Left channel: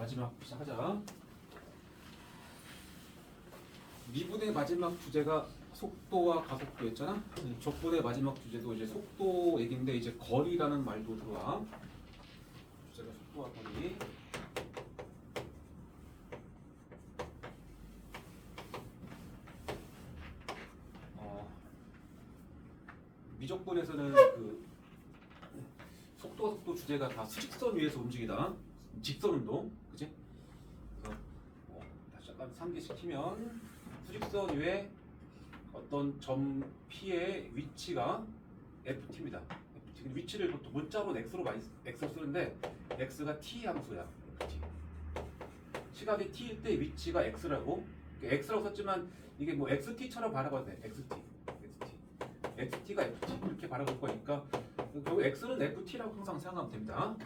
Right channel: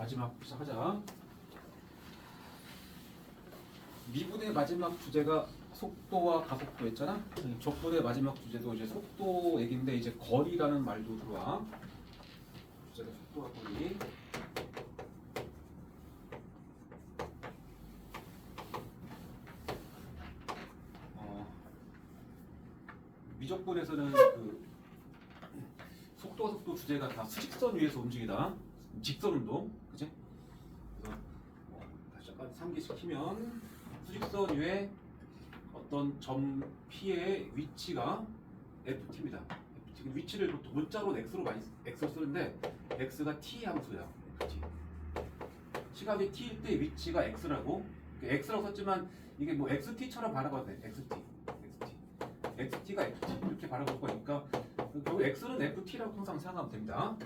마지막 시작하자. 미분의 마지막 주제가 속도와 가속도였잖아. 적분의 마지막 주제도 이제 속도 얘기인데 이제 거리라는 말도 들어와. 주제가 속도와 거리. 미적분에서는 그 속도와 속도 주제가 다 수직선 위에서 움직이다. 직선 운동, 그치? 그래서 다시 잠깐 상기시키면 수직선 위에 어떤 점 P의 위치가 FT입니다. FT. 위치를 보통 문자로 X로 많이 X로 쓰는데 X가 T 함수야. FT. 시각이 T일 때 위치가 X라고. X라고 썼지만 이게 뭐 XT처럼 바라봐도 돼. XT가 FT 이렇게 바라볼 거니까 결국 X는 FT라고 항상 생각하면 됩니다.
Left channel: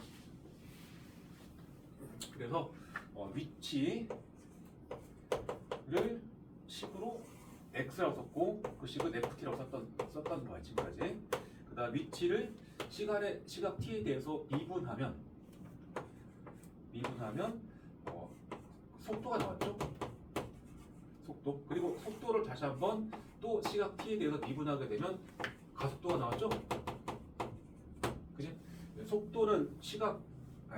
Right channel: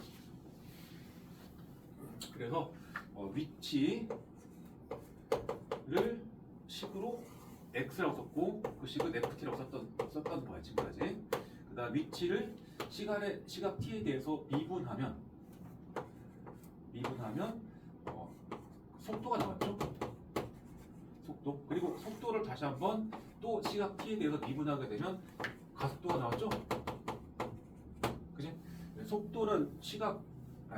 그래서 위치를 식으로 X라고 썼고 그 식을 FT라고 썼던 거야 지금까지. 그다음 위치를 시각 T에 대해서 미분하면 속도가 나왔죠. 속도. 그리고 속도를 다시 한번 또 시각 T에 대해서 미분하게 되면 가속도가 나왔죠. 그지? 속도는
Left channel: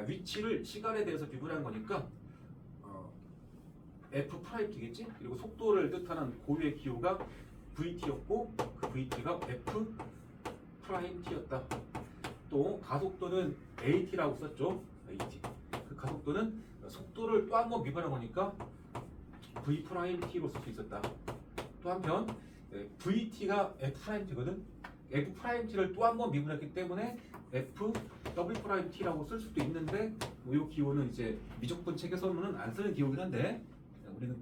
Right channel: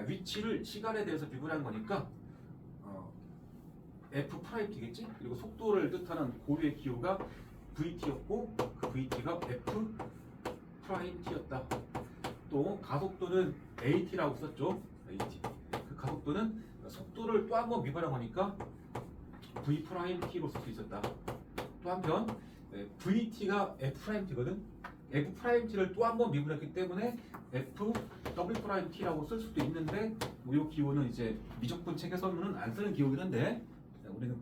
위치를 시간에 대해서 미분한 거니까 F 프라임 T겠지? 그리고 속도를 뜻하는 고유의 기호가 VT였고 그 VT가 F 프라임 T였다. 또 가속도는 AT라고 썼죠. AT. 그 가속도는 속도를 또 한 번 미분한 거니까 V 프라임 T로 쓸 수 있었다. 또 한편 VT가 F 프라임 T거든. F 프라임 T를 또 한 번 미분했기 때문에 F W 프라임 T라고 쓸 수도 있는데 이 기호는 이제 미적분 책에서는 안 쓰는 기호긴 한데 우리는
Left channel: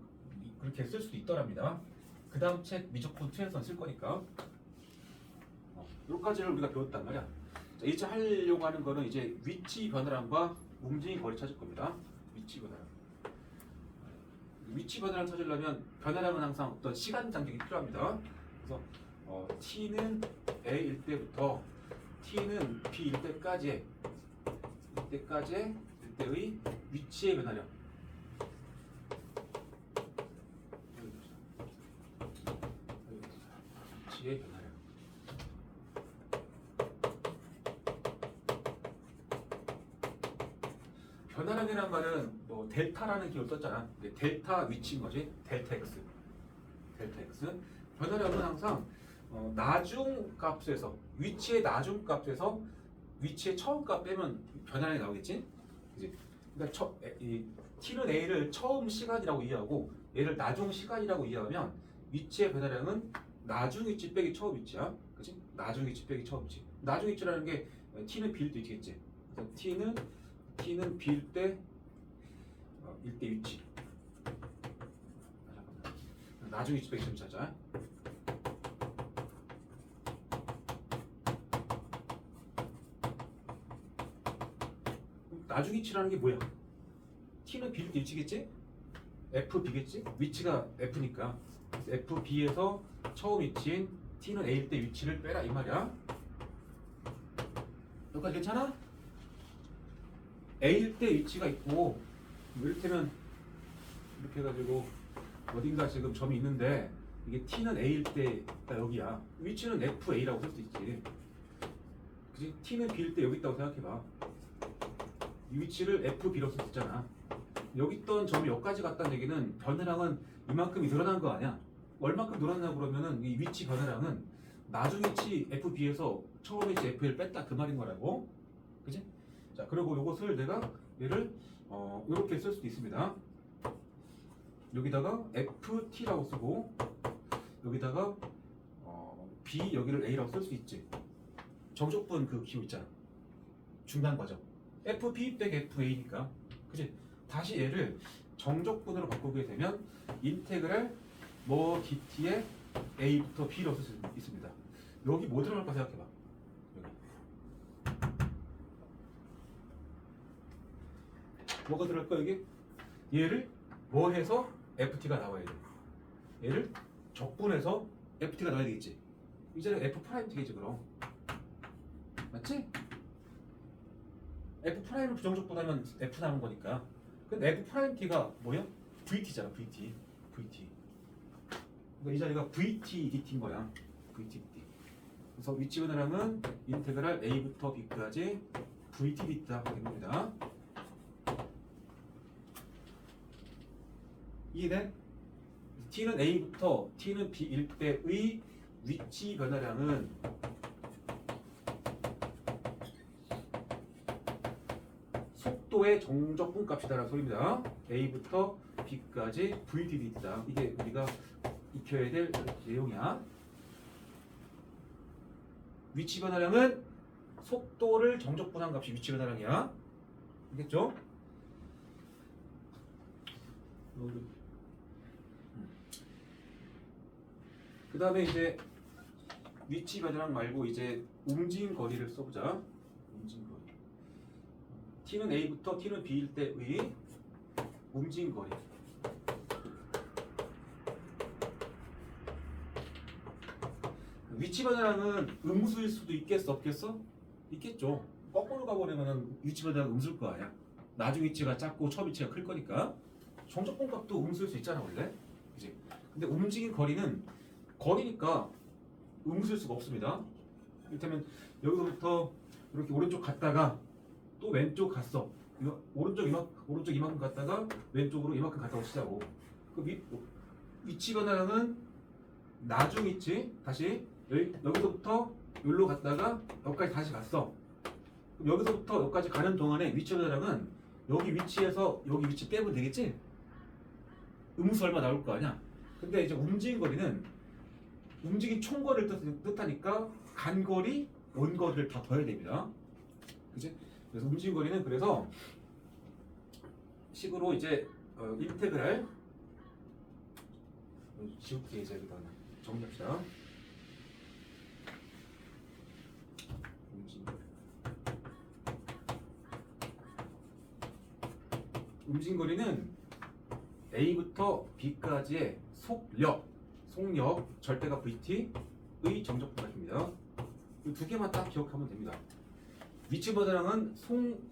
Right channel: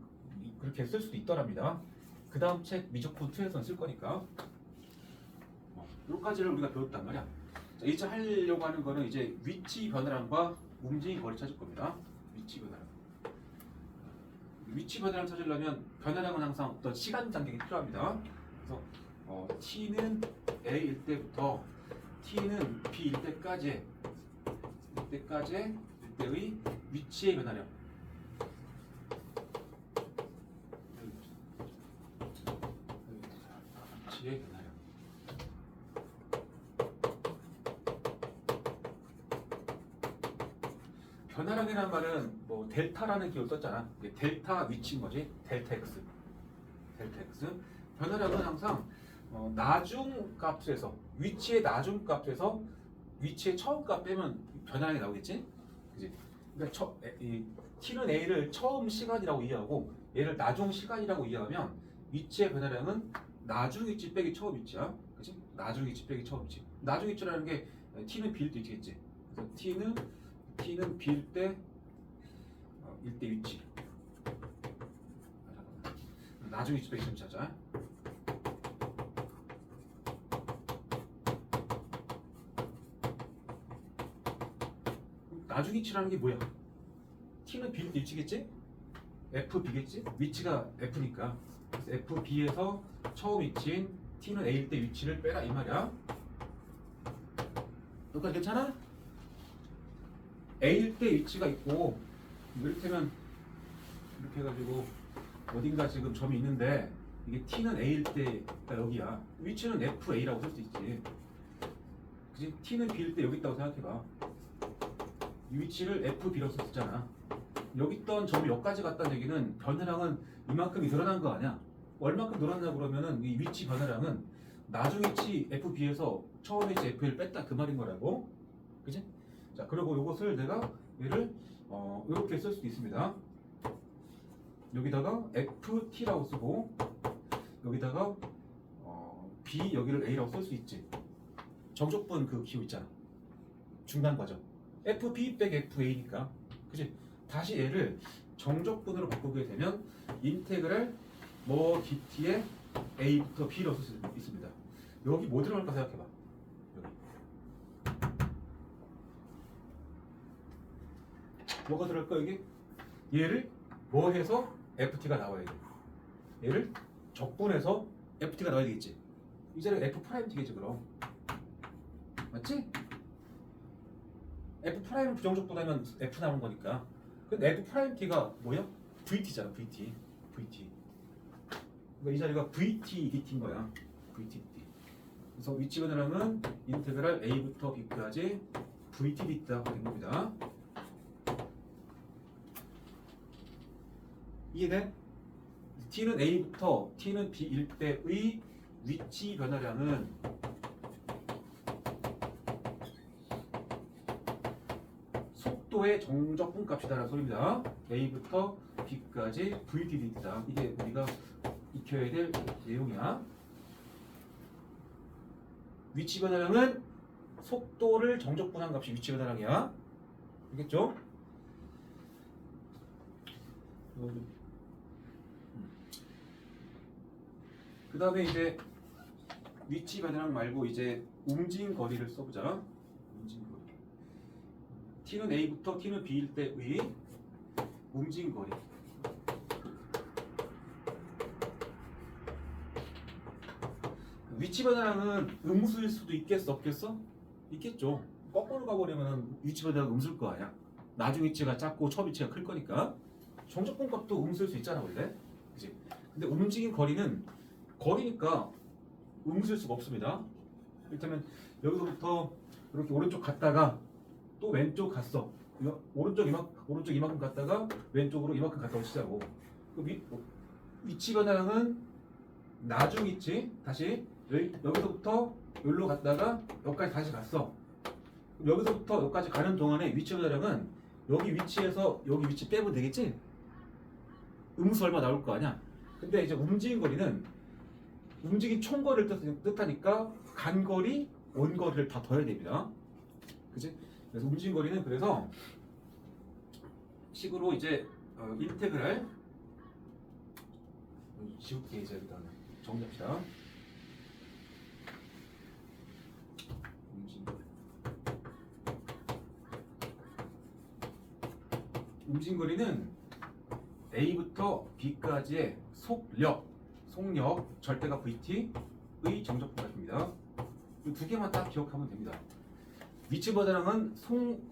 그렇게 쓸 수도 있더랍니다. 그 다음 책 미적분 2에서는 쓸 거니까 여기까지를 우리가 배웠단 말이야. 자, 이제 하려고 하는 거는 이제 위치 변화량과 움직임 거리 찾을 겁니다. 위치 변화량. 위치 변화량 찾으려면 변화량은 항상 어떤 시간 간격이 필요합니다. 그래서 T는 A일 때부터 T는 B일 때까지의 위치의 변화량. 위치의 변화량. 변화량이라는 말은 뭐 델타라는 기호를 썼잖아. 이게 델타 위치인 거지. 델타 X. 변화량은 항상 나중 값에서 위치의 나중 값에서 위치의 처음 값 빼면 변화량이 나오겠지. 그지? 그러니까 T는 A를 처음 시간이라고 이해하고 얘를 나중 시간이라고 이해하면 위치의 변화량은 나중 위치 빼기 처음 위치야. 그지? 나중 위치 빼기 처음 위치. 나중 위치라는 게 T는 B일 때 위치겠지. 그래서 T는 B일 때 일대 위치. 나중 위치 빼기 처음 위치하자. 나중 위치라는 게 뭐야? T는 B일 때 위치겠지? FB겠지? 위치가 F니까 FB에서 처음 위치인 T는 A일 때 위치를 빼라 이 말이야. 여기까지 괜찮아? A일 때 위치가 있고 이를테면 이렇게 해가지고 어딘가 지금 점이 있는데 이게 T는 A일 때가 여기야. 위치는 FA라고 쓸 수 있지. 그치? T는 B일 때 여기 있다고 생각해봐. 이 위치를 FB라고 쓸 수 있잖아. 여기 있던 점이 여기까지 갔다는 얘기는 변화량은 이만큼이 늘어난 거 아니야. 얼마큼 늘어났냐 그러면은 이 위치 변화량은 나중 위치 FB에서 처음 위치 FL 뺐다 그 말인 거라고. 그치? 자, 그리고 이것을 내가 얘를 이렇게 쓸 수도 있습니다. 여기다가 FT라고 쓰고 여기다가 B 여기를 A라고 쓸 수 있지. 정적분 그 기호 있잖아. 중간 과정. FB 빼기 FA니까. 그치? 다시 얘를 정적분으로 바꾸게 되면 인테그랄 뭐 DT의 A부터 B로 쓸 수 있습니다. 여기 뭐 들어갈까 생각해봐. 여기. 뭐가 들어갈까 여기? 얘를 뭐 해서 FT가 나와야 돼. 얘를 적분해서 FT가 나와야 되겠지. 이제는 F 프라임 T겠지 그럼. 맞지? F 프라임을 부정적분하면 F 나온 거니까. 근데 F 프라임 T가 뭐야? VT잖아, VT. 그러니까 이 자리가 VT DT인 거야. VT DT. 그래서 위치 변화량은 인테그랄 A부터 B까지 VT DT라고 된 겁니다. 이해돼? T는 A부터 T는 B일 때의 위치 변화량은 속도의 정적분 값이다라는 소리입니다. A부터 B까지 VDD다. 이게 우리가 익혀야 될 내용이야. 위치 변화량은 속도를 정적분한 값이 위치 변화량이야. 알겠죠? 그 다음에 이제 위치 변화량 말고 이제 움직임 거리를 써보자. 움직임 거리. T는 A부터 T는 B일 때의 움직임 거리. 위치 변화량은 음수일 수도 있겠어, 없겠어? 있겠죠. 거꾸로 가버리면 위치 변화량 음수일 거 아니야. 나중 위치가 작고 첫 위치가 클 거니까. 정적분 값도 음수일 수 있잖아, 원래. 그치? 근데 움직임 거리는 거리니까 음수일 수가 없습니다. 이를테면 여기서부터 이렇게 오른쪽 갔다가 또 왼쪽 갔어. 오른쪽 이만큼 갔다가 왼쪽으로 이만큼 갔다 오시자고. 그 위치 변화량은 나중 위치 다시 여기서부터 여기로 갔다가 여기까지 다시 갔어. 그럼 여기서부터 여기까지 가는 동안에 위치 변화량은 여기 위치에서 여기 위치 빼면 되겠지? 음수 얼마 나올 거 아니야? 근데 이제 움직임 거리는 움직임 총거리를 뜻하니까 간 거리, 온 거리를 다 더해야 됩니다. 그치? 그래서 움직임 거리는 그래서 식으로 이제 인테그랄 지울게 이제 일단 정리합시다. 움직임 거리는 A부터 B까지의 속력 절대값 VT의 정적분 값입니다. 이 두 개만 딱 기억하면 됩니다. 위치 변화량은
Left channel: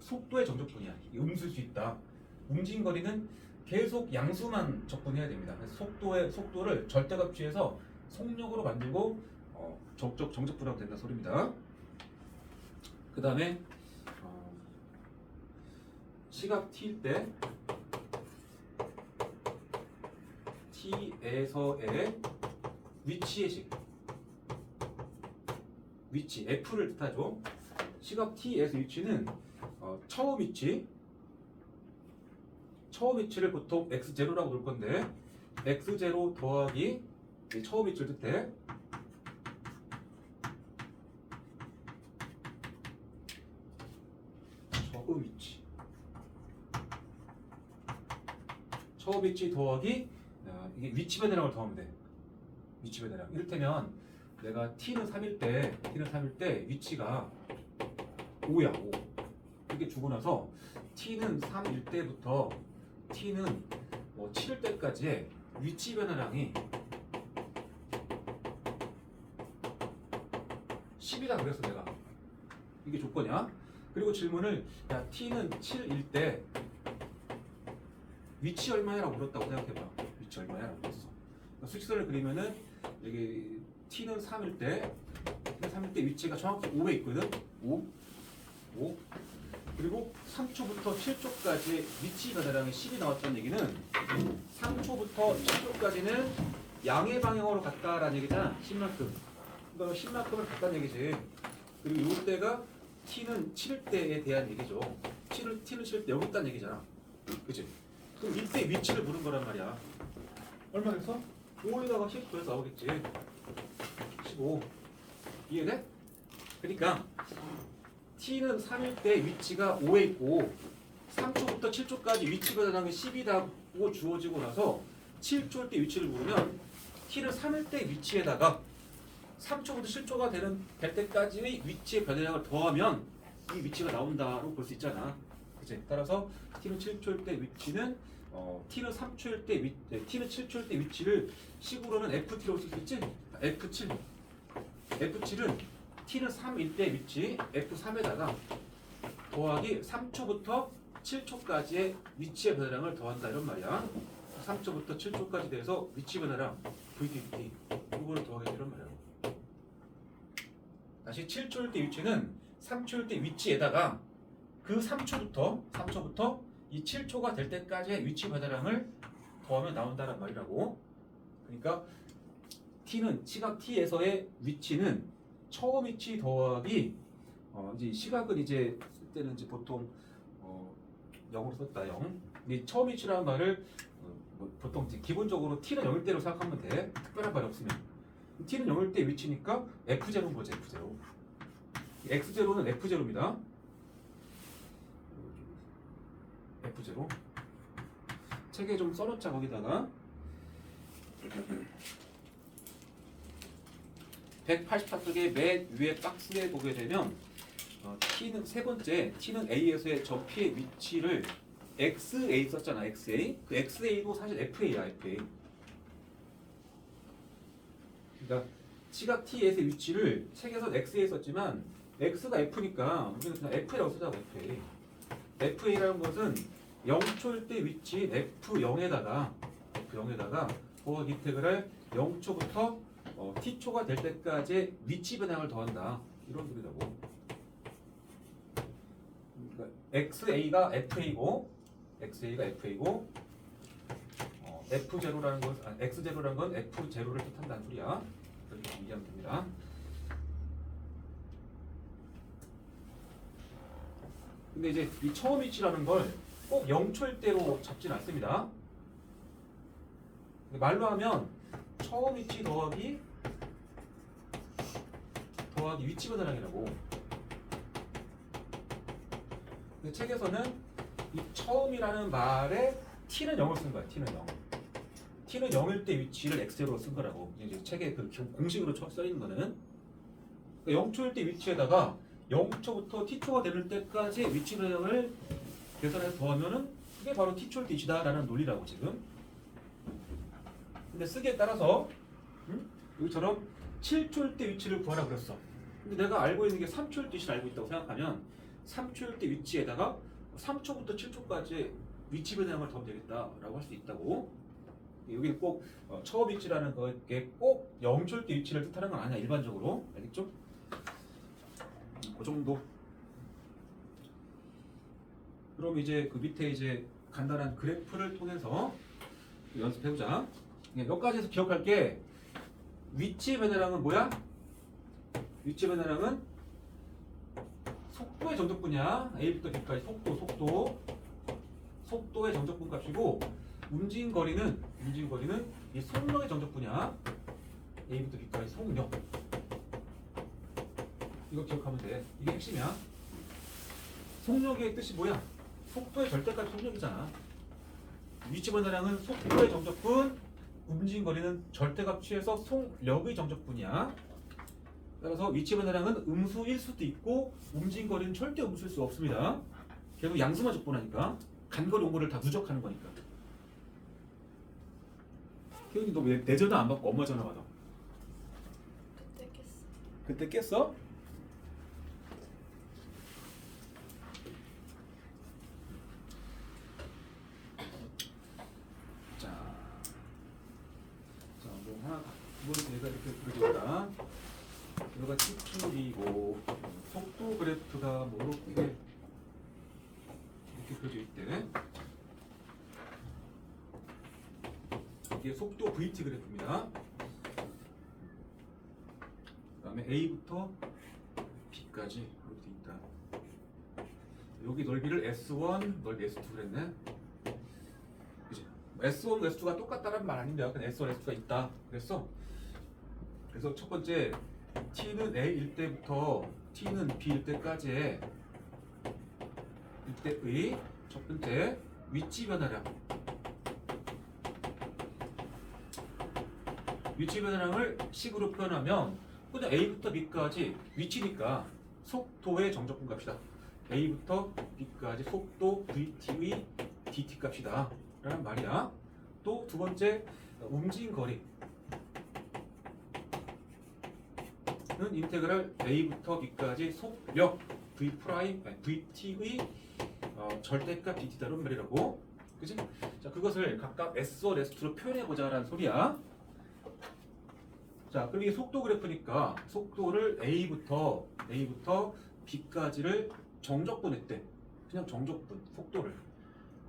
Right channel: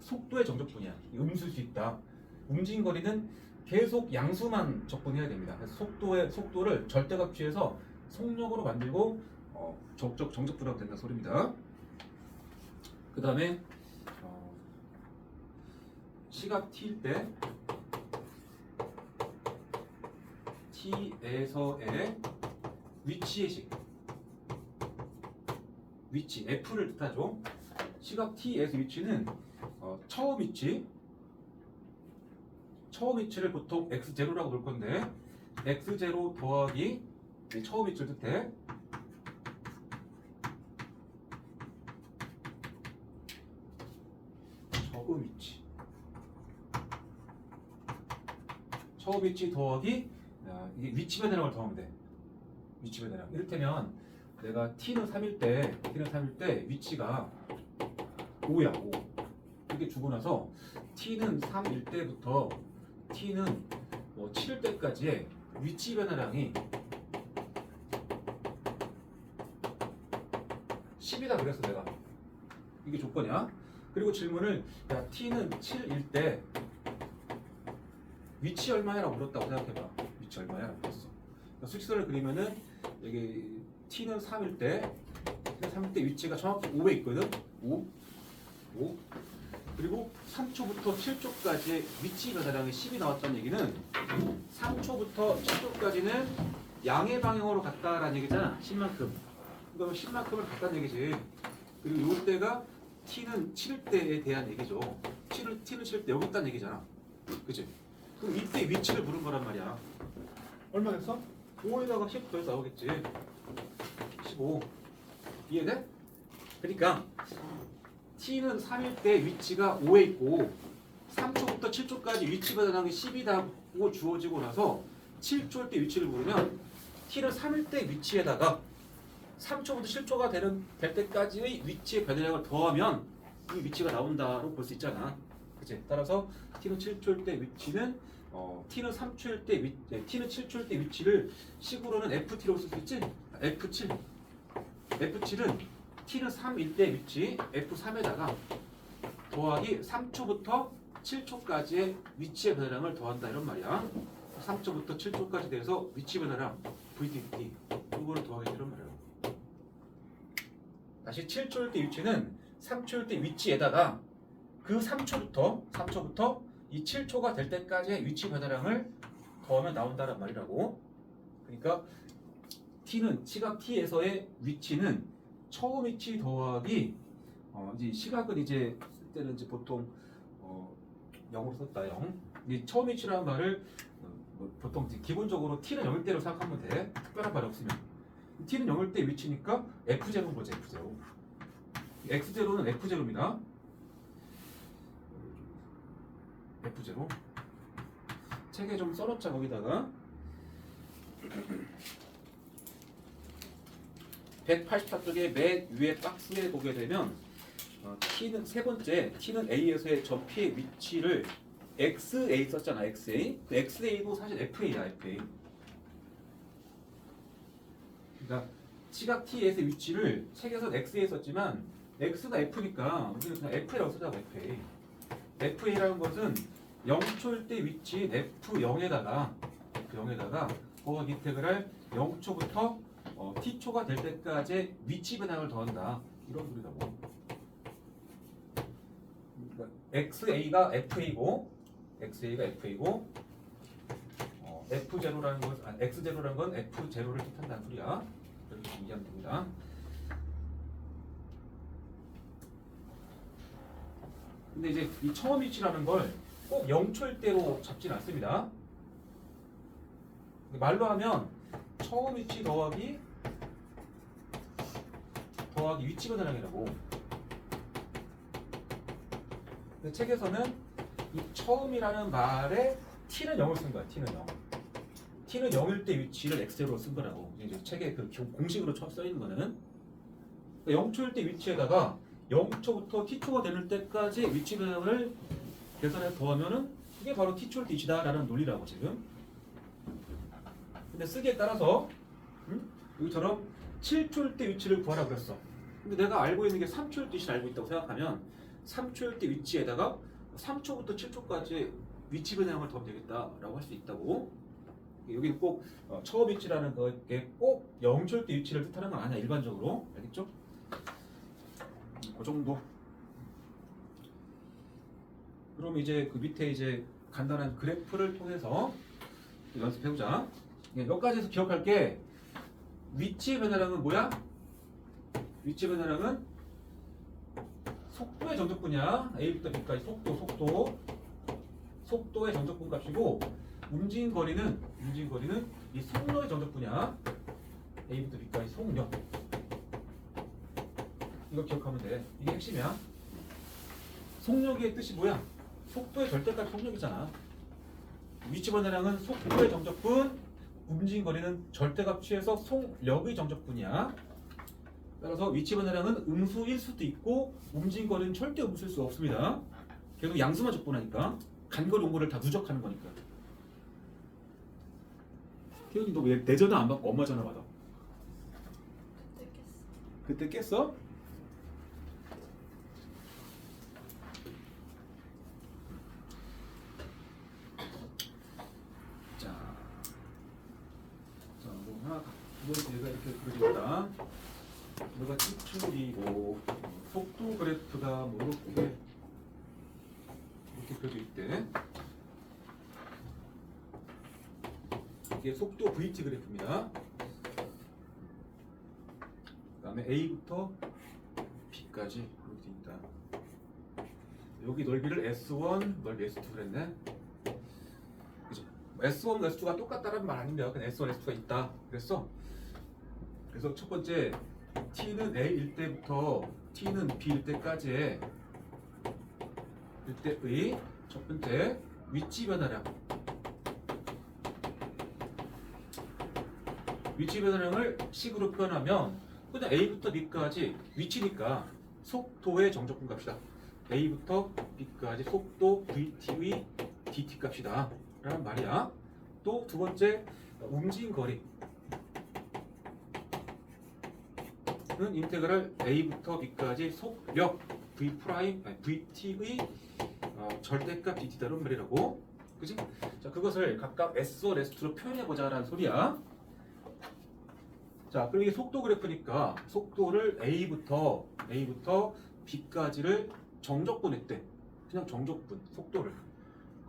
속도의 정적분이야. 음수일 수 있다. 움직임 거리는 계속 양수만 적분해야 됩니다. 그래서 속도를 절대값 취해서 속력으로 만들고 정적분하면 된다 소리입니다. 그 다음에 시각 T일 때 T에서의 위치의 위치 F를 뜻하죠. 시각 T에서 위치는 처음 위치를 보통 x0라고 볼 건데 x0 더하기 처음 위치를 뜻해. 처음 위치 더하기 이게 위치 변화량을 더하면 돼. 위치 변화량. 이를테면 내가 T는 3일 때 위치가 5야. 5. 이렇게 주고 나서 T는 3일 때부터 T는 7일 때까지의 위치 변화량이 10이다 그랬어 내가. 이게 조건이야. 그리고 질문을 야 T는 7일 때 위치 얼마냐라고 물었다고 생각해봐. 위치 얼마냐라고 물었어. 그러니까 수직선을 그리면은 여기 T는 3일 때 위치가 정확히 5에 있거든. 5. 그리고 3초부터 7초까지 위치 변화량이 10이 나왔다는 얘기는 3초부터 7초까지는 양의 방향으로 갔다라는 얘기잖아. 10만큼. 그러니까 10만큼을 갔다는 얘기지. 그리고 이때가 T는 7일 때에 대한 얘기죠. T는 7일 때 여기 있다는 얘기잖아. 그치? 그럼 이때 위치를 물은 거란 말이야. 얼마 됐어? 5에다가 10 더해서 나오겠지. 15. 이해돼? 그러니까 T는 3일 때 위치가 5에 있고 3초부터 7초까지 위치 변화량이 10이라고 주어지고 나서 7초일 때 위치를 물으면 T는 3일 때 위치에다가 3초부터 7초가 될 때까지의 위치의 변화량을 더하면 이 위치가 나온다고 볼 수 있잖아. 그치? 따라서 T는 7초일 때 위치는 T는 3초일 때 T는 7초일 때 위치를 식으로는 FT라고 쓸 수 있지? F7. F7은 T는 3일 때 위치 F3에다가 더하기 3초부터 7초까지의 위치의 변화량을 더한다 이런 말이야. 3초부터 7초까지 돼서 위치 변화량 VDT 이걸 더하게 되는 말이야. 다시 7초일 때 위치는 3초일 때 위치에다가 그 3초부터 이 7초가 될 때까지의 위치 변화량을 더하면 나온다는 말이라고. 그러니까 t는 시각 t에서의 위치는 처음 위치 더하기 이제 시각은 이제 쓸 때는 이제 보통 0으로 썼다 0. 이 처음 위치라는 말을 보통 이제 기본적으로 t는 0일 때로 생각하면 돼. 특별한 말이 없으면. t는 0일 때 위치니까 f0인 거지 f0. x0는 f0입니다. f0. 책에 좀 써놓자 거기다가. 184쪽의 맨 위에 박스에 보게 되면 t는 세 번째 t는 a에서의 저 p의 위치를 xa 썼잖아. xa. 그 xa도 사실 fa야 fa. 그러니까 시각 t에서의 위치를 책에서 xa 썼지만 x가 f니까 우리는 그냥 fa라고 쓰자고. fa라는 것은 0초일 때 위치인 f0에다가 거기 인테그랄 0초부터 t초가 될 때까지 위치 변화를 더한다 이런 소리라고. 그러니까 xa가 fa고 f0라는 건 x0라는 건 f0를 뜻한다는 소리야. 그렇게 이해하면 됩니다. 근데 이제 이 처음 위치라는 걸 꼭 0초일 때로 잡진 않습니다. 말로 하면 처음 위치 더하기 위치 변화량이라고. 책에서는 이 처음이라는 말에 t는 0을 쓴 거야. t는 0. t는 0일 때 위치를 x로 쓴 거라고. 이제 책에 그 공식으로 써 있는 거는 0초일 때 위치에다가 0초부터 t초가 되는 때까지 위치 변화를 계산해서 더하면은 그게 바로 t초일 때 위치다라는 논리라고 지금. 근데 쓰기에 따라서 여기처럼 7초일 때 위치를 구하라고 그랬어. 근데 내가 알고 있는 게 3초일 때 위치를 알고 있다고 생각하면 3초일 때 위치에다가 3초부터 7초까지 위치 변형을 더하면 되겠다라고 할 수 있다고. 여기는 꼭 처음 위치라는 게 꼭 0초일 때 위치를 뜻하는 건 아니야. 일반적으로. 알겠죠? 그 정도. 그럼 이제 그 밑에 이제 간단한 그래프를 통해서 연습해보자. 여기까지에서 기억할 게 위치 변화량은 뭐야? 위치 변화량은 속도의 정적분이야. A부터 B까지 속도의 정적분 값이고 움직인 거리는 이 속력의 정적분이야. A부터 B까지 속력. 이거 기억하면 돼. 이게 핵심이야. 속력의 뜻이 뭐야? 속도의 절대값이 속력이잖아. 위치 변화량은 속도의 정적분, 움직인 거리는 절대값 취해서 속력의 정적분이야. 따라서 위치 변화량은 음수일 수도 있고 움직인 거리는 절대 음수일 수 없습니다. 계속 양수만 적분하니까 간거리 온거리를 다 누적하는 거니까. 태훈이 너 왜 내 전화 안 받고 엄마 전화 받아? 그때 깼어? 뭐 하나 두 번째 얘가 이렇게 그려졌다. 이거가 T축이고 속도 그래프가 뭐 이렇게 그려져 있대. 이게 속도 VT 그래프입니다. 그다음에 A부터 B까지 이렇게 돼 있다. 여기 넓이를 S1, 넓이 S2 그랬네. 그치? S1, S2가 똑같다는 말 아닌데요. 그냥 S1, S2가 있다. 그래서 첫 번째 T는 A일 때부터 T는 B일 때까지의 이때의 첫 번째 위치 변화량. 위치 변화량을 식으로 표현하면 그냥 A부터 B까지 위치니까 속도의 정적분 값이다. A부터 B까지 속도 VT의 DT 값이다 라는 말이야. 또 두 번째 움직인 거리는 인테그랄 A부터 B까지 속력 VT의 절대값 dθ다는 말이라고. 그지? 자, 그것을 각각 S1, S2로 표현해보자라는 소리야. 자, 그럼 이게 속도 그래프니까 속도를 A부터 B까지를 정적분했대. 그냥 정적분, 속도를.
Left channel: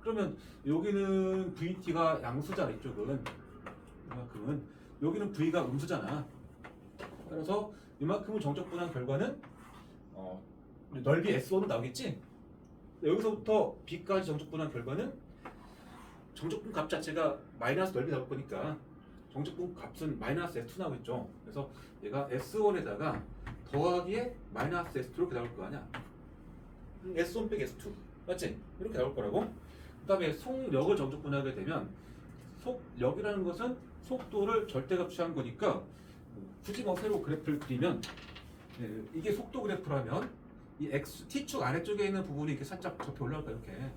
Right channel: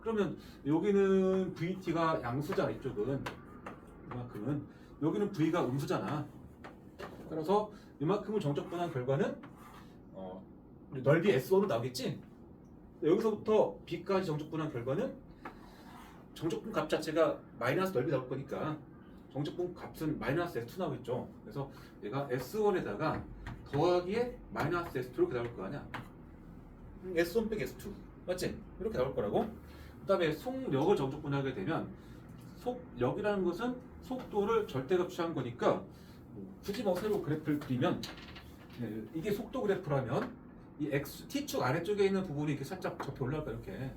그러면 여기는 VT가 양수잖아, 이쪽은. 이만큼은. 여기는 V가 음수잖아. 따라서 이만큼을 정적분한 결과는 넓이 S1으로 나오겠지? 여기서부터 B까지 정적분한 결과는 정적분 값 자체가 마이너스 넓이 나올 거니까 정적분 값은 마이너스 S2 나오겠죠. 그래서 얘가 S1에다가 더하기에 마이너스 S2 이렇게 나올 거 아니야. S1 빼기 S2 맞지? 이렇게 나올 거라고. 그 다음에 속력을 정적분하게 되면 속력이라는 것은 속도를 절대값 취한 거니까 굳이 뭐 새로 그래프를 그리면 이게 속도 그래프라면 이 T축 아래쪽에 있는 부분이 이렇게 살짝 접혀 올라갈까 이렇게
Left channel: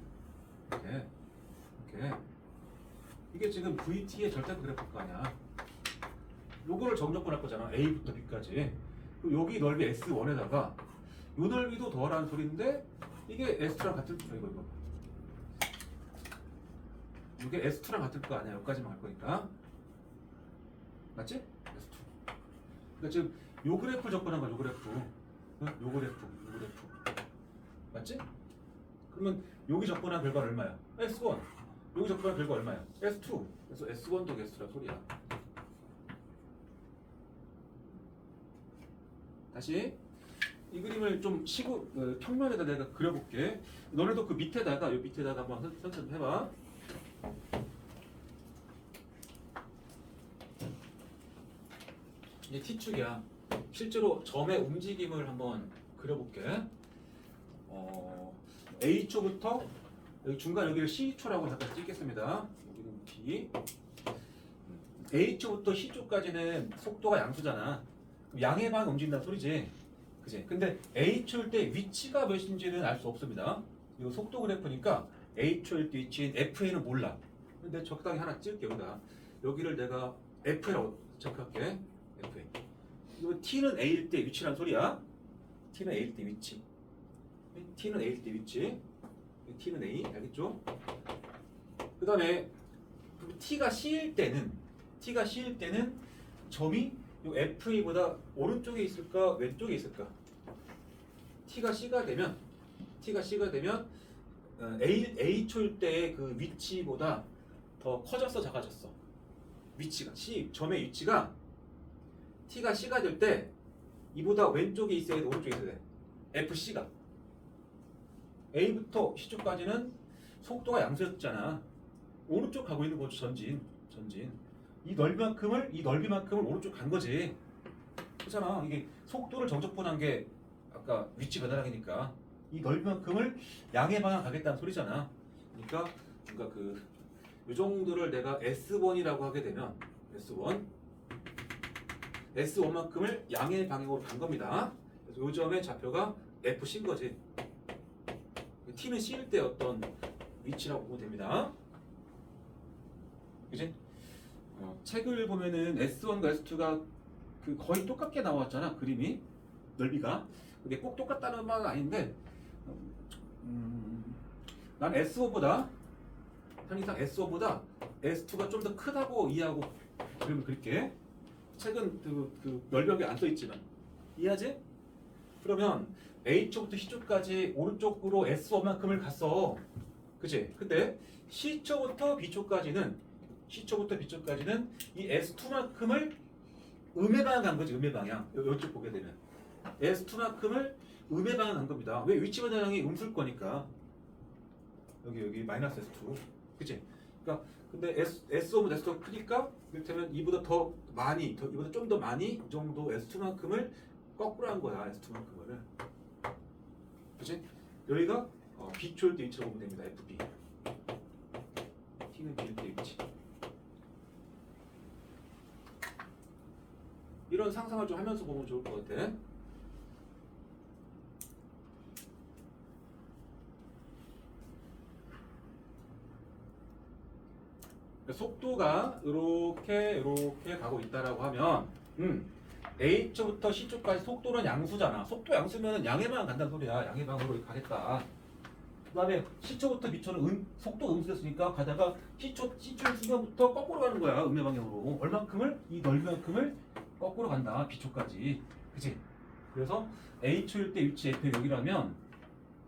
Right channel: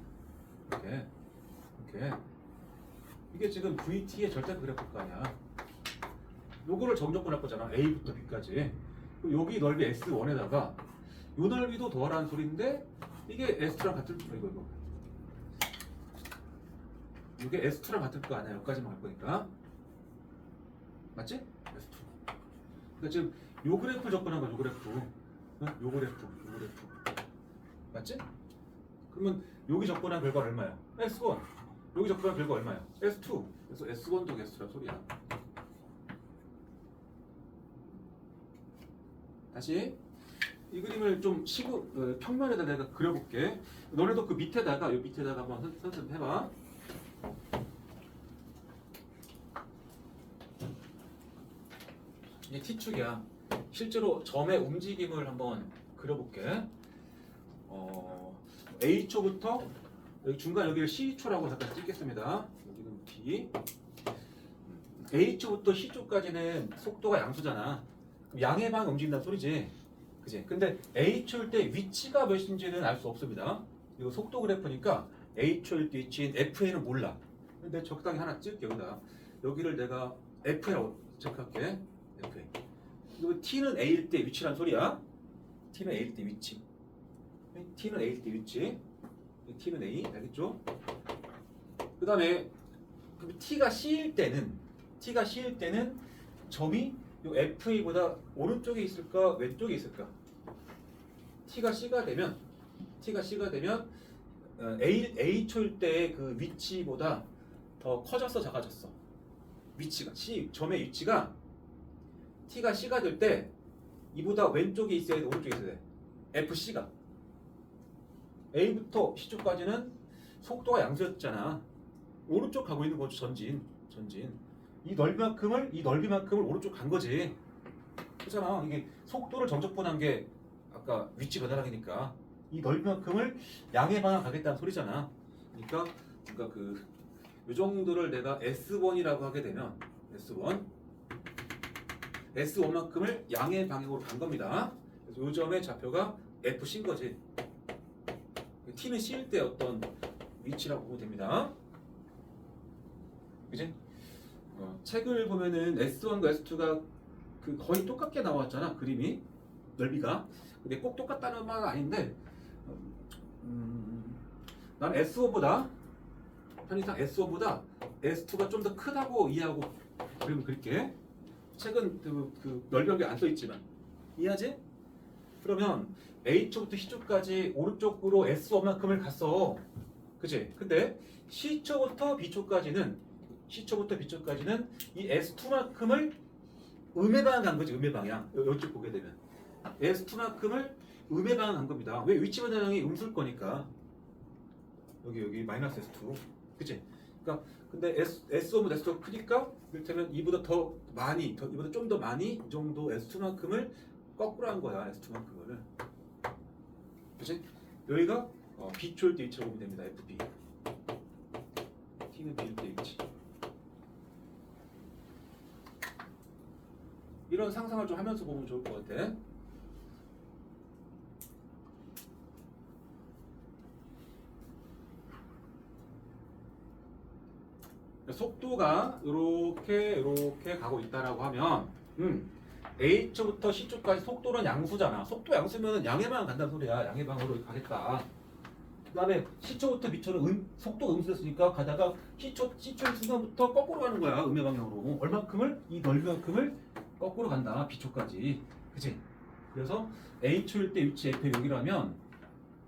이게 지금 VT의 절대값 그래프일 거 아니야. 요거를 정적분할 거잖아. A부터 B까지. 그리고 여기 넓이 S1에다가 요 넓이도 더하라는 소리인데 이게 S2랑 같은 이거 이게 S2랑 같을 거 아니야. 여기까지만 갈 거니까 맞지? S2. 그러니까 지금 요 그래프를 접근한 거야. 요 그래프. 요 그래프 맞지? 그러면 여기 접근한 결과 얼마야? S1. 여기 접근한 결과 얼마야? S2. 그래서 S1 더하기 S2란 소리야. 다시 이 그림을 좀 평면에다 내가 그려볼게. 너네도 그 밑에다가 요 밑에다가 한번 선생해봐. 이게 T축이야. 실제로 점의 움직임을 한번 그려볼게. A초부터 여기 중간 여기를 C초라고 잠깐 찍겠습니다. 여기는 B. A초부터 C초까지는 속도가 양수잖아. 그럼 양의 방향 움직인다는 소리지. 그지? 근데 A초일 때 위치가 몇인지는 알 수 없습니다. 이거 속도 그래프니까 A초일 때 위치인 FA는 몰라. 근데 적당히 하나 찍을게 여기다. 여기를 내가 FA라고 체크할게. FA. 이거 T는 A일 때 위치란 소리야. T는 A일 때 위치. T는 A일 때 위치. T는 A. 알겠죠? 그 다음에 T가 C일 때는 점이 요 FA보다 오른쪽에 있을까 왼쪽에 있을까? T가 C가 되면 A초일 때의 그 위치보다 더 커졌어 작아졌어? 위치가 점의 위치가 T가 C가 될 때 이보다 왼쪽에 있어야 돼 오른쪽에 있어야 돼? FC가 A부터 C쪽까지는 속도가 양수였잖아. 오른쪽 가고 있는 거죠. 전진. 이 넓이만큼을 오른쪽 간 거지. 그렇잖아. 이게 속도를 정적분한 게 아까 위치 변화량이니까 이 넓이만큼을 양의 방향 가겠다는 소리잖아. 그러니까 이 정도를 내가 S1이라고 하게 되면 S1만큼을 양의 방향으로 간 겁니다. 그래서 이 점의 좌표가 FC인 거지. T는 C일 때 어떤 위치라고 보면 됩니다. 그지? 책을 보면은 S1과 S2가 거의 똑같게 나왔잖아. 그림이 넓이가. 근데 꼭 똑같다는 말은 아닌데 난 S1보다 편의상 S1보다 S2가 좀 더 크다고 이해하고 그림을 그릴게. 책은 그 넓이가 안 써있지만 이해하지? 그러면 A쪽부터 C쪽까지 오른쪽으로 S1만큼을 갔어. 그치? 근데 C초부터 B초까지는 이 S2만큼을 음의 방향 간 거지. 음의 방향. 이쪽 보게 되면 S2만큼을 음의 방향 간 겁니다. 왜? 위치 변화량이 음수일 거니까. 여기 마이너스 S2. 그치? 그러니까 근데 S1보다 S2가 크니까 이를테면 이보다 이보다 좀 더 많이 이 정도 S2만큼을 거꾸로 한 거야. S2만큼을. 그치? 여기가 B초일 때 위치라고 보면 됩니다. FB. T는 B일 때 위치. 이런 상상을 좀 하면서 보면 좋을 것 같아. 속도가 이렇게 가고 있다라고 하면 A초부터 C초까지 속도는 양수잖아. 속도 양수면 양의 방향 간다는 소리야. 양의 방향으로 가겠다. 그다음에 시초부터 미초는 속도 음수였으니까 가다가 시초의 순간부터 거꾸로 가는 거야. 음의 방향으로. 얼만큼을? 이 넓이만큼을 거꾸로 간다. 비초까지. 그치? 그래서 A초일 때 위치 F의 여기라면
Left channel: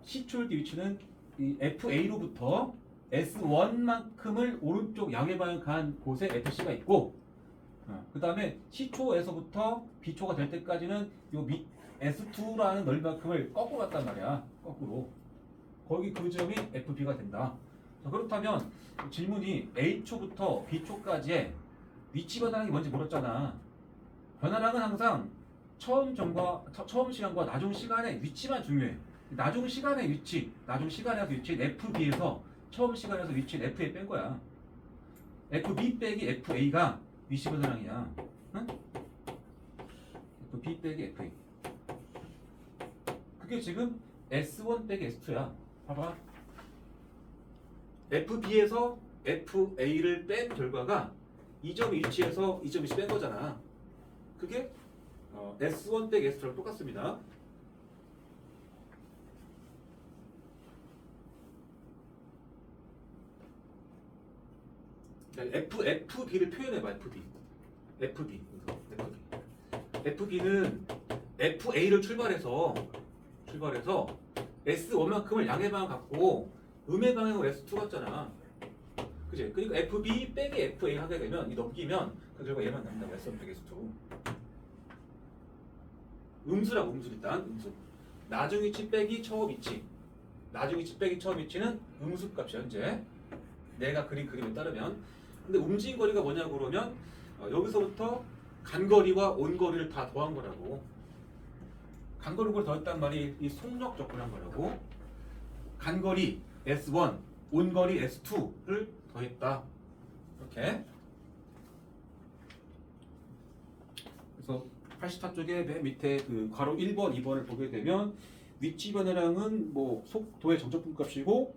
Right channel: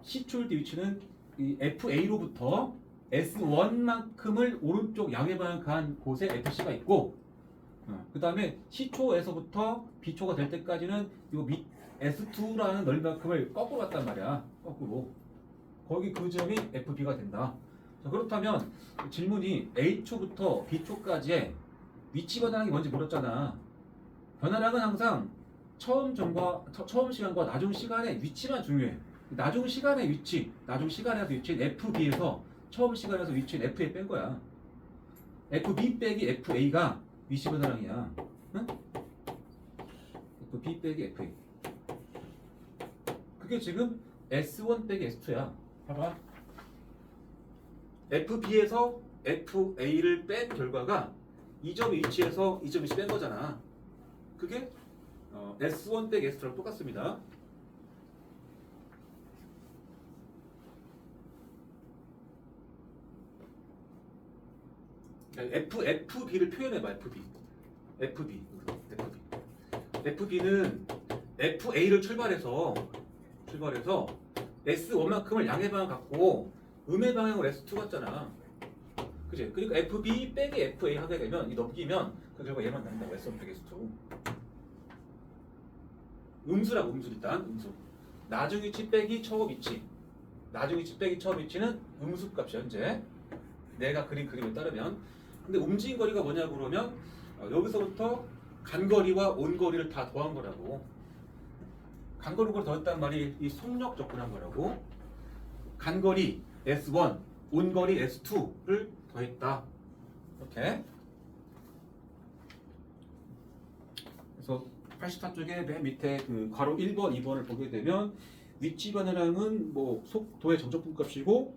C초일 때 위치는 이 FA로부터 S1만큼을 오른쪽 양의 방향 간 곳에 FC가 있고, 그 다음에 C초에서부터 B초가 될 때까지는 요 밑 S2라는 넓이만큼을 거꾸로 갔단 말이야. 거꾸로. 거기 그 점이 FB가 된다. 자, 그렇다면 질문이 A초부터 B초까지의 위치 변화량이 뭔지 물었잖아. 변화량은 항상 처음 시간과 나중 시간의 위치만 중요해. 나중 시간의 위치, 나중 시간에서 위치인 FB에서 처음 시간에서 위치인 FA 뺀 거야. FB 빼기 FA가 위치 변화량이야. 응? FB 빼기 FA. 그게 지금 S1 빼기 S2야. 봐봐. FB에서 FA를 뺀 결과가 이 점 위치에서 이 점 위치 뺀 거잖아. 그게 S1 빼기 S2랑 똑같습니다. FB를 표현해봐. FB는 FA를 출발해서 S1만큼을 양의 방향 갖고 음의 방향으로 S2 같잖아. 그치? 그러니까 FB 빼기 FA 하게 되면 이 넘기면 그 결과 얘만 남는다고. S1 빼기 S2. 음수라고. 음수. 일단 음수. 나중 위치 빼기 처음 위치. 나중 위치 빼기 처음 위치는 음수 값이 현재 내가 그린 그림에 따르면. 근데 움직인 거리가 뭐냐고 그러면 여기서부터 간 거리와 온 거리를 다 더한 거라고. 간 거리를 더했단 말이 이 속력 접근한 거라고. 간 거리 S1, 온 거리 S2를 더했다. 이렇게. 그래서 84쪽에 맨 밑에 그 괄호 1번, 2번을 보게 되면 위치 변화량은 뭐 속도의 정적분 값이고,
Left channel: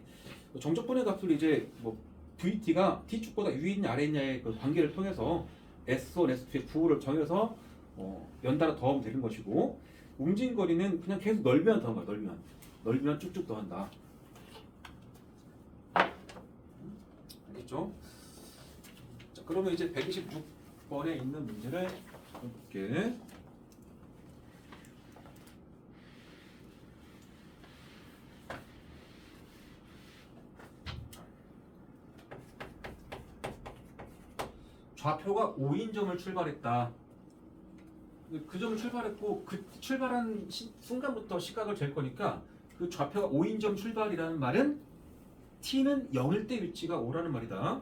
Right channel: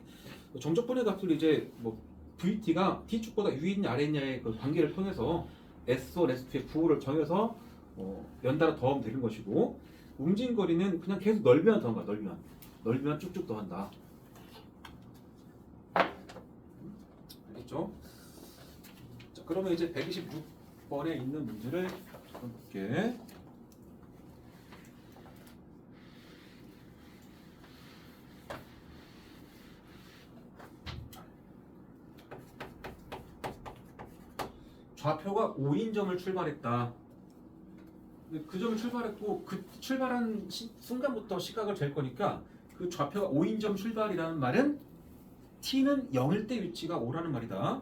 정적분의 값을 이제 뭐 VT가 T축보다 위있냐 아래있냐의 그 관계를 통해서 S1, S2의 부호를 정해서 연달아 더하면 되는 것이고, 움직인 거리는 그냥 계속 넓이만 더한 거야. 넓이만 쭉쭉 더한다. 알겠죠? 자, 그러면 이제 126번에 있는 문제를 볼게. 좌표가 5인 점을 출발했다. 그 점을 출발했고 그 출발한 순간부터 시각을 잴 거니까 그 좌표가 5인 점 출발이라는 말은 t는 0일 때 위치가 5라는 말이다.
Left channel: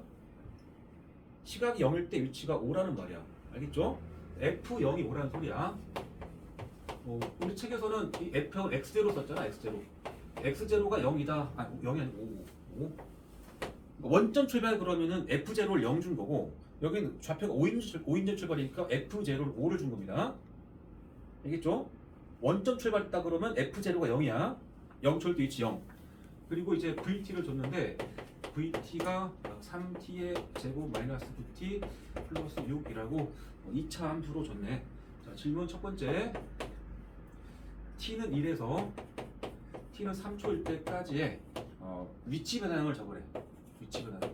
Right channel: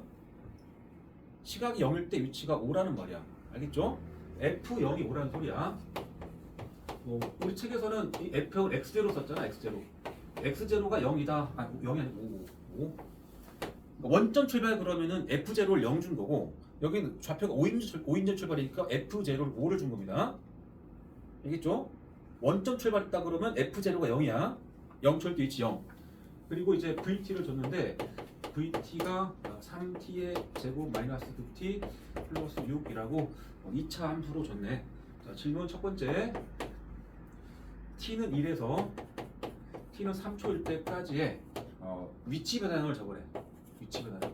시각이 0일 때 위치가 5라는 말이야. 알겠죠? F0이 5라는 소리야. 우리 책에서는 이 F형을 X0 썼잖아. X0가 0이다. 아니 0이 아니고 5. 원점 출발 그러면은 F0를 0 준 거고, 여기는 좌표가 5인점 출발이니까 F0를 5를 준 겁니다. 알겠죠? 원점 출발했다 그러면 F0가 0이야. 0초일 때 위치 0. 그리고 이제 VT를 줬는데 VT가 3T의 제곱 마이너스 9T 플러스 6이라고 2차 함수로 줬네. 자, 질문 첫 번째. T는 1에서 T는 3초일 때까지의 위치 변화량을 적으래. 위치 변화량.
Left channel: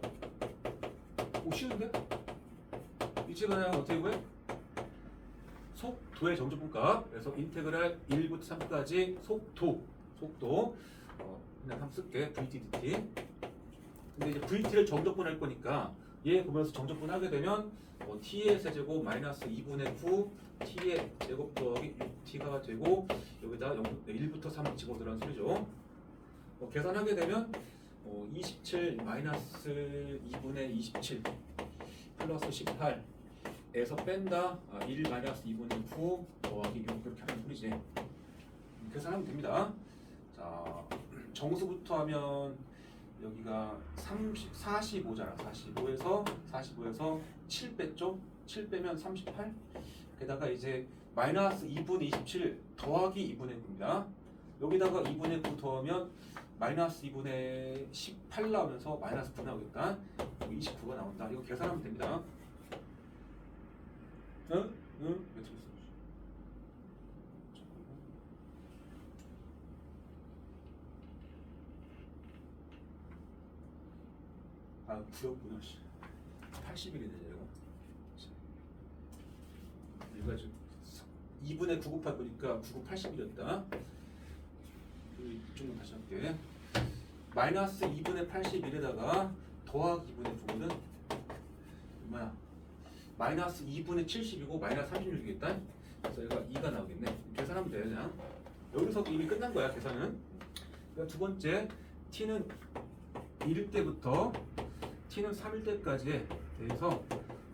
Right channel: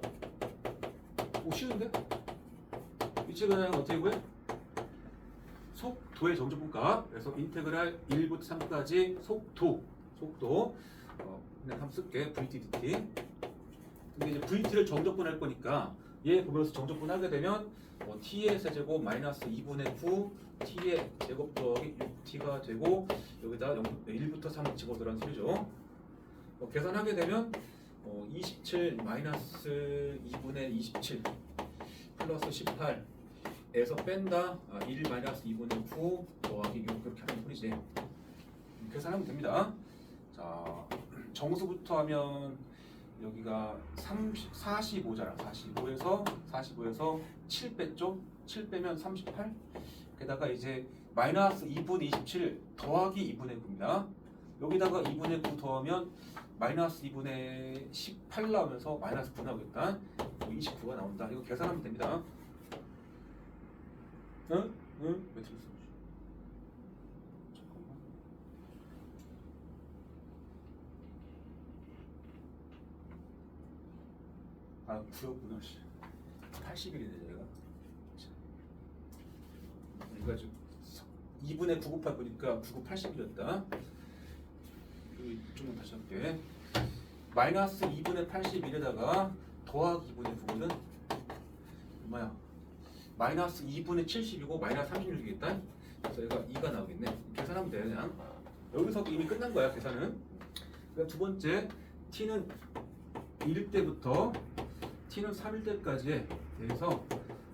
오, 쉬운데? 위치 변화량은 어떻게 구해? 속도의 정적분값. 그래서 인테그랄 1부터 3까지 속도 그냥 한번 쓸게. VT, DT. 근데 이제 VT를 정적분할 거니까 얘 보면서 정적분 하게 되면 T의 세제곱 마이너스 2분의 9 T의 제곱 더하기 6T가 되고, 여기다 1부터 3 집어넣으라는 소리죠. 계산하게 되면 27 마이너스 2분의 27 플러스 18에서 뺀다 1 마이너스 2분의 9 더하기 6 이렇게 하는 소리지. 계산하면 됩니다. 자, 정수부터 하면 여기가 45잖아. 45에서 7 뺐죠? 7 빼면 38. 게다가 이제 마이너스 2분의 27 더하기 2분의 9입니다. 여기다가 2분의 9 더하면 마이너스 2분의 18 나오면서 마이너스 9 나오겠다. 29가 나온다. 이거 계산하면 됩니다. 응? 왜 틀렸어? 아 9였구나. 80일이네 얘가. 얘가 지금 2분의 9 곱하 보니까 9, 9, 80이었다. 이쪽은 다시 할게. 마이너스 2분의 81에다가 더하기 2분의 9는 얼마야? 마이너스 2분의 70이고 마이너스 36이겠다. 그래서 얘가 2가 나오겠네. 계산하면 돼 그냥. 여기서 이미 끝난 거야 계산은. 그러니까 두 번째 t는 1일 때부터 t는 3일 때까지에 대해서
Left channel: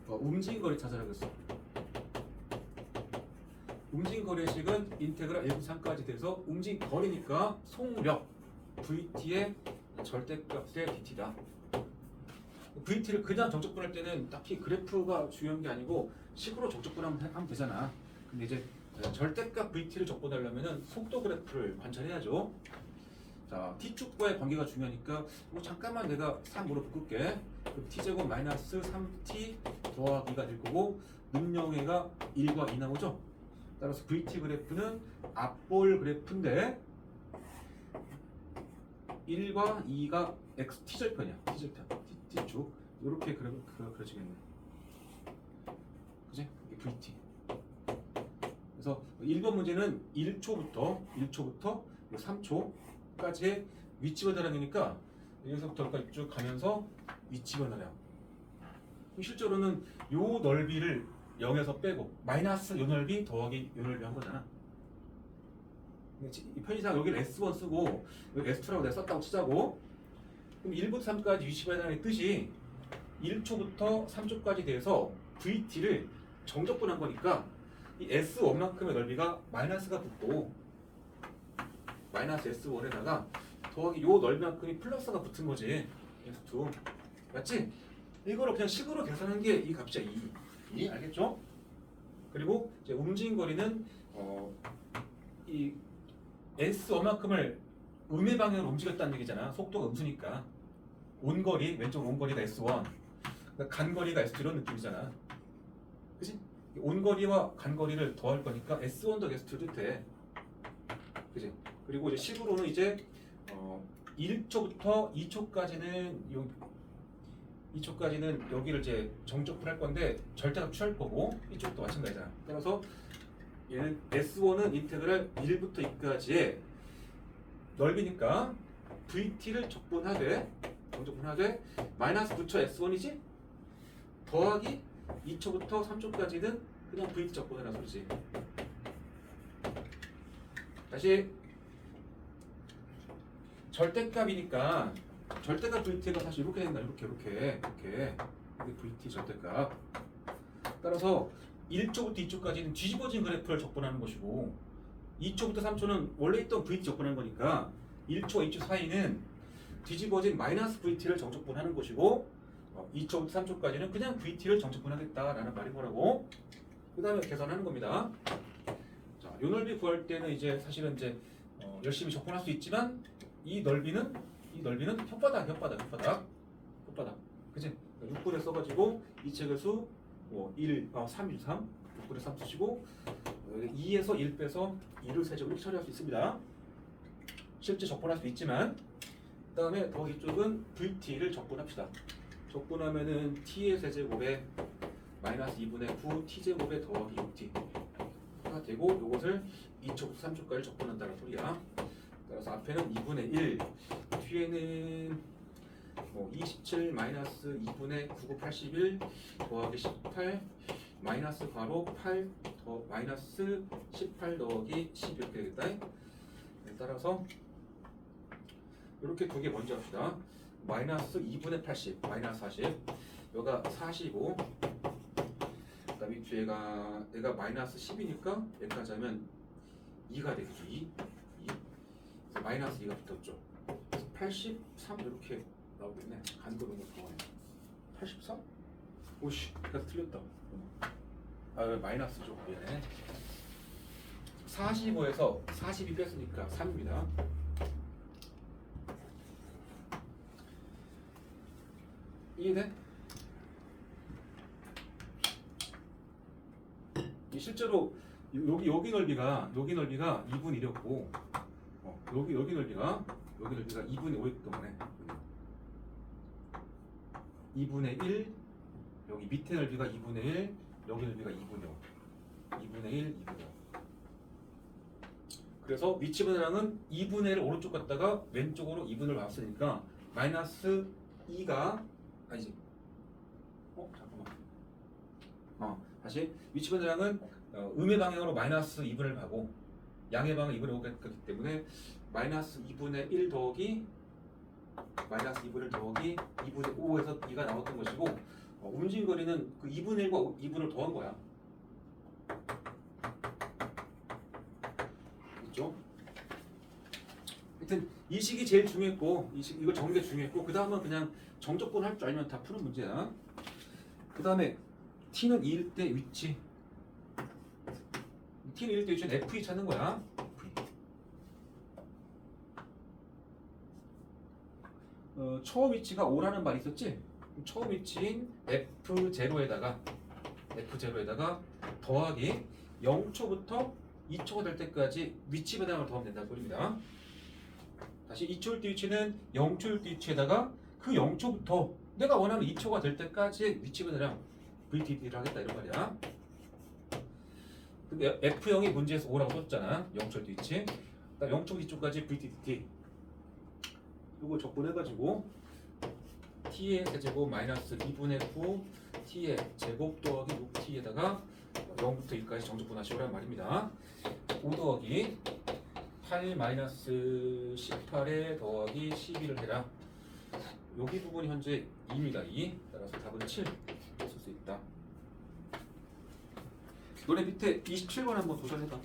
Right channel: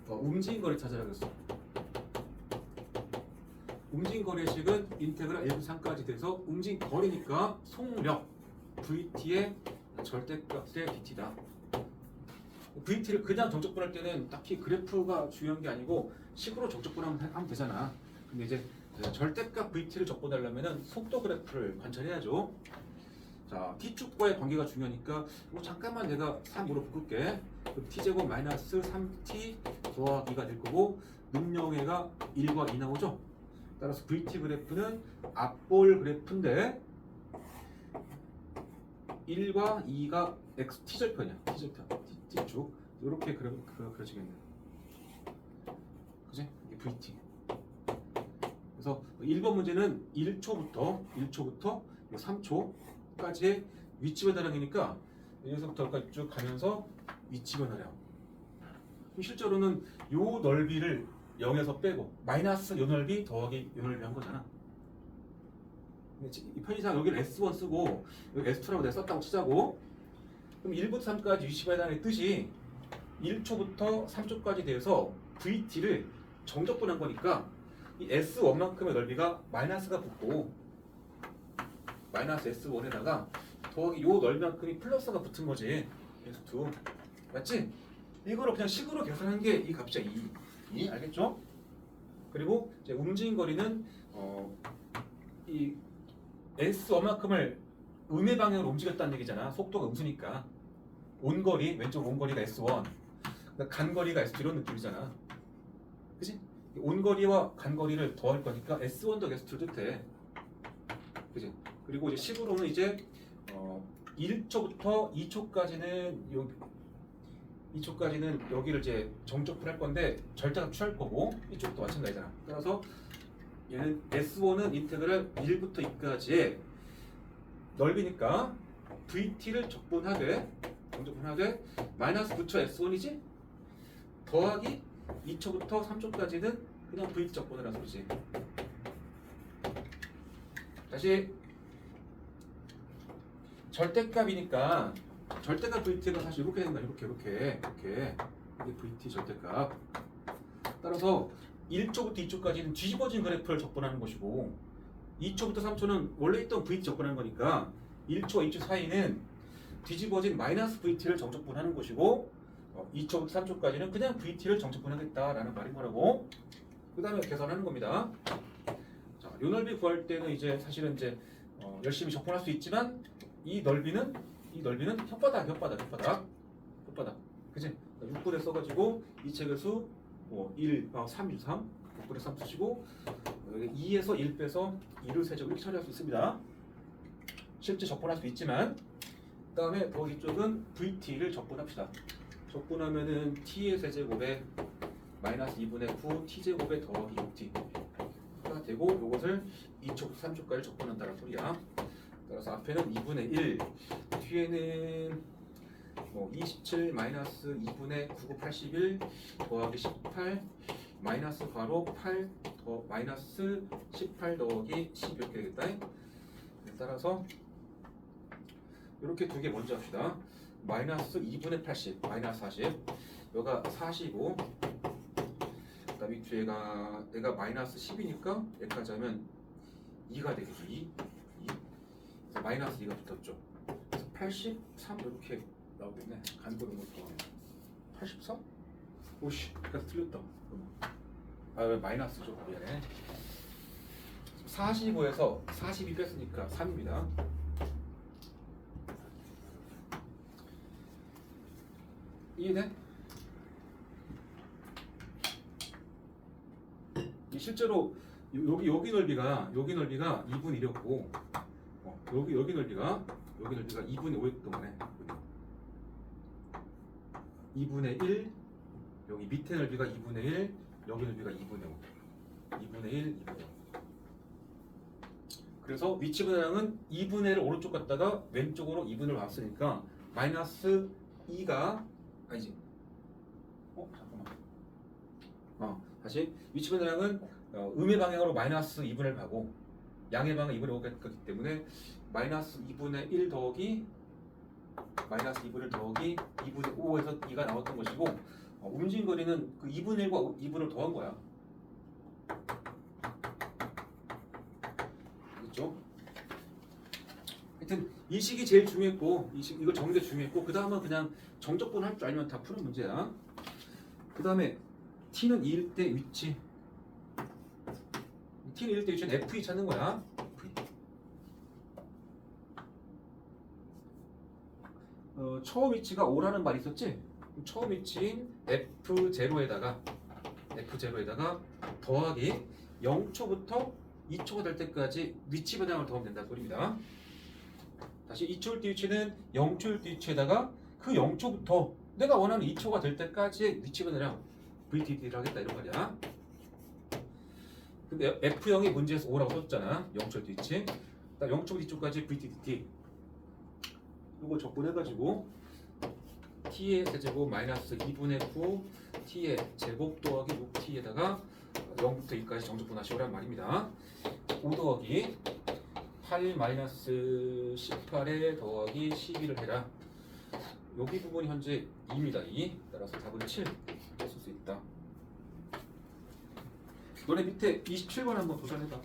움직인 거리 찾으라고 했어. 움직인 거리식은 인테그랄 1부터 3까지 돼서 움직인 거리니까 속력 vt의 절대값의 dt다. vt를 그냥 정적분할 때는 딱히 그래프가 중요한 게 아니고 식으로 정적분하면 되잖아. 근데 이제 절대값 vt를 적분하려면 속도 그래프를 관찰해야죠. 자, t축과의 관계가 중요하니까 잠깐만 내가 3으로 바꿀게. 그 t제곱 마이너스 3t 더하기가 될 거고 능력의가 1과 2 나오죠. 따라서 vt 그래프는 앞볼 그래프인데 1과 2가 x t절편이야. t절편 t축 이렇게 그려지겠네. 그지? 이게 vt. 그래서 1번 문제는 1초부터 3초까지의 위치 변화량이니까 여기서부터 여기까지 쭉 가면서 위치 변화량. 실제로는 요 넓이를 0에서 빼고 마이너스 요 넓이 더하기 요 넓이 한 거잖아. 이 편의상 여기를 S1 쓰고 여기 S2라고 내가 썼다고 치자고. 그럼 1부터 3까지 위치 변화량의 뜻이 1초부터 3초까지 돼서 VT를 정적분한 거니까 이 S1만큼의 넓이가 마이너스가 붙고 마이너스 S1에다가 더하기 요 넓이만큼이 플러스가 붙은 거지. S2 맞지? 이거를 그냥 식으로 계산한 게 이 값이야. 2 알겠죠? 그리고 이제 움직인 거리는 이 S1만큼을 음의 방향으로 움직였다는 얘기잖아. 속도가 음수니까 온거리 왼쪽 온거리가 S1 그러니까 간거리가 S2 이런 느낌이잖아. 그치? 온거리와 간거리를 더할 거니까 S1 더하기 S2를 뜻해. 그치? 그리고 이제 식으로는 이제 1초부터 2초까지는 여기를 이제 정적분할 건데 절대값 취할 거고 이쪽도 마찬가지잖아. 따라서 얘는 S1은 인테그랄 1부터 2까지의 넓이니까 VT를 정적분하되 마이너스 9초 S1이지 더하기 2초부터 3초까지는 그냥 VT 적분해라 소리지. 다시 절대값이니까 절대값 VT가 사실 이렇게 된다. 이렇게 이게 VT 절대값. 따라서 1초부터 2초까지는 뒤집어진 그래프를 적분하는 것이고 2초부터 3초는 원래 있던 VT 적분하는 거니까 1초와 2초 사이는 뒤집어진 마이너스 VT를 정적분하는 것이고 2초부터 3초까지는 그냥 VT를 정적분하겠다라는 말인 거라고. 그 다음에 계산하는 겁니다. 자, 요 넓이 구할 때는 이제 사실은 이제 열심히 적분할 수 있지만 이 넓이는 혓바닥. 그치? 6분에 써가지고 이 책의 수 3, 6분에 3 쓰시고 2에서 1 빼서 2를 세제곱 이렇게 처리할 수 있습니다. 실제 적분할 수 있지만 그 다음에 더하기 쪽은 VT를 적분합시다. 적분하면은 T의 세제곱에 마이너스 2분의 9 T제곱에 더하기 6T가 되고 이것을 2초부터 3초까지 적분한다는 소리야. 따라서 앞에는 2분의 1 뒤에는 27 마이너스 2분의 9, 81 더하기 18 마이너스 괄호 8 더 마이너스 18 더하기 10 이렇게 되겠다. 따라서 이렇게 두 개 먼저 합시다. 마이너스 2분의 80 마이너스 40 여기가 40이고 그다음에 얘가 마이너스 10이니까 여기까지 하면 2가 되겠죠. 2 마이너스 2가 붙었죠. 그래서 83 이렇게 나오겠네. 간거 너무 좋아요. 83? 오씨, 그래서 틀렸다. 왜 마이너스죠? 미안해. 45에서 42 뺐으니까 3입니다. 이해돼? 실제로 여기 넓이가 2분의 1이었고 여기 넓이가 2분의 5였던 거네. 2분의 1, 여기 밑에 넓이가 2분의 1, 여기 넓이가 2분의 5. 2분의 1, 2분의 5. 그래서 위치 분해량은 2분의 1을 오른쪽 갔다가 왼쪽으로 2분을 왔으니까 마이너스 2가 아니지. 잠깐만. 다시 위치 분해량은 음의 방향으로 마이너스 2분의 1 가고 양의 방향 2분의 5가 갔기 때문에 마이너스 2분의 1 더하기 마이너스 2분의 1 더하기 2분의 5에서 2가 나왔던 것이고 움직임 거리는 그 2분의 1과 2분을 더한 거야. 그렇죠? 하여튼 이 식이 제일 중요했고 이거 정리가 중요했고 그 다음은 그냥 정적분 할 줄 알면 다 푸는 문제야. 그 다음에 t는 2일 때 위치 t는 2일 때 위치는 f2 찾는 거야. 처음 위치가 5라는 말이 있었지? 처음 위치인 F0에다가 더하기 0초부터 2초가 될 때까지 위치 변형을 더하면 된다는 소리입니다. 다시 2초일 때 위치는 0초일 때 위치에다가 그 0초부터 내가 원하는 2초가 될 때까지 위치 변형 VTT를 하겠다 이런 말이야. 근데 F0이 문제에서 5라고 썼잖아. 0초일 때 위치. 0초부터 2초까지 VTT. 이거 적분해가지고 t의 세제곱 마이너스 2분의 9 t의 제곱 더하기 6t에다가 0부터 2까지 정적분하시오란 말입니다. 5 더하기 8 마이너스 18에 더하기 12를 해라. 여기 부분이 현재 2입니다. 2. 따라서 답은 7 이렇게 쓸 수 있다. 너네 밑에 27번 한번 도전해봐.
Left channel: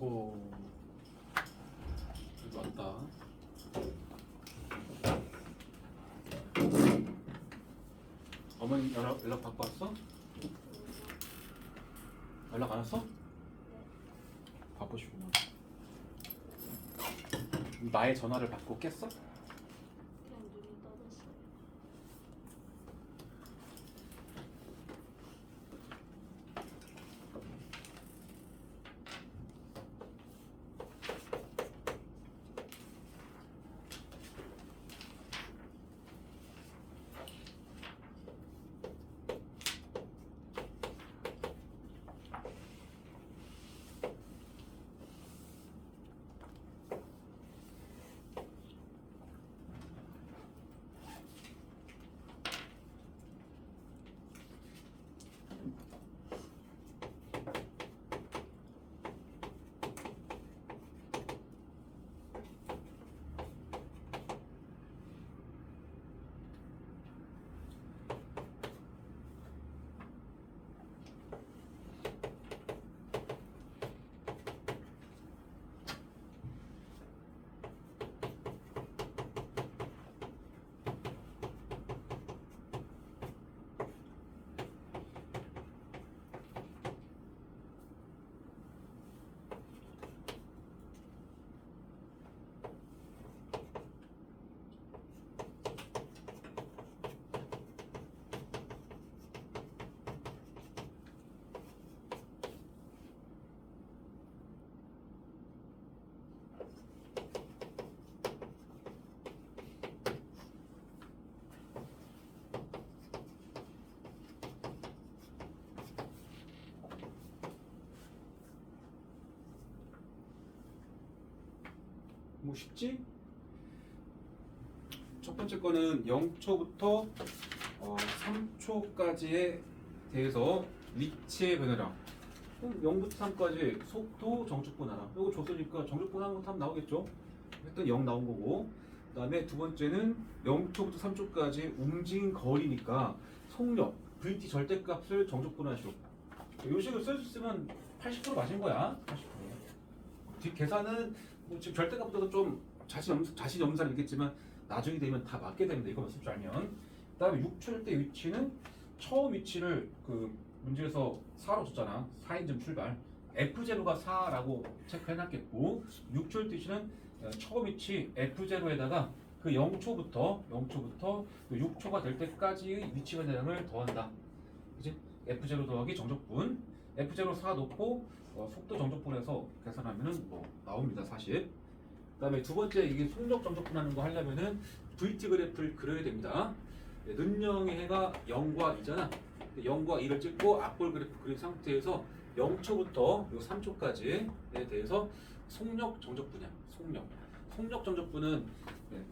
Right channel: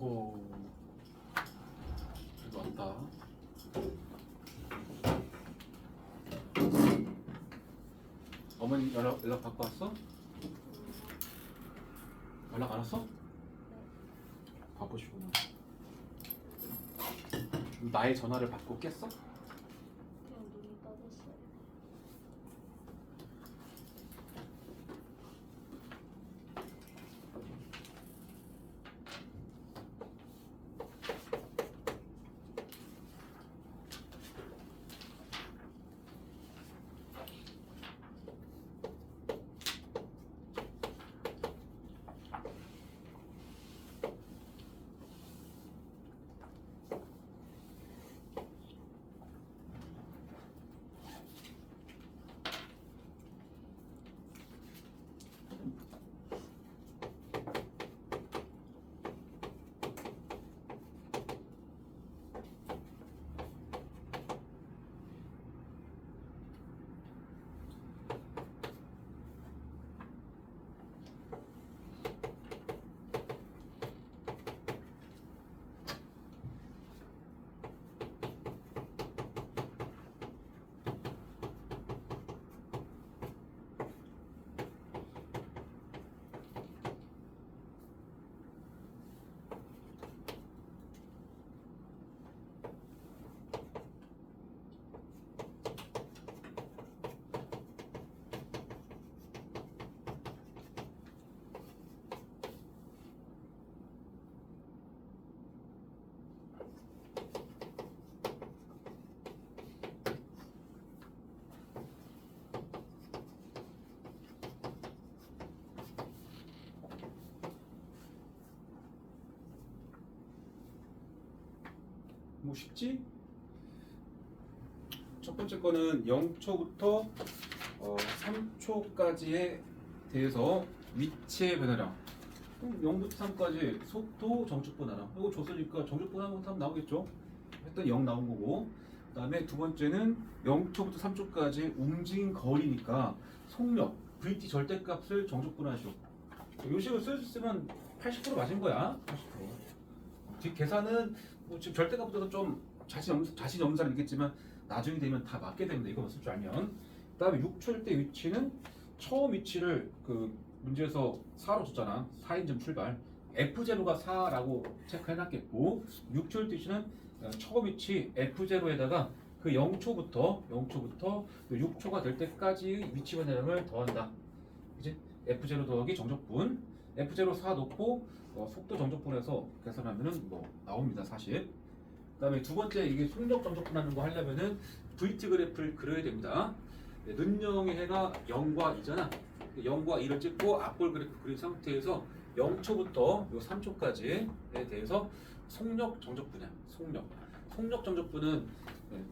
오호. 그래도 왔다. 어머니 연락 받고 왔어? 연락 안 왔어? 바쁘시구나. 나의 전화를 받고 깼어? 그냥 눈이 떠졌어요. 뭐 쉽지? 첫 번째 거는 0초부터 3초까지에 대해서 위치의 변화량. 0부터 3까지 속도, 정축 분하나. 이거 줬으니까 정축 분하면 3 나오겠죠? 했더니 0 나온 거고. 그다음에 두 번째는 0초부터 3초까지 움직인 거리니까 속력, VT 절대값을 정축 분하시오. 이 식을 쓸 수 있으면 80% 맞은 거야. 80%. 뒷 계산은 뭐 지금 절대값보다도 좀 자신 없는 사람 있겠지만 나중에 되면 다 맞게 됩니다. 이거만 쓸 줄 알면. 그다음에 6초일 때 위치는 처음 위치를 그 문제에서 4로 줬잖아. 4인점 출발. F0가 4라고 체크해놨겠고 6초일 때 위치는 처음 위치 F0에다가 그 0초부터 6초가 될 때까지의 위치 변화량을 더한다. 이제 F0 더하기 정적분. F0 4 놓고 속도 정적분해서 계산하면은 뭐 나옵니다. 40. 그다음에 두 번째 이게 속력 정적분하는 거 하려면은 VT 그래프를 그려야 됩니다. 는영의 해가 0과 2잖아. 0과 2를 찍고 앞볼 그래프 그린 상태에서 0초부터 요 3초까지에 대해서 속력 정적분이야. 속력 정적분은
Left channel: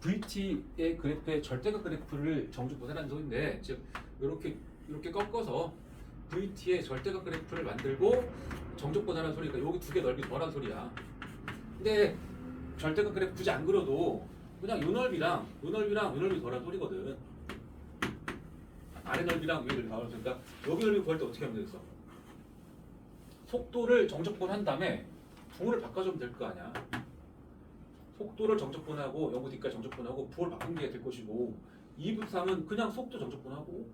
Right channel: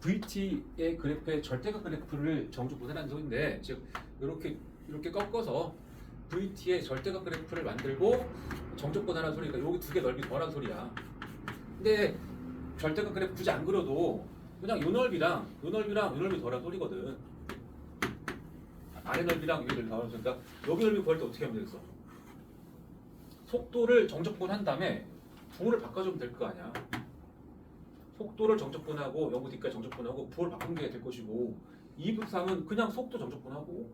VT의 그래프의 절대값 그래프를 정적분해라는 소리인데, 즉 이렇게 꺾어서 VT의 절대값 그래프를 만들고 정적분하라는 소리니까 여기 두 개 넓이 더라는 소리야. 근데 절대값 그래프 굳이 안 그려도 그냥 요 넓이랑 요 넓이 더라는 소리거든. 아래 넓이랑 위 넓이 더라는 소리니까 여기 넓이 구할 때 어떻게 하면 되겠어? 속도를 정적분한 다음에 부호를 바꿔주면 될 거 아니야. 속도를 정적분하고 0부터 D까지 정적분하고 부호를 바꾼 게 될 것이고 2부터 3은 그냥 속도 정적분하고,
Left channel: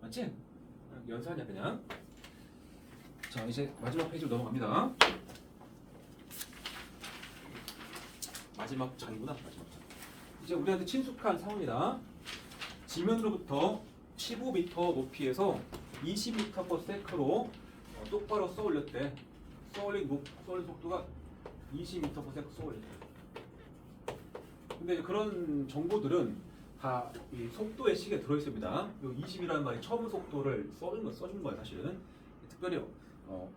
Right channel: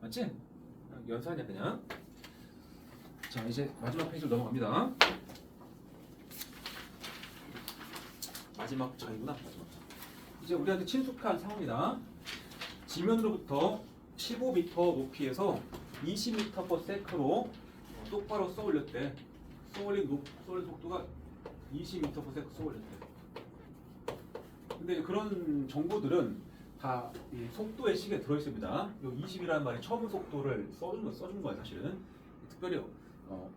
맞지? 연산이야 그냥. 자, 이제 마지막 페이지로 넘어갑니다. 마지막 장이구나. 이제 우리한테 친숙한 상황이다. 지면으로부터 15m 높이에서 20m/s로 똑바로 쏘올렸대. 쏘올린 속도가 20m/s 쏘올렸대. 근데 그런 정보들은 다 이 속도의 식에 들어있습니다. 이 20이라는 말이 처음 속도를 써주는 거야 사실은. 특별히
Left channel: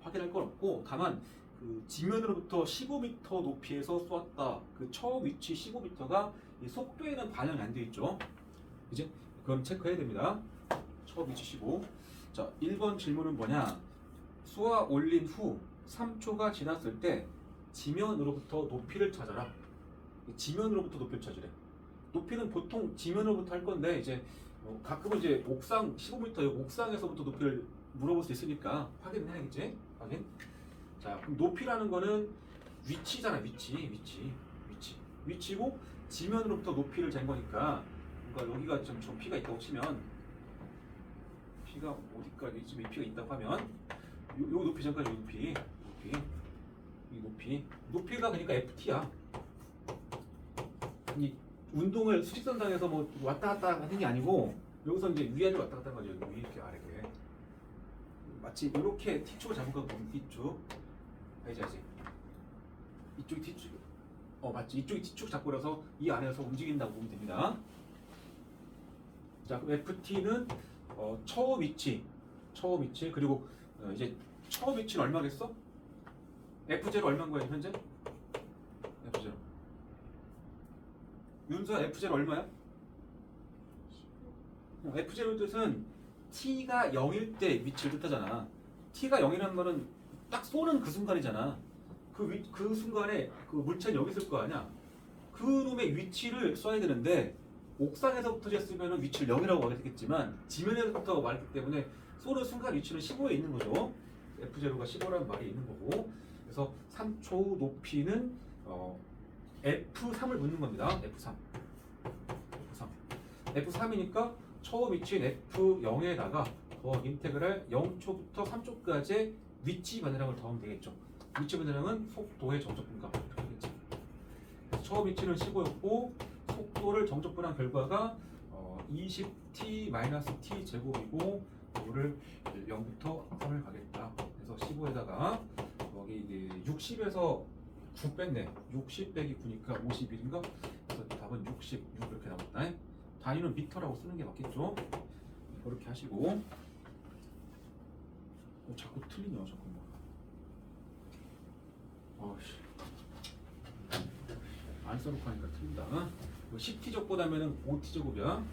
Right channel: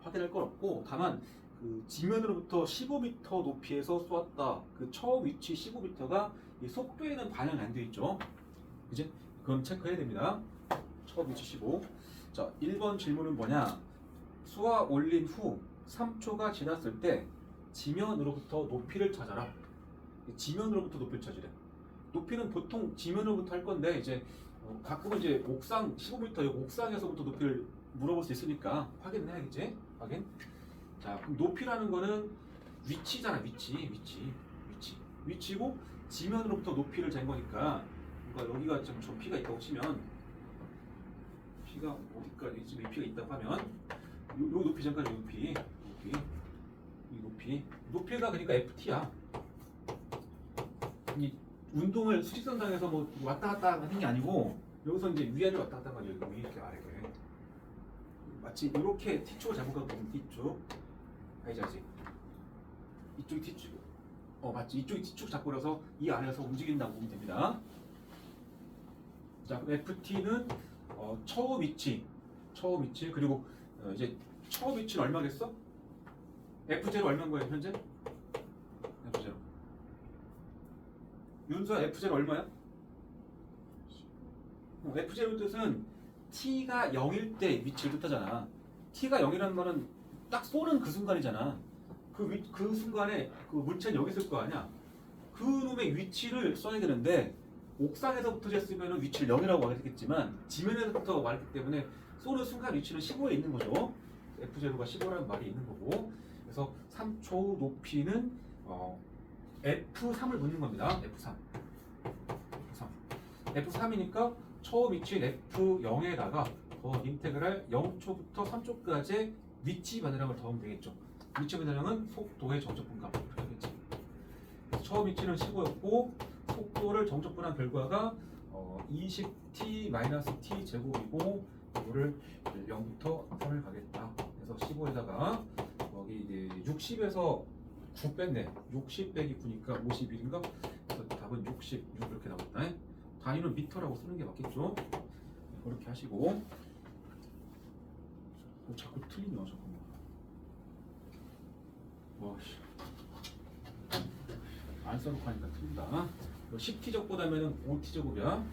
확인할 건 없고, 다만 그 지면으로부터 15m 높이에서 쏘았다. 그 처음 위치 15m가 이 속도에는 반영이 안 돼 있죠. 이제 그건 체크해야 됩니다. 처음 위치 15. 자, 1번 질문은 뭐냐? 쏘아 올린 후 3초가 지났을 때 지면으로부터 높이를 찾아라. 지면으로부터 높이를 찾으래. 높이는 보통 지면으로부터 할 건데, 이제 가끔은 이제 옥상 15m 옥상에서부터 높이를 물어볼 수 있으니까 확인해야겠지? 확인. 자, 자, 그럼 높이라는 거는 위치잖아. 위치고 지면으로부터 높이를 잰 거니까, 그러니까 여기가 좀 P가 있다고 치면, P가 어디까지 지금 이 P가 있다고 하면, 요 높이 잠깐 이 높이가 그러니까 FT야. 이 운동을 수직선상에서 뭐 왔다 갔다 하는 게 아니고, 여기서 이제 위아래로 왔다 갔다 하는 거야. 위 이렇게 아래로. 마치 이렇게 T축을 잡은 거 보면 T축. 알지? 이쪽이 T축. 맞지? 이쪽이 T축 잡고 나서 이 안에서 움직인다고 보면 됩니다. 자, 그럼 FT는 처음 위치 그리고 이제 처음 위치는 얼마겠어? F0 얼마인 거야 현재? F0. 윤수야 F0 얼마야? F0 뜻은 T가 0일 때 위치를 뜻하잖아. T가 0이라는 말은 딱 쏘는 그 순간이잖아. 그 순간에 그 물체는 여기 있을 거 아니야. 그 놈의 위치를 써야 되는데 옥상에서부터 쟀으면 위치를 0이라고 하게 되겠지만 지면에서부터 말했기 때문에 쏘는 순간 위치는 15에 있는 거죠. F0가 15라는 말이 있는 거고. 그래서 3초 높이는 F3을 묻는 겁니다. F3이니까 처음 위치인 F0에다가 인테그랄 0초부터 3초까지 위치 변화량을 더하면 되겠죠. 위치 변화량은 속도의 정적분값 이렇게 하겠지. 그래서 처음 위치는 15였고 속도를 정적분한 결과가 20t-t 제곱이고 이거를 0부터 3을 가겠다. 그래서 15에다가 여기 이제 60에서 9 뺐네. 60 빼기 9니까 51인가? 그래서 답은 66 이렇게 나왔다. 단위는 미터라고 쓰는 게 맞겠죠? 그렇게 하시고 자꾸 틀리냐 잠깐만. 안 써놓고 하니까 틀린다. 10t제곱보다는 5t제곱이야.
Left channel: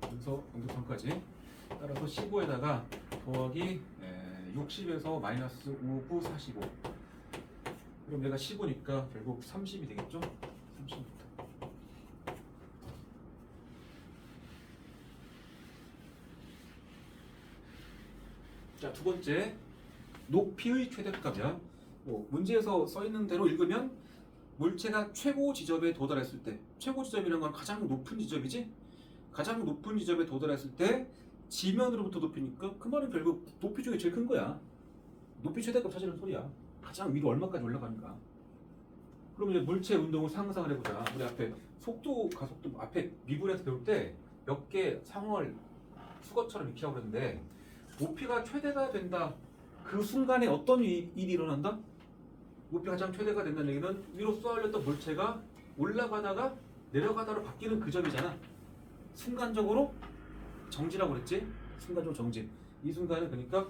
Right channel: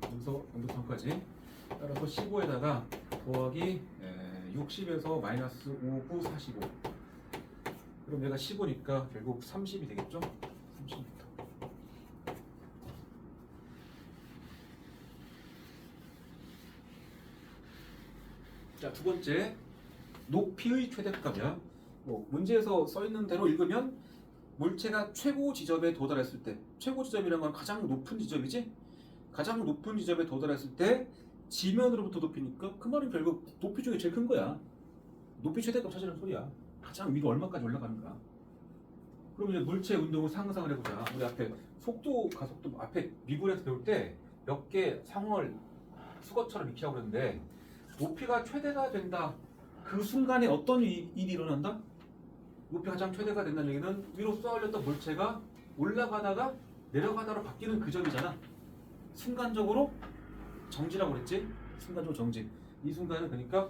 그래서 0부터 3까지 따라서 15에다가 더하기 60에서 마이너스 5, 9, 45. 그럼 얘가 15니까 결국 30이 되겠죠? 30m. 자, 두 번째 높이의 최대값이야. 문제에서 써 있는 대로 읽으면 물체가 최고 지점에 도달했을 때, 최고 지점이라는 건 가장 높은 지점이지? 가장 높은 지점에 도달했을 때 지면으로부터 높이니까 그 말은 결국 높이 중에 제일 큰 거야. 높이 최대값 찾으라는 소리야. 가장 위로 얼마까지 올라가는가. 그럼 이제 물체 운동을 상상을 해보자. 우리 앞에 속도, 가속도 앞에 미분에서 배울 때 몇 개 상황을 수거처럼 익히라고 그랬는데 높이가 최대가 된다. 그 순간에 어떤 일이 일어난다? 높이가 가장 최대가 된다는 얘기는 위로 쏘아올렸던 물체가 올라가다가 내려가다로 바뀌는 그 점이잖아. 순간적으로 정지라고 그랬지? 순간적으로 정지. 이 순간은 그러니까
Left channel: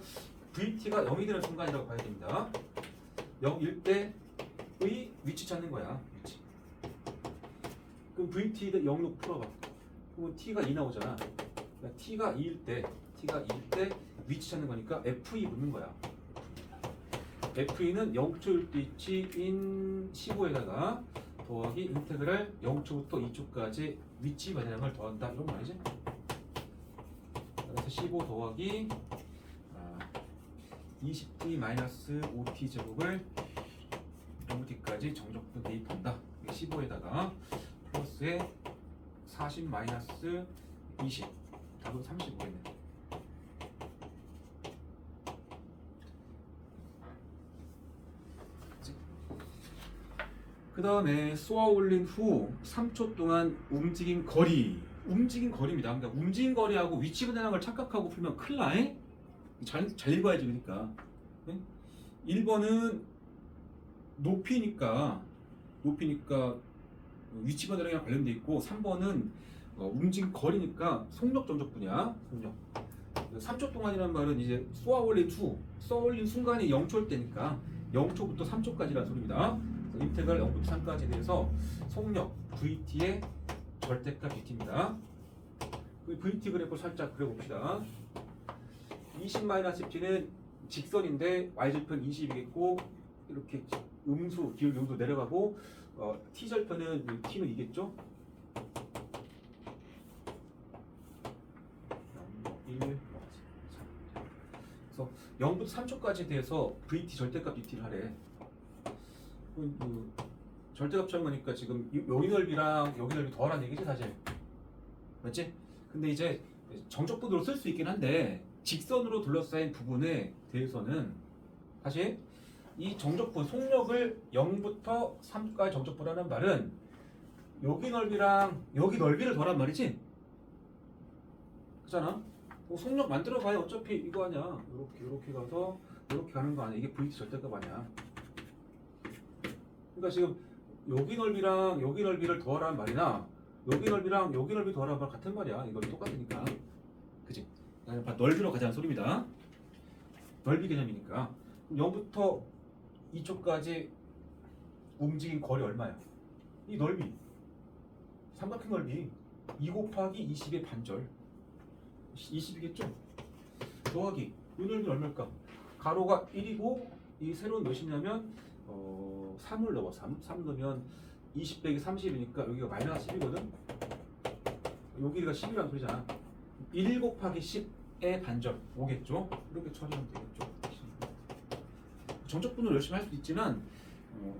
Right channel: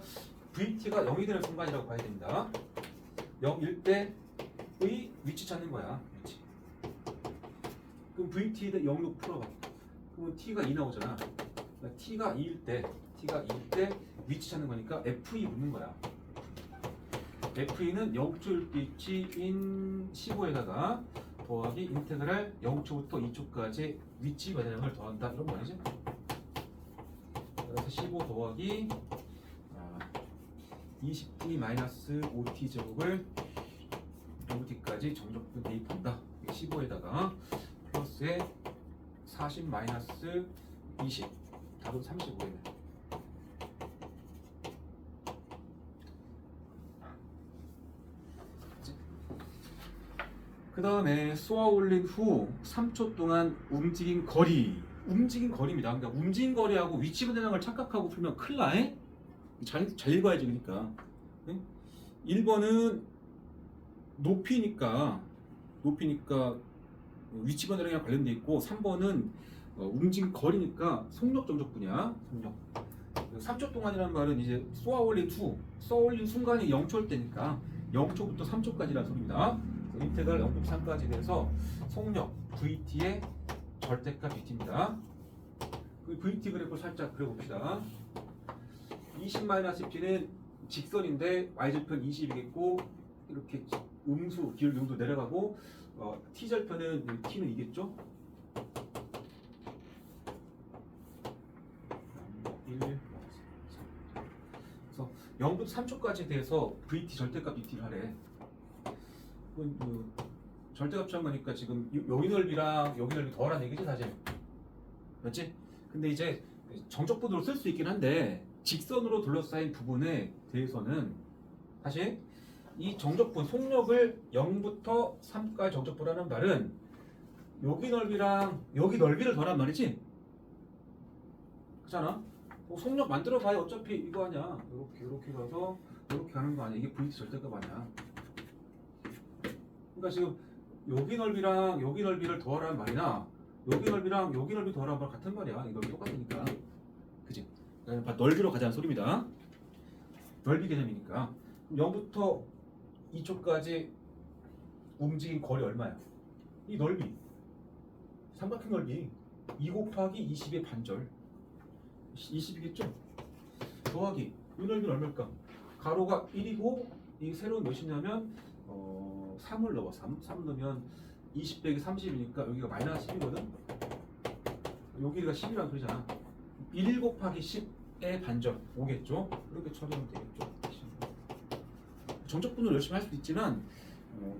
VT가 0이 되는 순간이라고 봐야 됩니다. 0일 때의 위치 찾는 거야. 위치. 그럼 VT를 0로 풀어봐. 그러면 T가 2 나오잖아. 그러니까 T가 2일 때 위치 찾는 거니까 FE 묻는 거야. FE는 0초일 위치인 15에다가 더하기 인테그랄 0초부터 2초까지 위치 변화량을 더한다. 이런 말이지. 그래서 15 더하기 20t-5t 제곱을 0t까지 정적분 대입한다. 15에다가 플러스에 40-20 답은 35겠네. 그 다음에 쏘아 올린 후 3초 동안 움직인 거리입니다. 그러니까 움직인 거리하고 위치 변화량을 착각하고 풀면 큰일 나. 잘 읽어야지. 그러니까 1번은 높이니까 위치 변화량이랑 관련돼 있고 3번은 움직인 거리니까 속력 정적분이야. 속력. 3초 동안이라는 말은 이제 쏘아 올린 순간이 0초일 때니까 0초부터 3초까지라는 소리입니다. 인테그랄 0부터 3까지 대해서 속력 VT의 절대값 VT입니다. 그 VT 그래프 살짝 그려봅시다. 20-t는 직선인데 y절편 20이겠고 이렇게 음수 기울기 음수 내려가고 t절편은 t는 이겠죠? 0, 1, 3. 그래서 0부터 3초까지 대해서 VT 절대값 DT를 하래. 절대값 취한 거니까 지금 여기 넓이랑 여기 넓이 더하라는 얘기지 사실. 맞지? 근데 이제 정적분으로 쓸 수 있긴 한데 직선으로 둘러싸인 부분에 대해서는 사실 이 정적분 속력을 0부터 3까지 정적분하는 말은 여기 넓이랑 여기 넓이를 더란 말이지. 그렇잖아? 속력 만들어 봐야 어차피 이거 아니야. 이렇게 가서 이렇게 가는 거 아니야. 이게 VT 절대값 아니야. 그러니까 지금 여기 넓이랑 여기 넓이를 더하라는 말이나 여기 넓이랑 여기 넓이 더하라는 말 같은 말이야. 이거 똑같으니까. 그치? 넓이로 가자는 소리입니다. 넓이 개념이니까. 0부터 2초까지 움직인 거리 얼마야? 이 넓이. 삼각형 넓이 2 곱하기 20의 반절 20이겠죠? 더하기 이 넓이는 얼마일까? 가로가 1이고 이 세로는 몇이냐면 3을 넣어. 3 넣으면 20 빼기 30이니까 여기가 마이너스 10이거든? 여기가 10이라는 소리잖아. 1 곱하기 10의 반절 오겠죠? 이렇게 처리하면 되겠죠? 정적분을 열심히 할 수도 있지만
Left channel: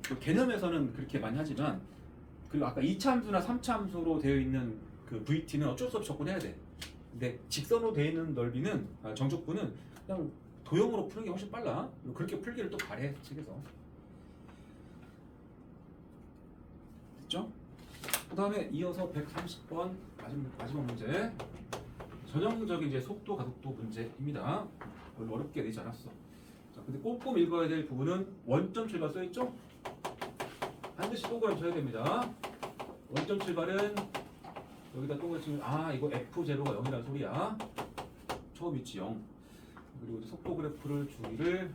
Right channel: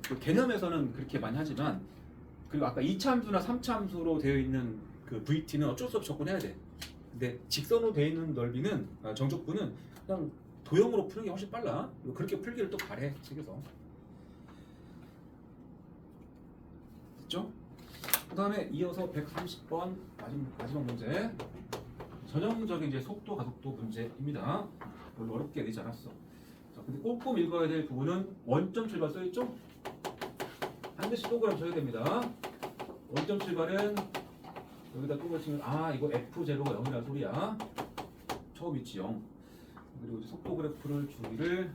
그 개념에서는 그렇게 많이 하지만 그리고 아까 2차함수나 3차함수로 되어 있는 그 VT는 어쩔 수 없이 접근해야 돼. 근데 직선으로 되어 있는 넓이는 정적분은 그냥 도형으로 푸는 게 훨씬 빨라. 그렇게 풀기를 또 바래 책에서. 됐죠? 그 다음에 이어서 130번 마지막 문제. 전형적인 이제 속도 가속도 문제입니다. 별로 어렵게 내지 않았어. 자, 근데 꼼꼼 읽어야 될 부분은 원점 출발 써있죠? 반드시 동그라미 쳐야 됩니다. 원점 출발은 여기다 동그라미 치면 이거 F0가 0이라는 소리야. 처음 위치 0. 그리고 이제 속도 그래프를 주기를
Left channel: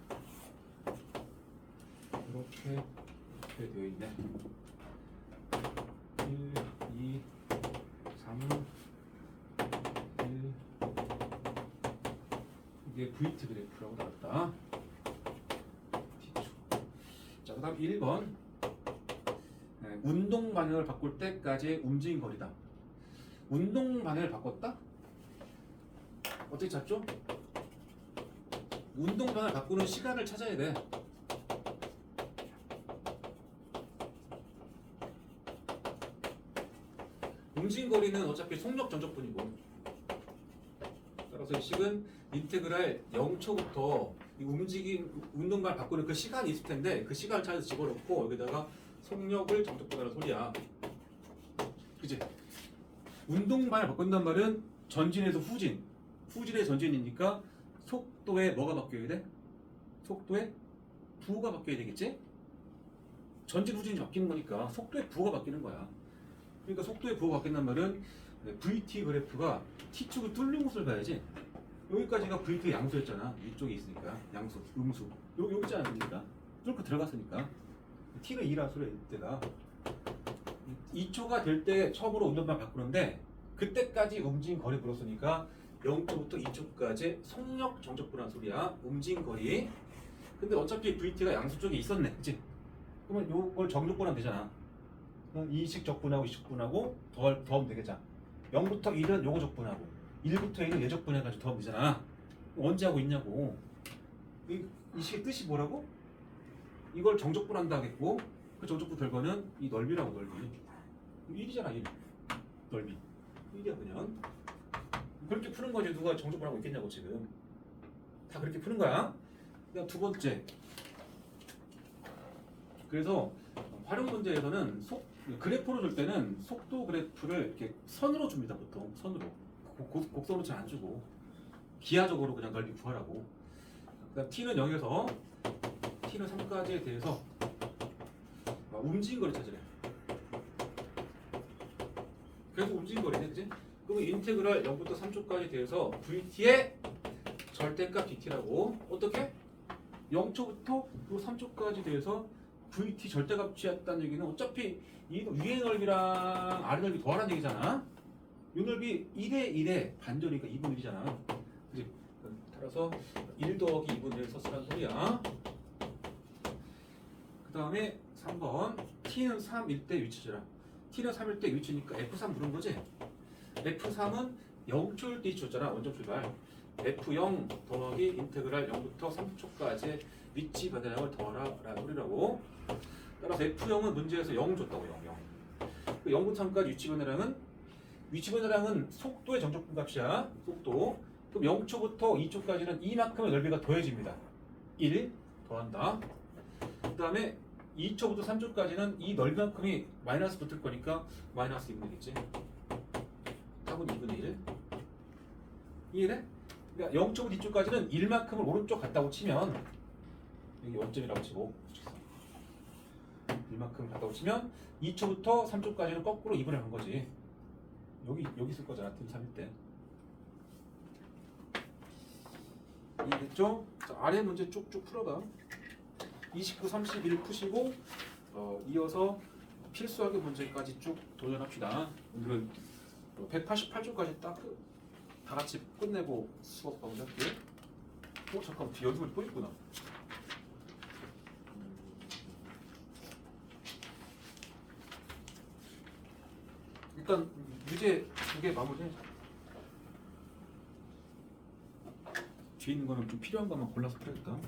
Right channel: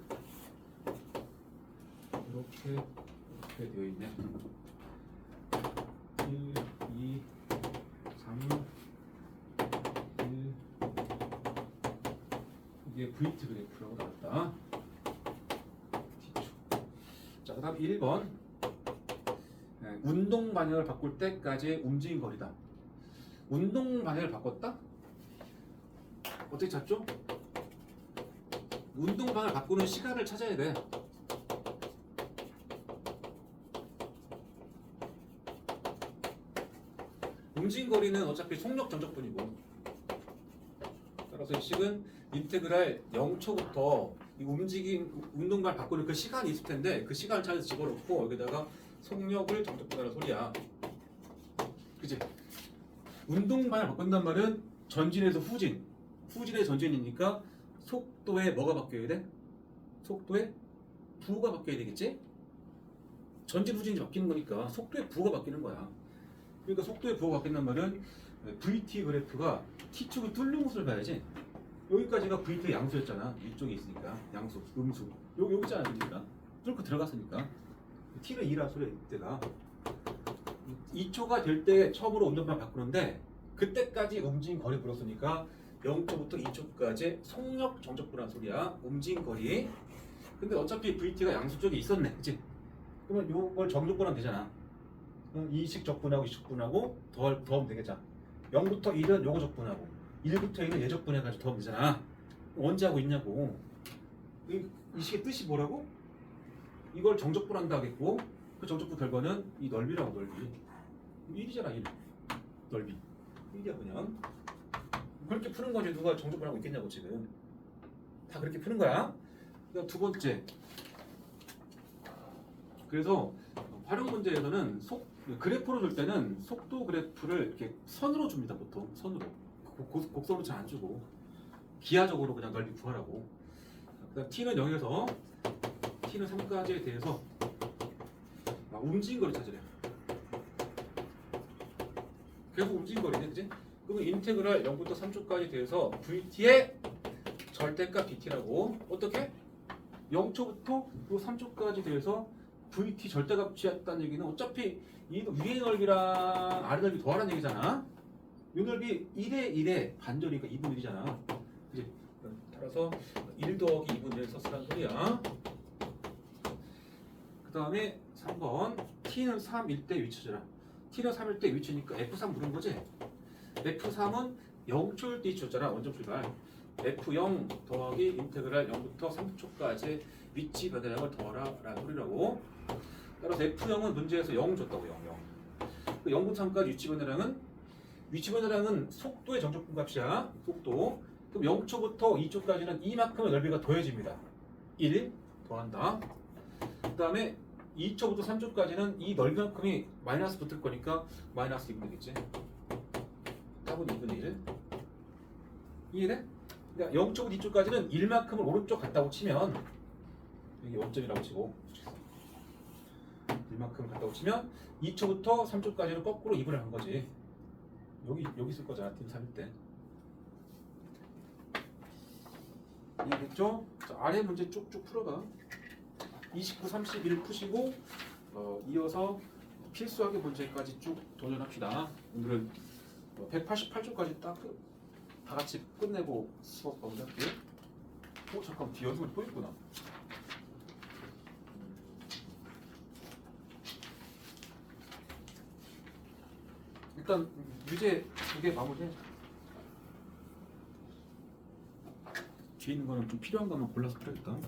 이렇게 되어 있네. 1, 2, 3, 1. 이게 VT 그래프라고 나왔다. 자, 그 다음 1번. 운동 방향을 바꿀 때까지의 움직임 거리다. 운동 방향을 바꿨다? 어떻게 찾죠? 운동 방향을 바꾸는 시간을 찾아야 돼. 움직임 거리는 어차피 속력 정적분이고, 따라서 이 식은 인테그랄 0초부터 이 운동 방향을 바꾸는 그 시간이 있을 텐데 그 시간을 찾아서 집어넣고 여기다가 속력을 정적분하는 소리야. 그치? 운동 방향을 바꾼단 말은 전진에서 후진, 후진에 전진이니까 속도에 뭐가 바뀌어야 돼? 속도에 부호가 바뀌어야 되겠지? 전진 후진이 바뀌는 거니까 속도의 부호가 바뀌는 거야. 그러니까 속도의 부호가 바뀐단 말은 VT 그래프가 T축을 뚫는 곳을 봐야지. 여기까지가 VT 양수였잖아. 위쪽에 있으니까 양수, 음수. 여기 있지 않습니까? 뚫고 들어갔으니까. T는 2라 소리야 이때가. 2초가 될 때 처음으로 운동방 바꾸는데 그때까지 움직임 거리 불었으니까 0초부터 2초까지 속력 정적분한 소리야. 움직임 거리. 근데 어차피 VT가 양수 쪽에 있었네. 그치? 그러면 요걸 정적분하면 되잖아. 이식 적분하고 이식 적분하고 더하면 되겠잖아. 0부터 1은 요거 적분하고 1부터 1은 얘 적분해가지고 더하면 되잖아. 언제 하고 있냐고. 이 식의 뜻이 뭐라고? 이걸 정적분한다 하겠고 그 정적분 결과는 이 넓이라고. 넓이 1이잖아. 1 넓이 1이야 그냥. 그렇게 푸는 거지. 누가 정적분하고 있겠냐고. 지금 다 그렇게 푸는 거야. 그다음 두 번째. 그래서 활용 문제에서는 그래프로 줄 때는 속도 그래프를 이렇게 선으로 줍니다. 보통 선으로. 곡선으로 잘 안 주고 기하적으로 그냥 넓이 구하라고. 그다음 T는 0에서 T는 3까지에 대해서 움직인 거를 찾으래. 계속 움직인 거리네, 그지? 그러면 인테그랄 0부터 3초까지 대해서 VT의 절대값 DT라고. 어떻게? 0초부터 3초까지 대해서 VT 절대값 취했다는 얘기는 어차피 이 위의 넓이랑 아래 넓이 더하라는 얘기잖아. 이 넓이 1에 1에 반절이니까 2분의 1이잖아. 그지? 따라서 1 더하기 2분의 1 썼으라는 소리야. 그 다음에 3번 T는 3일 때 위치해라. T는 3일 때 위치니까 F3 물은 거지? F3은 0초일 때 위치였잖아. 원점 출발. F0 더하기 인테그랄 0부터 3초까지 위치 변화량을 더하라 라는 소리라고. 따라서 F0은 문제에서 0 줬다고 0. 0부터 3까지 위치 변화량은 속도의 정적분값이야. 속도. 그럼 0초부터 2초까지는 이만큼의 넓이가 더해집니다. 1 더한다. 그 다음에 2초부터 3초까지는 이 넓이만큼이 마이너스 붙을 거니까 마이너스 2분 되겠지. 답은 2분의 1. 이해돼? 그러니까 0초부터 2초까지는 1만큼을 오른쪽 갔다고 치면 여기 원점이라고 치고 1만큼 갔다고 치면 2초부터 3초까지는 거꾸로 2분을 한 거지. 여기 있을 거잖아. 팀 3일 때. 이해됐죠? 자, 아래 문제 쭉쭉 풀어봐. 29, 31 푸시고 이어서 필수학의 문제까지 쭉 도전합시다. 오늘은 188초까지 딱 다 같이 끝내고 수업 마무리할게. 잠깐 뒤에 연습을 또 있구나. 일단 유제 2개 마무리해. 뒤에 있는 거는 좀 필요한 것만 골라서 풀어야겠다.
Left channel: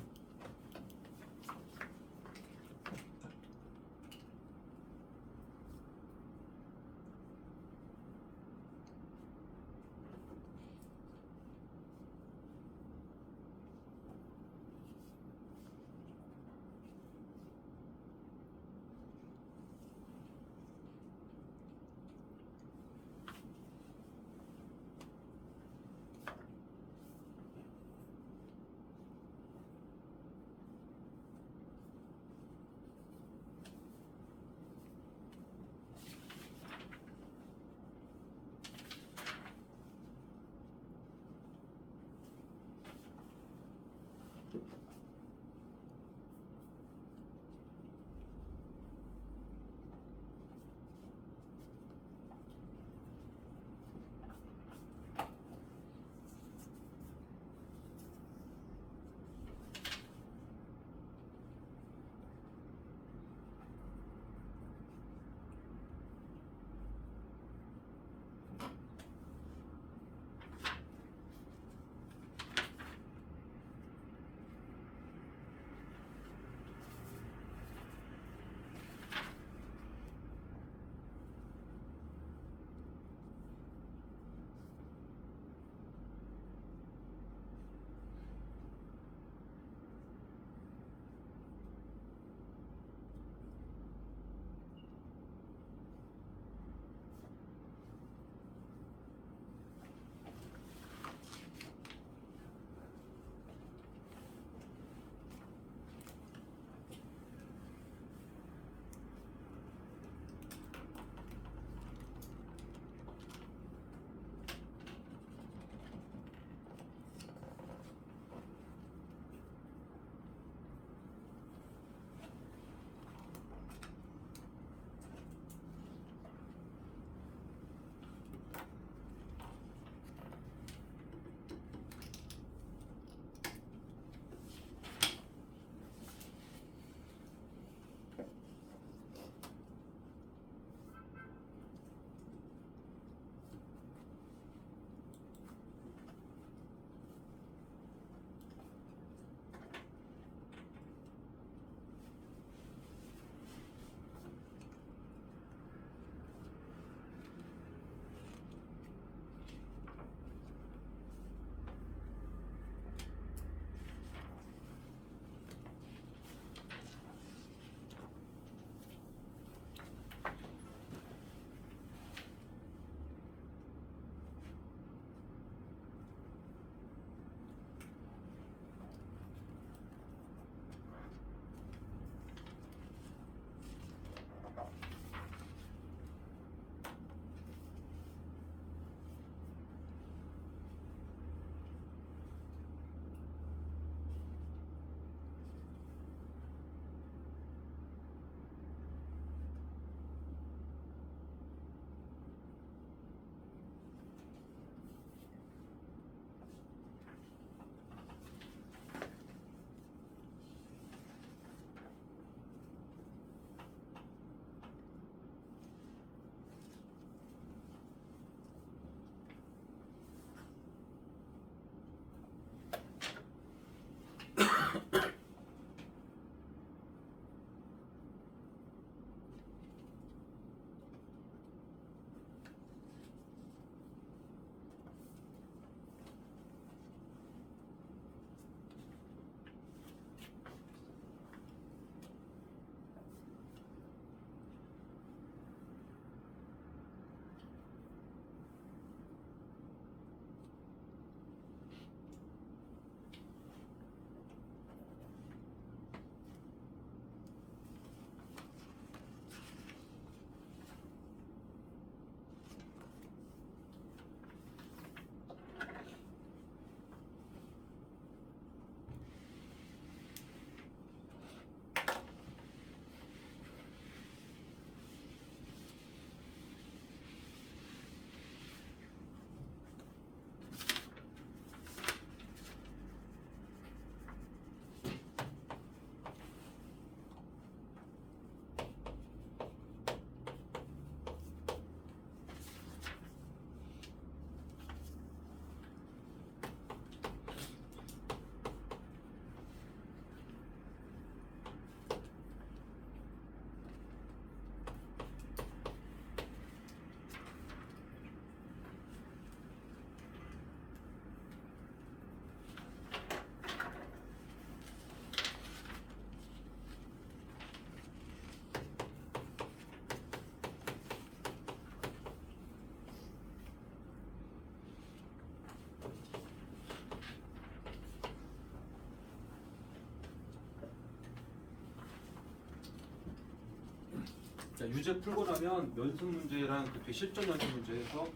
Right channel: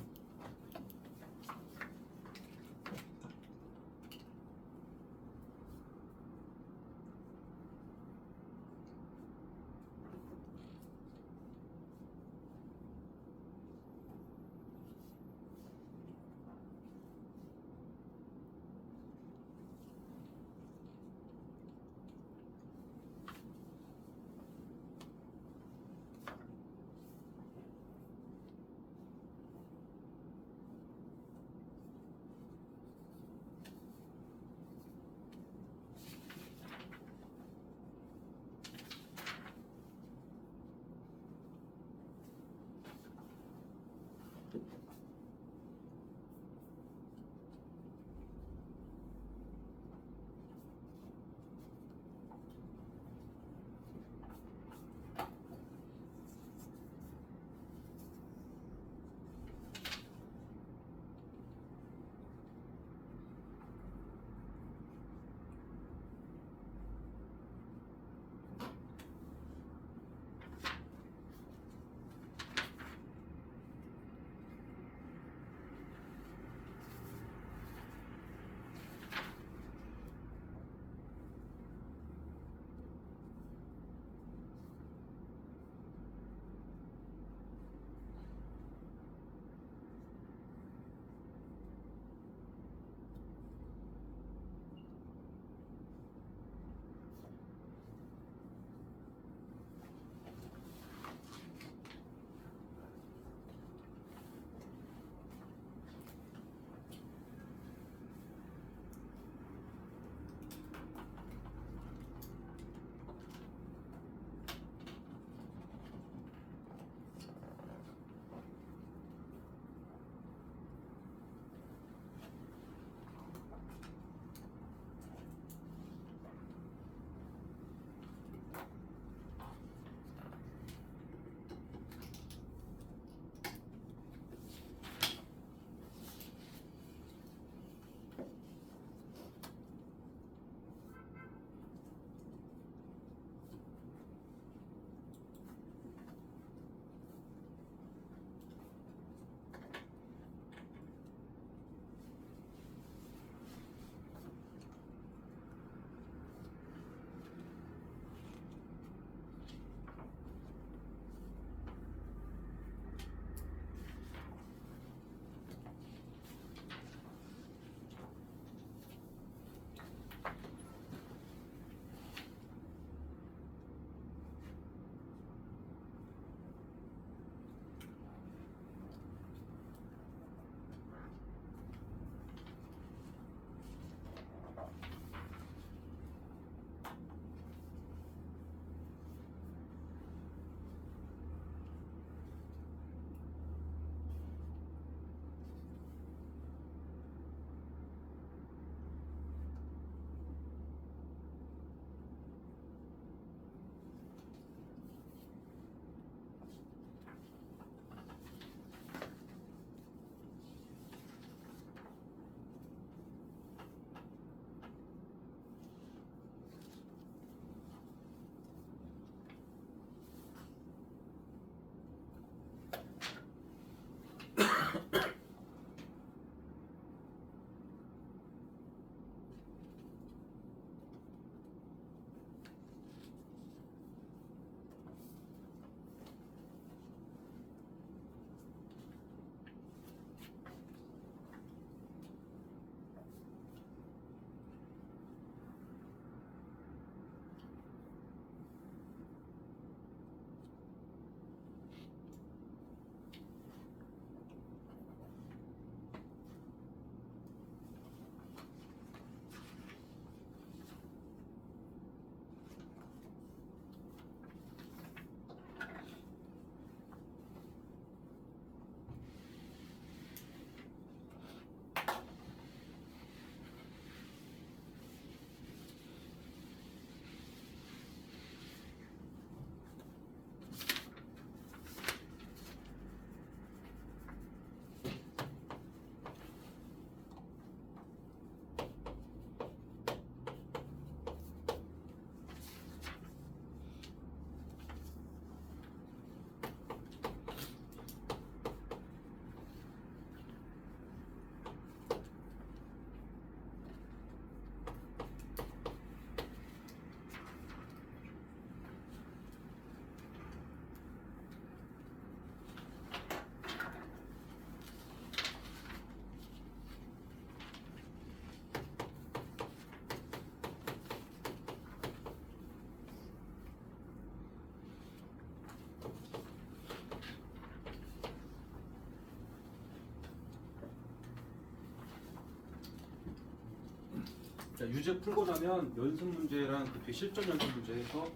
자, 유제 풀고 나면 연습 문제랑 그때 실전 연습 문제에서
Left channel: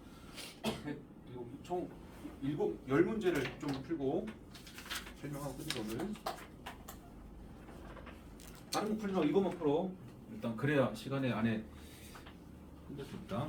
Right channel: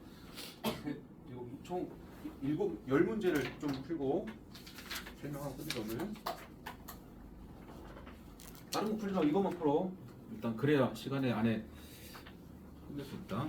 총 10문제를 좀 풀고 설명하고 끝내자 오늘. 다른 거 풀지 말고 이것만 풀어. 일단 그래야 시간에 안에 끝낼 수 있다.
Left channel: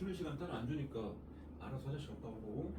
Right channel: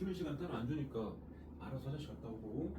쉬는 시간 따로 안 주니까 알아서 화장실 갔다 오고.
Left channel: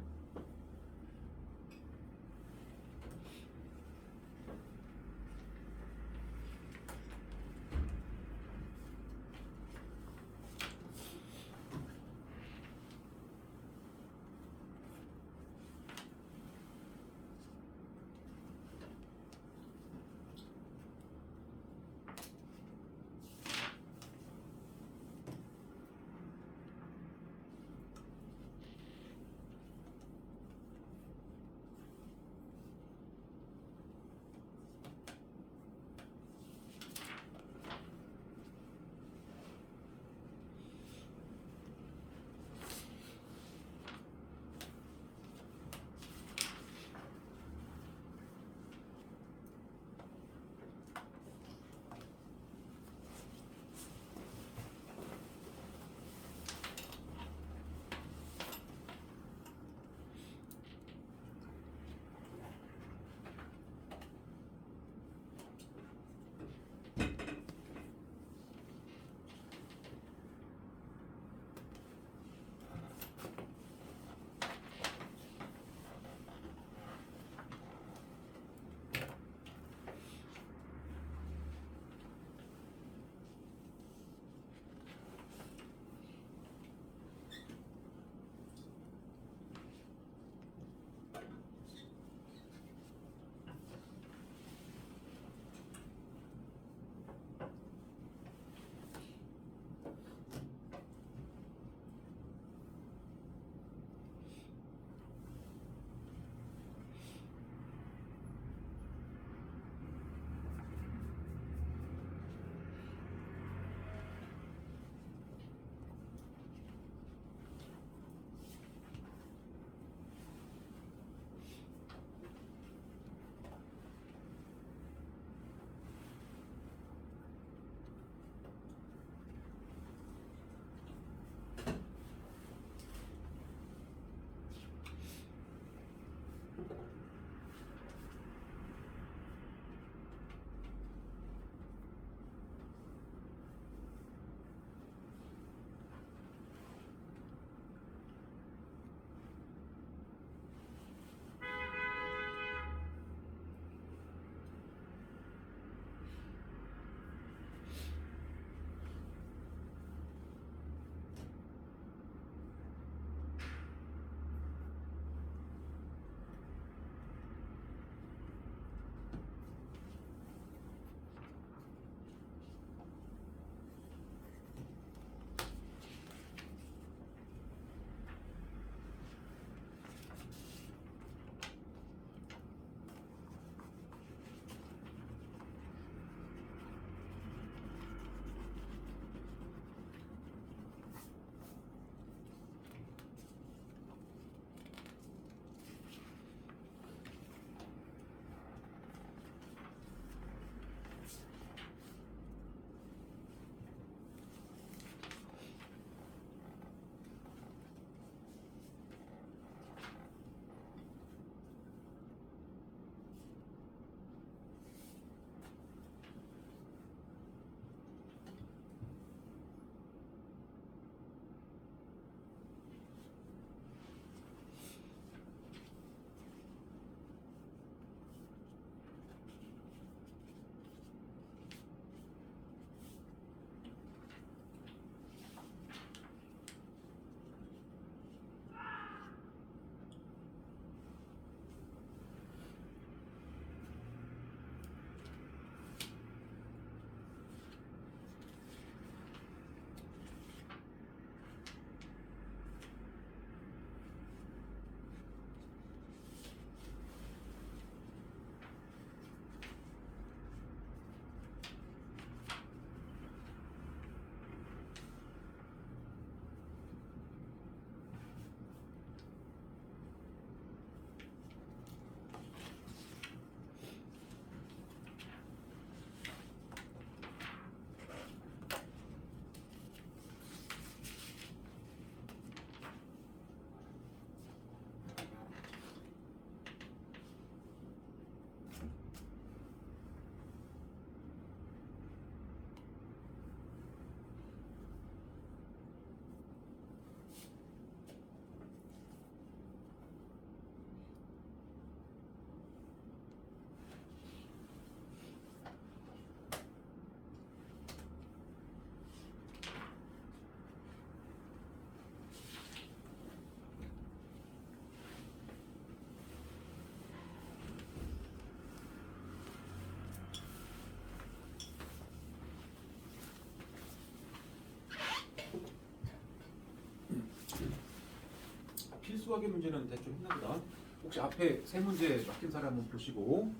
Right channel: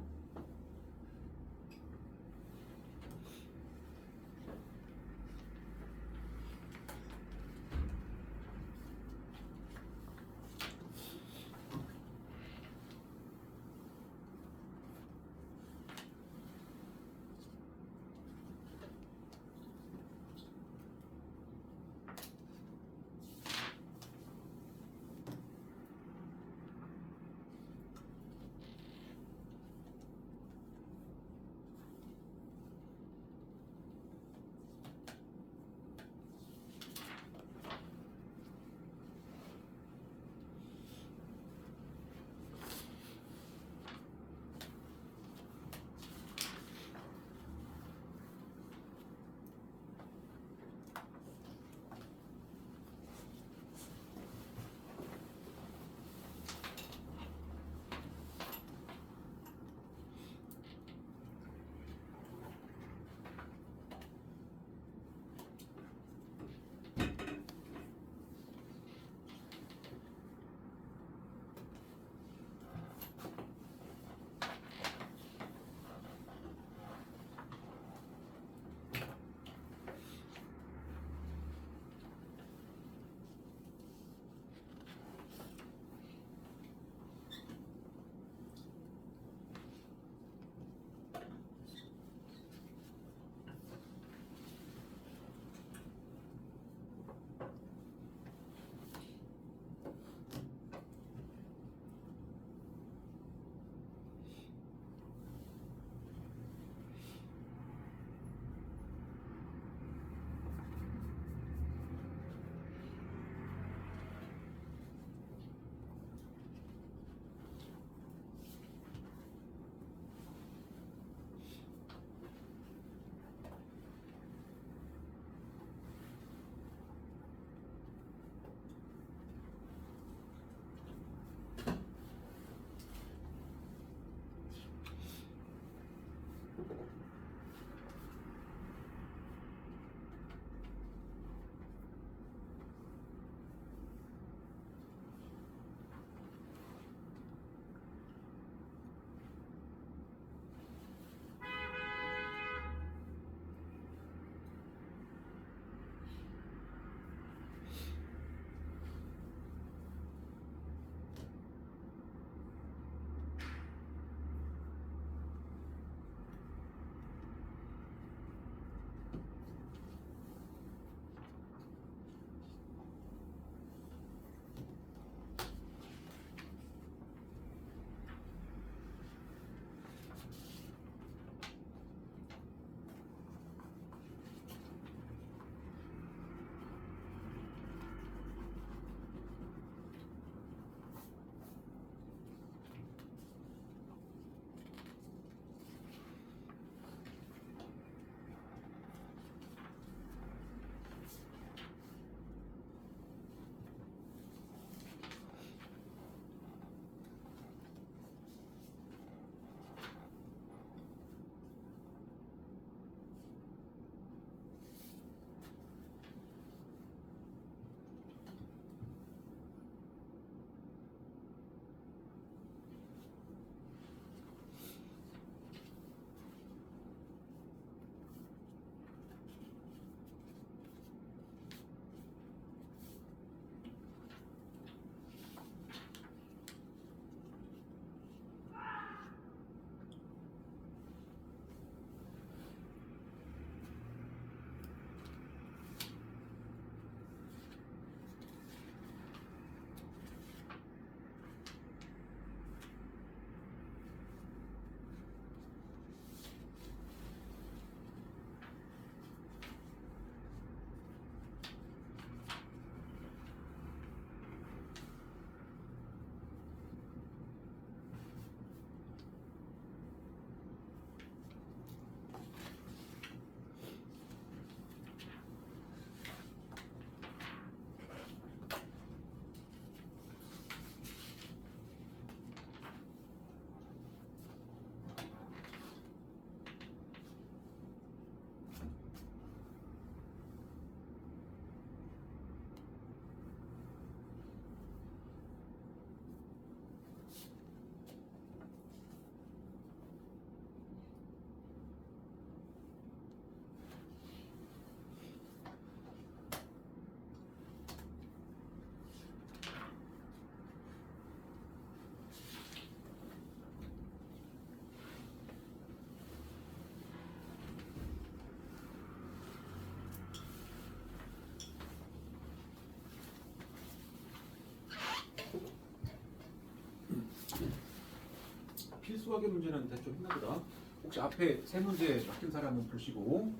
수학의 문제는 대충 했나 보다. 혹시 앞에 세 문제 맡긴 사람은 보시고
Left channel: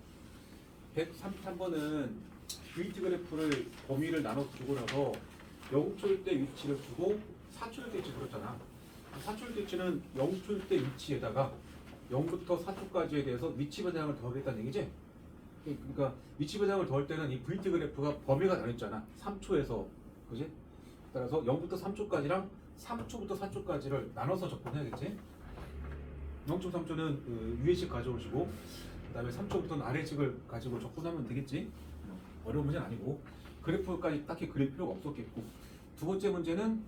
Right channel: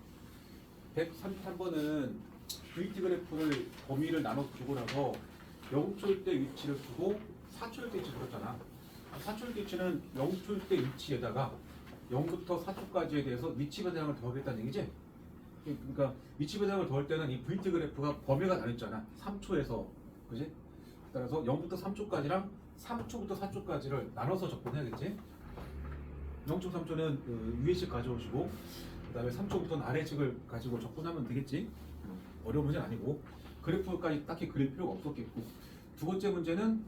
133번은 VT 그래프를 범위를 나눠 주고 나서 0초일 때 위치를 주고 4초일 때 위치를 줬잖아. 4초일 때 위치는 0초일 때 위치에다가 0부터 4초까지에 대해서 위치 변형을 더하겠다는 얘기지? 그러니까 위치 변형을 더할 때는 이 VT 그래프가 범위가 나뉘었잖아. 3초에서 그지? 따라서 0부터 3초까지랑 3초부터 4초까지를 나눠서 접근해야겠지? 0.3초는 그 위의식 가져오시고 그 다음에 3초부터는 아래식을 가지고 접근하면 되겠지? 어려운 문제는 아니고 그래프까지 딱히 그릴 필요가 없었겠고 두 번째 문제는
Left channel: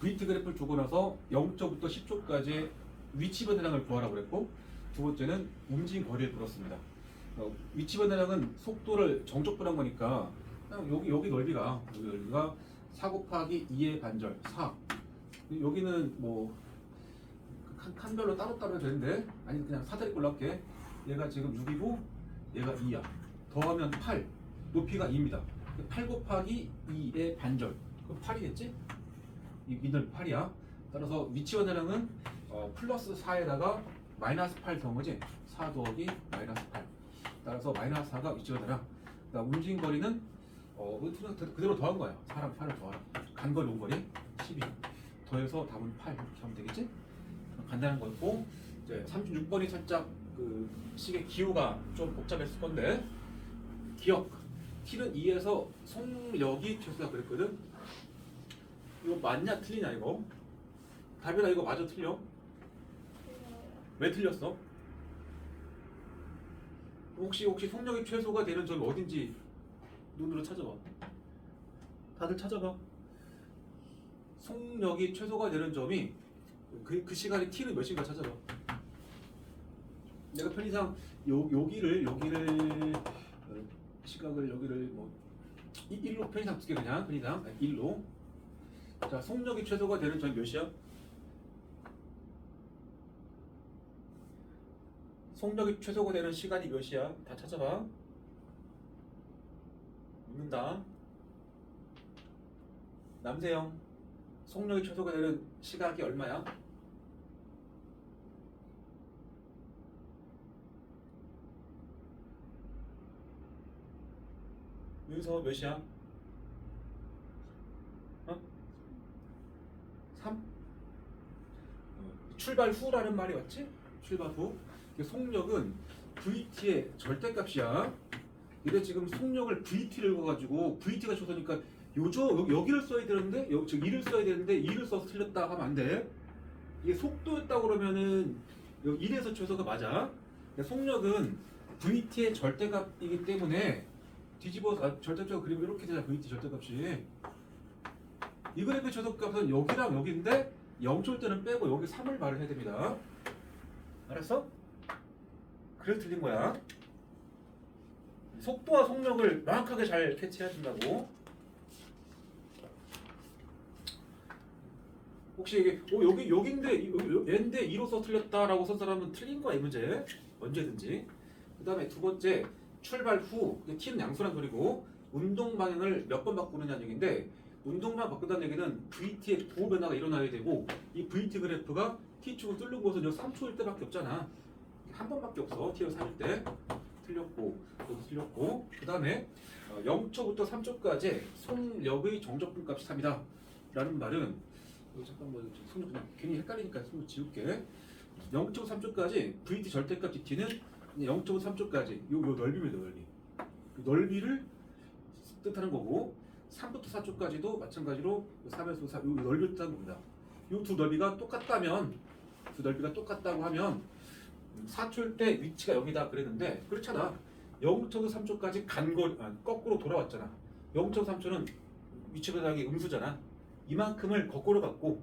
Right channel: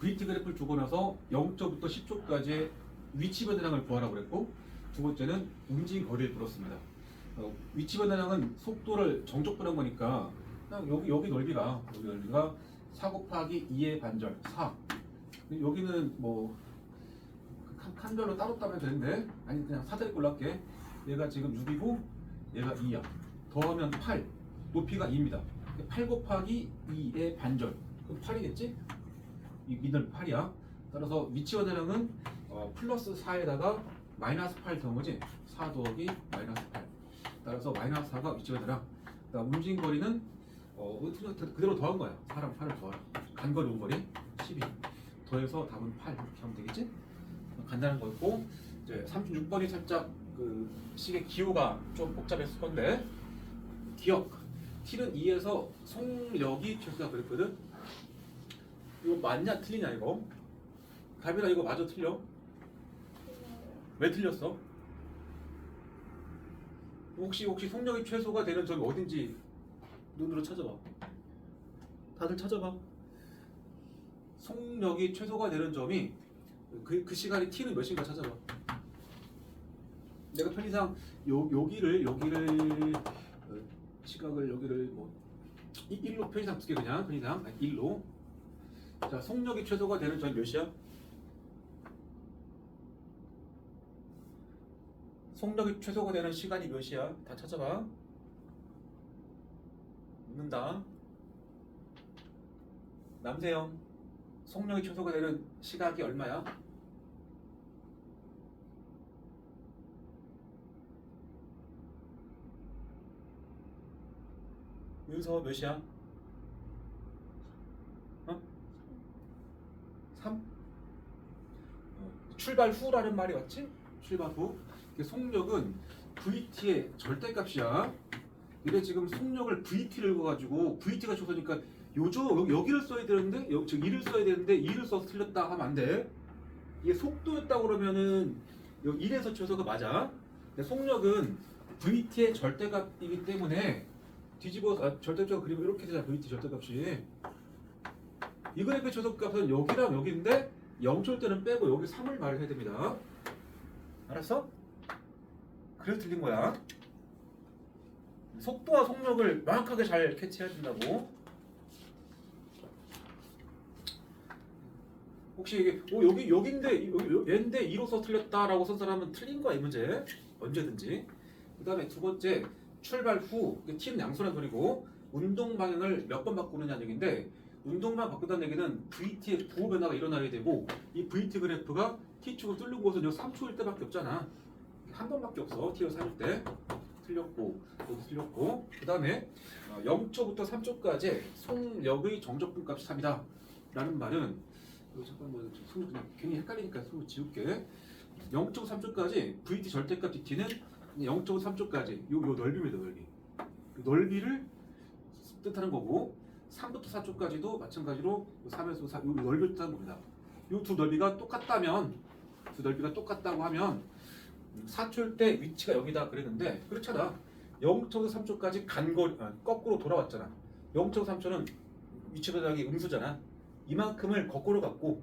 VT 그래프를 주고 나서 0초부터 10초까지의 위치 변화량을 구하라고 그랬고 두 번째는 움직임 거리를 물었습니다. 위치 변화량은 속도를 정적분한 거니까 그냥 여기 넓이가 4 곱하기 2의 반절 4. 여기는 뭐 칸별로 따로따로 해도 되는데 아니 그냥 사다리 꼴로 할게. 얘가 지금 6이고 얘가 2야. 더하면 8. 높이가 2입니다. 8 곱하기 2의 반절. 그럼 8이겠지? 이 미들 8이야. 따라서 위치 변화량은 플러스 4에다가 마이너스 8 더한 거지? 4 더하기 마이너스 8. 따라서 마이너스 4가 위치 변화량. 움직임 거리는 그대로 더한 거야. 4랑 8을 더하라. 간거리 온거리 12. 더해서 답은 8 이렇게 하면 되겠지? 간단한 거였고 이제 36번이 살짝 그 식의 기호가 좀 복잡했을 건데 기억 T는 2에서 속력이 최소가 그랬거든. 이거 맞냐 틀리냐 이거? 가빈아 이거 맞아 틀려? 왜 틀렸어? 혹시 속력이 최소가 되는 점이 어딘지 눈으로 찾아봐. 다들 찾아봐. 속력이 최소가 되는 점이 그 시간에 T는 몇 시인가 찾아봐. 내가 편의상 여기를 시각을 여기를 뭐 1로 편의상 두개 그냥 편의상 1로. 자 속력이 최소가 되는 점이 몇 시야? 속력이 최소가 되는 시간이 몇 시야? 다 찾아봐. 묻는다. 남세영 속력이 최소가 되는 시각이 얼마야? 윤서 몇 시야? 3? 출발 후라는 말이 맞지? 출발 후. 속력은 VT의 절대값이야. 근데 지금 속력을 VT를 읽어가지고 VT가 최소니까 여기를 써야 되는데 즉 2를 써야 되는데 2를 써서 틀렸다 하면 안 돼. 이게 속도였다고 그러면은 1에서 최소가 맞아. 근데 속력은 VT의 절대값이기 때문에 뒤집어서 절대값 그리면 이렇게 되잖아. VT 절대값이. 이 그래프의 최소값은 여기랑 여기인데 0초일 때는 빼고 여기 3을 발휘해야 됩니다. 알았어? 그래서 틀린 거야. 속도와 속력을 명확하게 잘 캐치해야 된다고. 혹시 이게 여기인데 얘인데 2로서 틀렸다라고 쓴 사람은 틀린 거야 이 문제. 언제든지. 그 다음에 두 번째 출발 후 T는 양수란 소리고 운동 방향을 몇 번 바꾸느냐는 얘기인데 운동 방향 바꾼다는 얘기는 VT의 부호 변화가 일어나야 되고 이 VT 그래프가 T축을 뚫는 곳은 여기 3초일 때밖에 없잖아. 한 번밖에 없어. T를 살릴 때. 틀렸고 여기 틀렸고 그 다음에 0초부터 3초까지 속력의 정적분 값이 3이다 라는 말은 잠깐 뭐 그냥 괜히 헷갈리니까 손을 지울게. 0초 3초까지 VT 절대값 T는 0초 3초까지 요 넓이입니다. 넓이. 넓이를 뜻하는 거고 3부터 4초까지도 마찬가지로 3에서 4 요 넓이를 뜻하는 겁니다. 요 두 넓이가 똑같다면 두 넓이가 똑같다고 하면 4초일 때 위치가 여기다 그랬는데 그렇잖아. 0.3초에서 3초까지 거꾸로 돌아왔잖아. 0.3초는 위치 변화량이 음수잖아. 이만큼을 거꾸로 갔고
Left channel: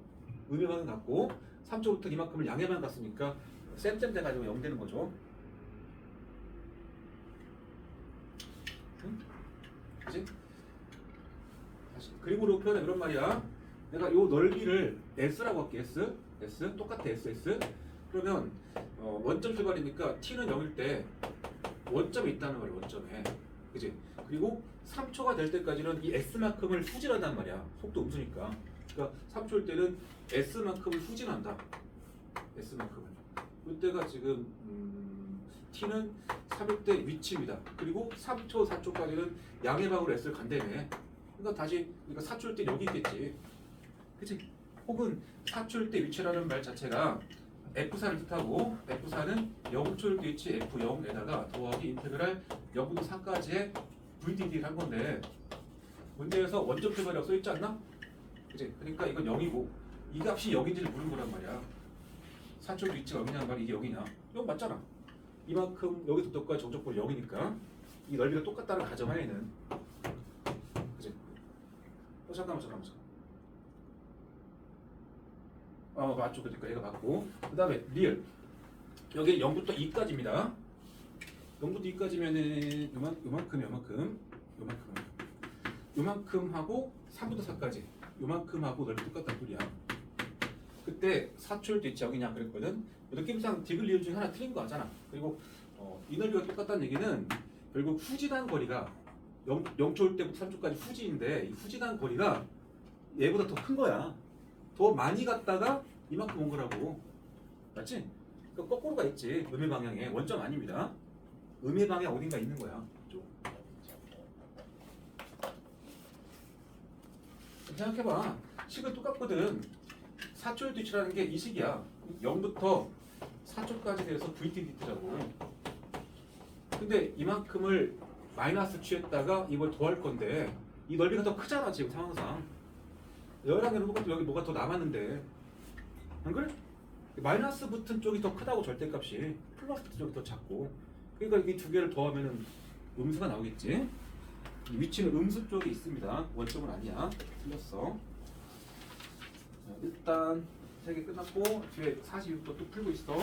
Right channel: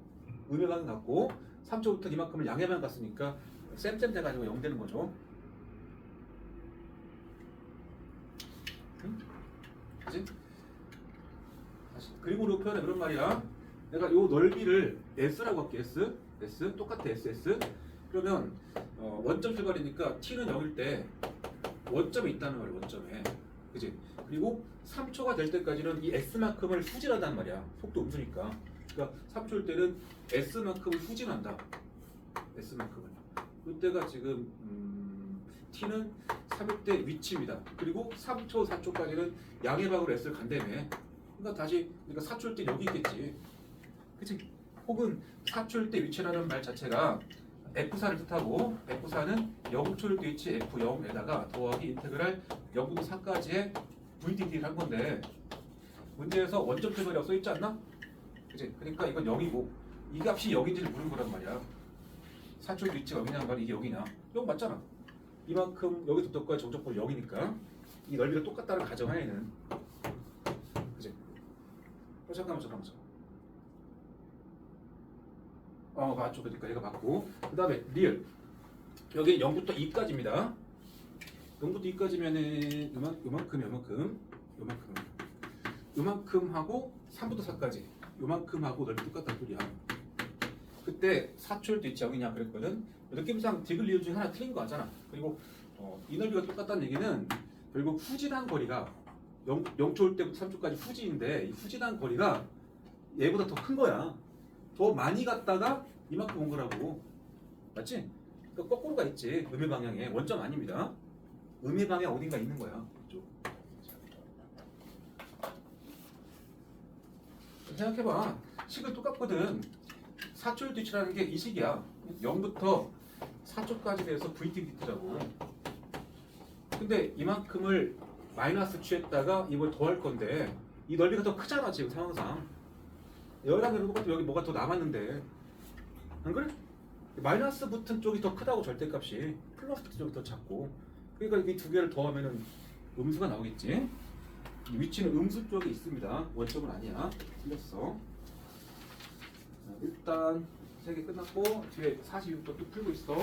음의 방향 갔고 3초부터 이만큼을 양의 방향 갔으니까 쌤 돼가지고 0 되는 거죠. 그치? 다시 그림으로 표현해 이런 말이야. 내가 요 넓이를 S라고 할게. S 똑같아. SS 그러면 원점 출발이니까 T는 0일 때 원점에 있다는 말이야. 원점에. 그치? 그리고 3초가 될 때까지는 이 S만큼을 후진한다는 말이야. 속도 음수니까. 그러니까 3초일 때는 S만큼을 후진한다. S만큼은. 이때가 지금 T는 3일대 위치입니다. 그리고 3초, 4초까지는 양의 방으로 S를 간다며. 그러니까 다시 그러니까 4초일 때 여기 있겠지. 그치? 혹은 4초일 때 위치라는 말 자체가 F4를 뜻하고 F4는 0초일 때 위치 F0에다가 더하기 인테그랄 0부터 4까지의 VDD를 한 건데 문제에서 원점 태블이라고 써있지 않나? 그치? 그러니까 이건 0이고 이 값이 0인지를 물은 거란 말이야. 4초일 때 위치가 0이냐는 말이 이게 0이냐? 0 맞잖아. 이만큼 여기서부터까지 정적분 0이니까 이 넓이가 똑같다는 가정하에는 그치? 잠깐만. 맞죠. 그러니까 얘가 맞고 그 다음에 리얼 여기 0부터 2까지입니다. 0부터 2까지면은 요만큼 하고 3부터 4까지 요만큼 하고 넓이 똑같다는 소리야. 그때 4초일 때 있지 여기냐 그랬거든. 느낌상 디귿 리얼 중에 하나 틀린 거 같잖아. 그리고 이 넓이가 똑같다는 얘기는 결국 후진한 거리가 0초일 때부터 3초까지 후진인데 이 후진한 거리가 얘보다 더 큰 거야. 더 많이 갔다가 이만큼 온 거라고. 맞지? 그러니까 거꾸로가 있지. 음의 방향에. 원점 아닙니다. 음의 방향 어딘가 있는 거야. 이쪽. 생각해봐. 식은 똑같거든. 4초일 뒤치라는 게 이 식이야. 0부터 4초까지 돼서 VTDT라고. 근데 이만큼을 마이너스 취했다가 이걸 더할 건데 이 넓이가 더 크잖아 지금 상황상. 여기랑 똑같고 여기 뭐가 더 남았는데 안 그래? 마이너스 붙은 쪽이 더 크다고 절대값이 플러스 붙은 쪽이 더 작고 그러니까 이 두 개를 더하면은 음수가 나오겠지. 위치는 음수 쪽에 있습니다. 원점은 아니야. 틀렸어. 일단 3개 끝났고 뒤에 42부터 또 풀고 있어.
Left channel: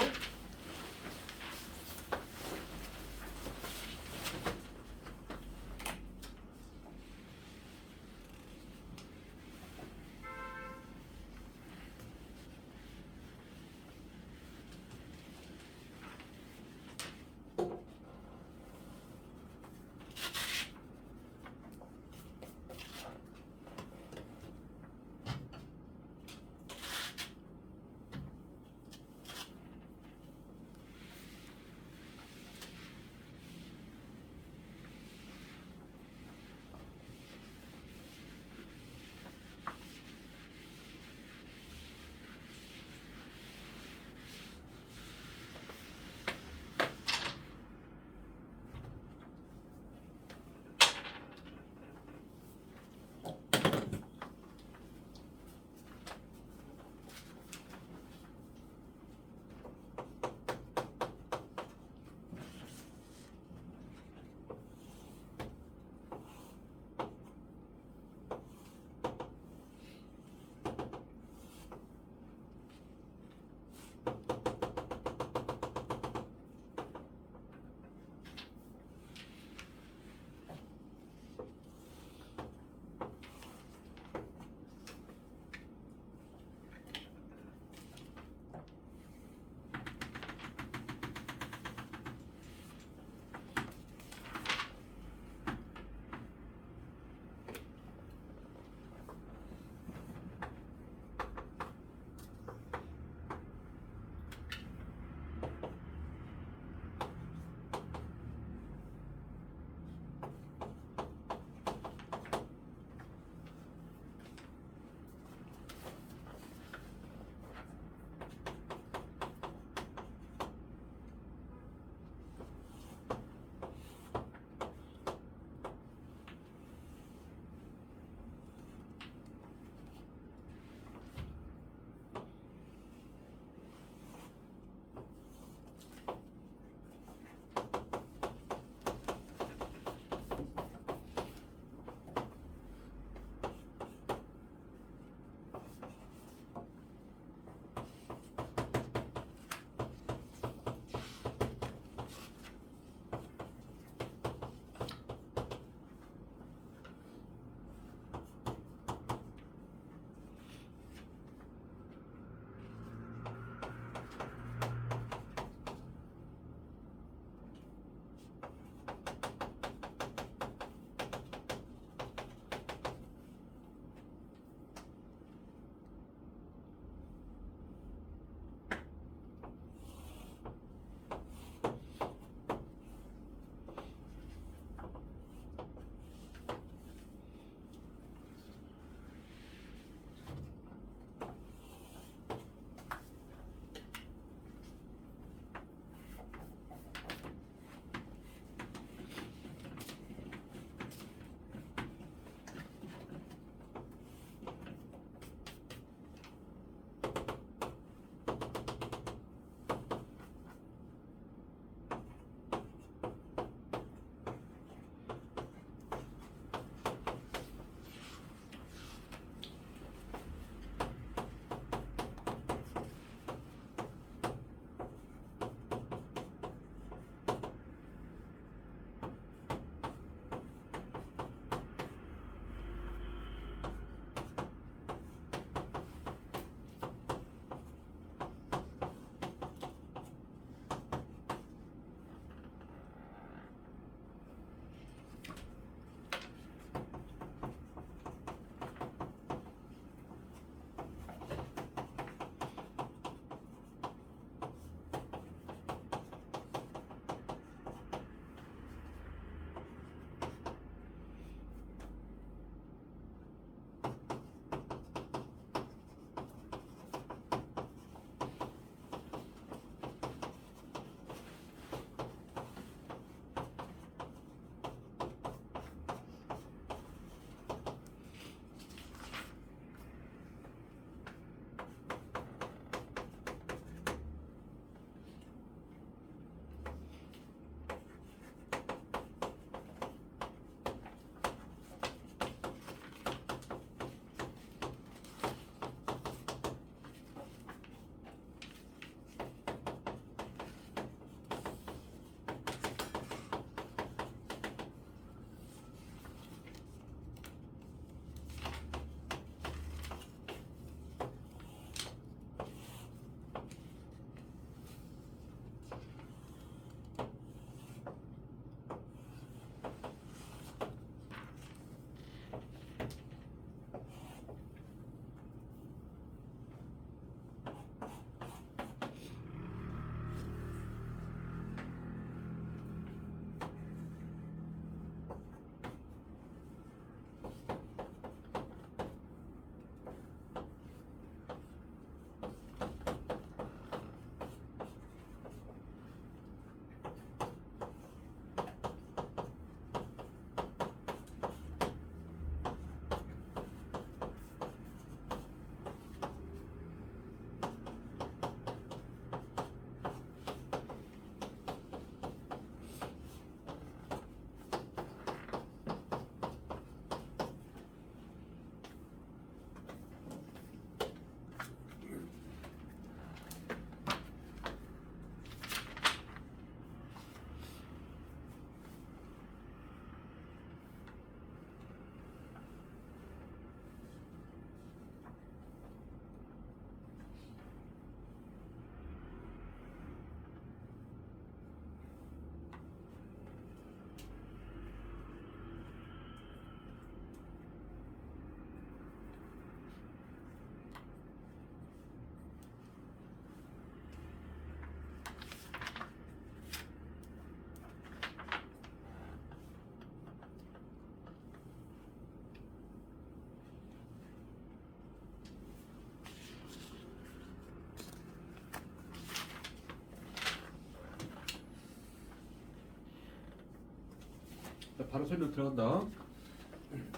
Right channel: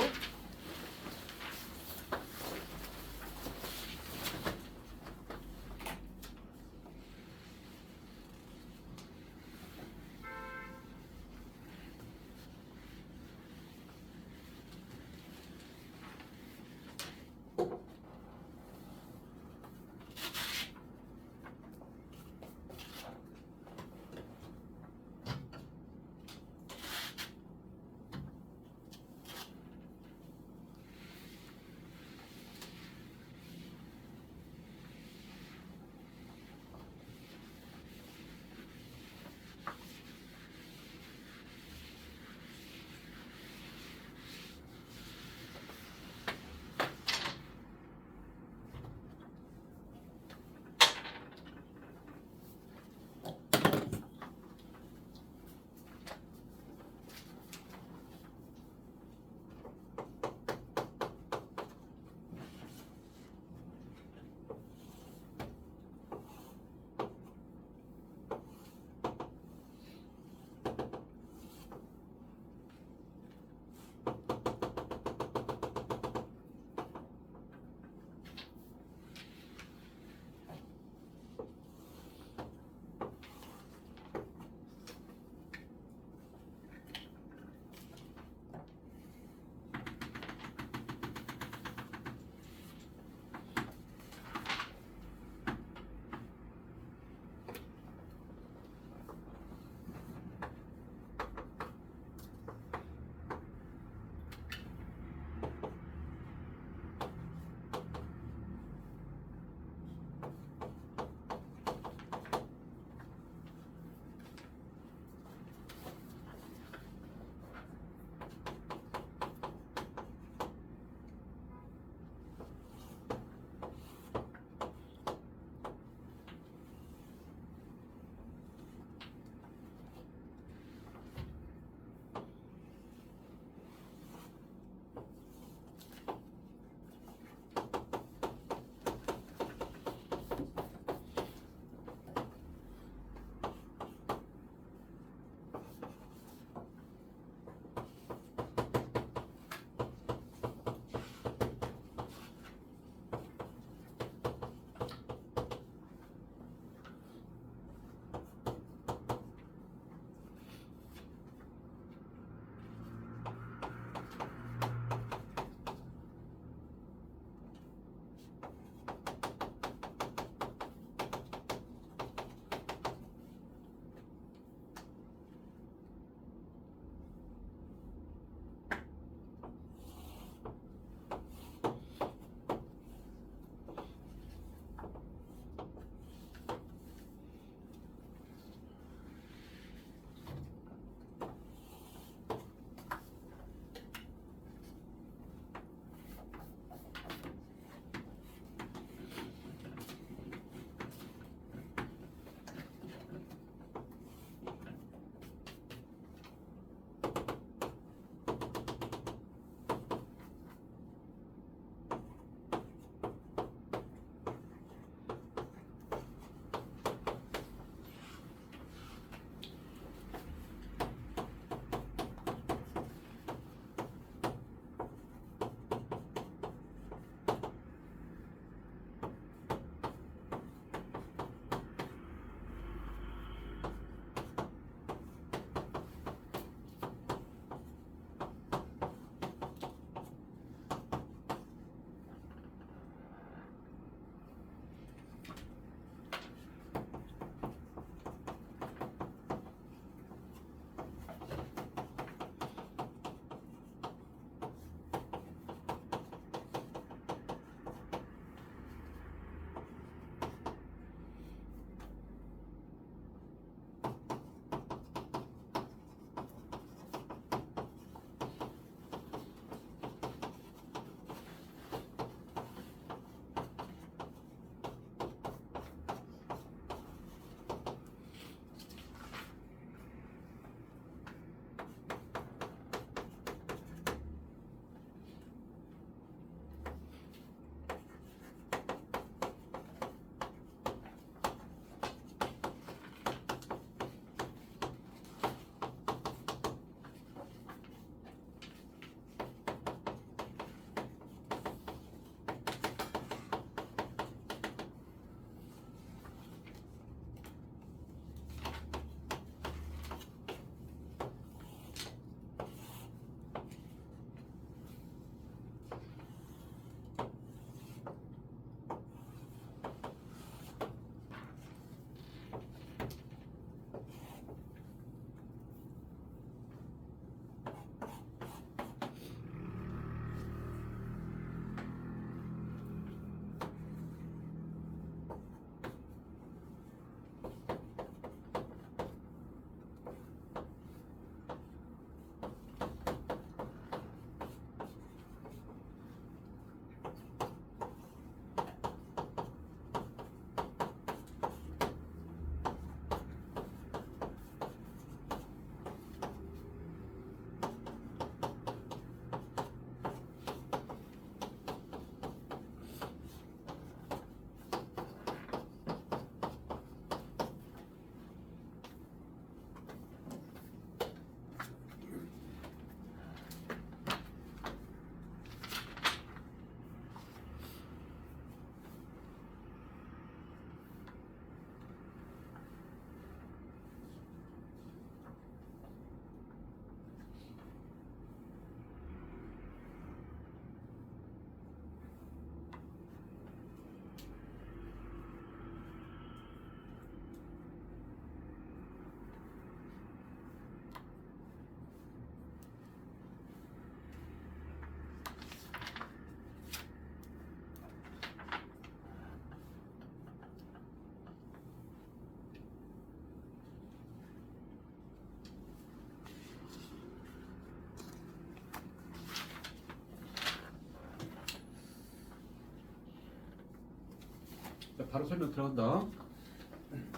자, 바로 설명 들어간다.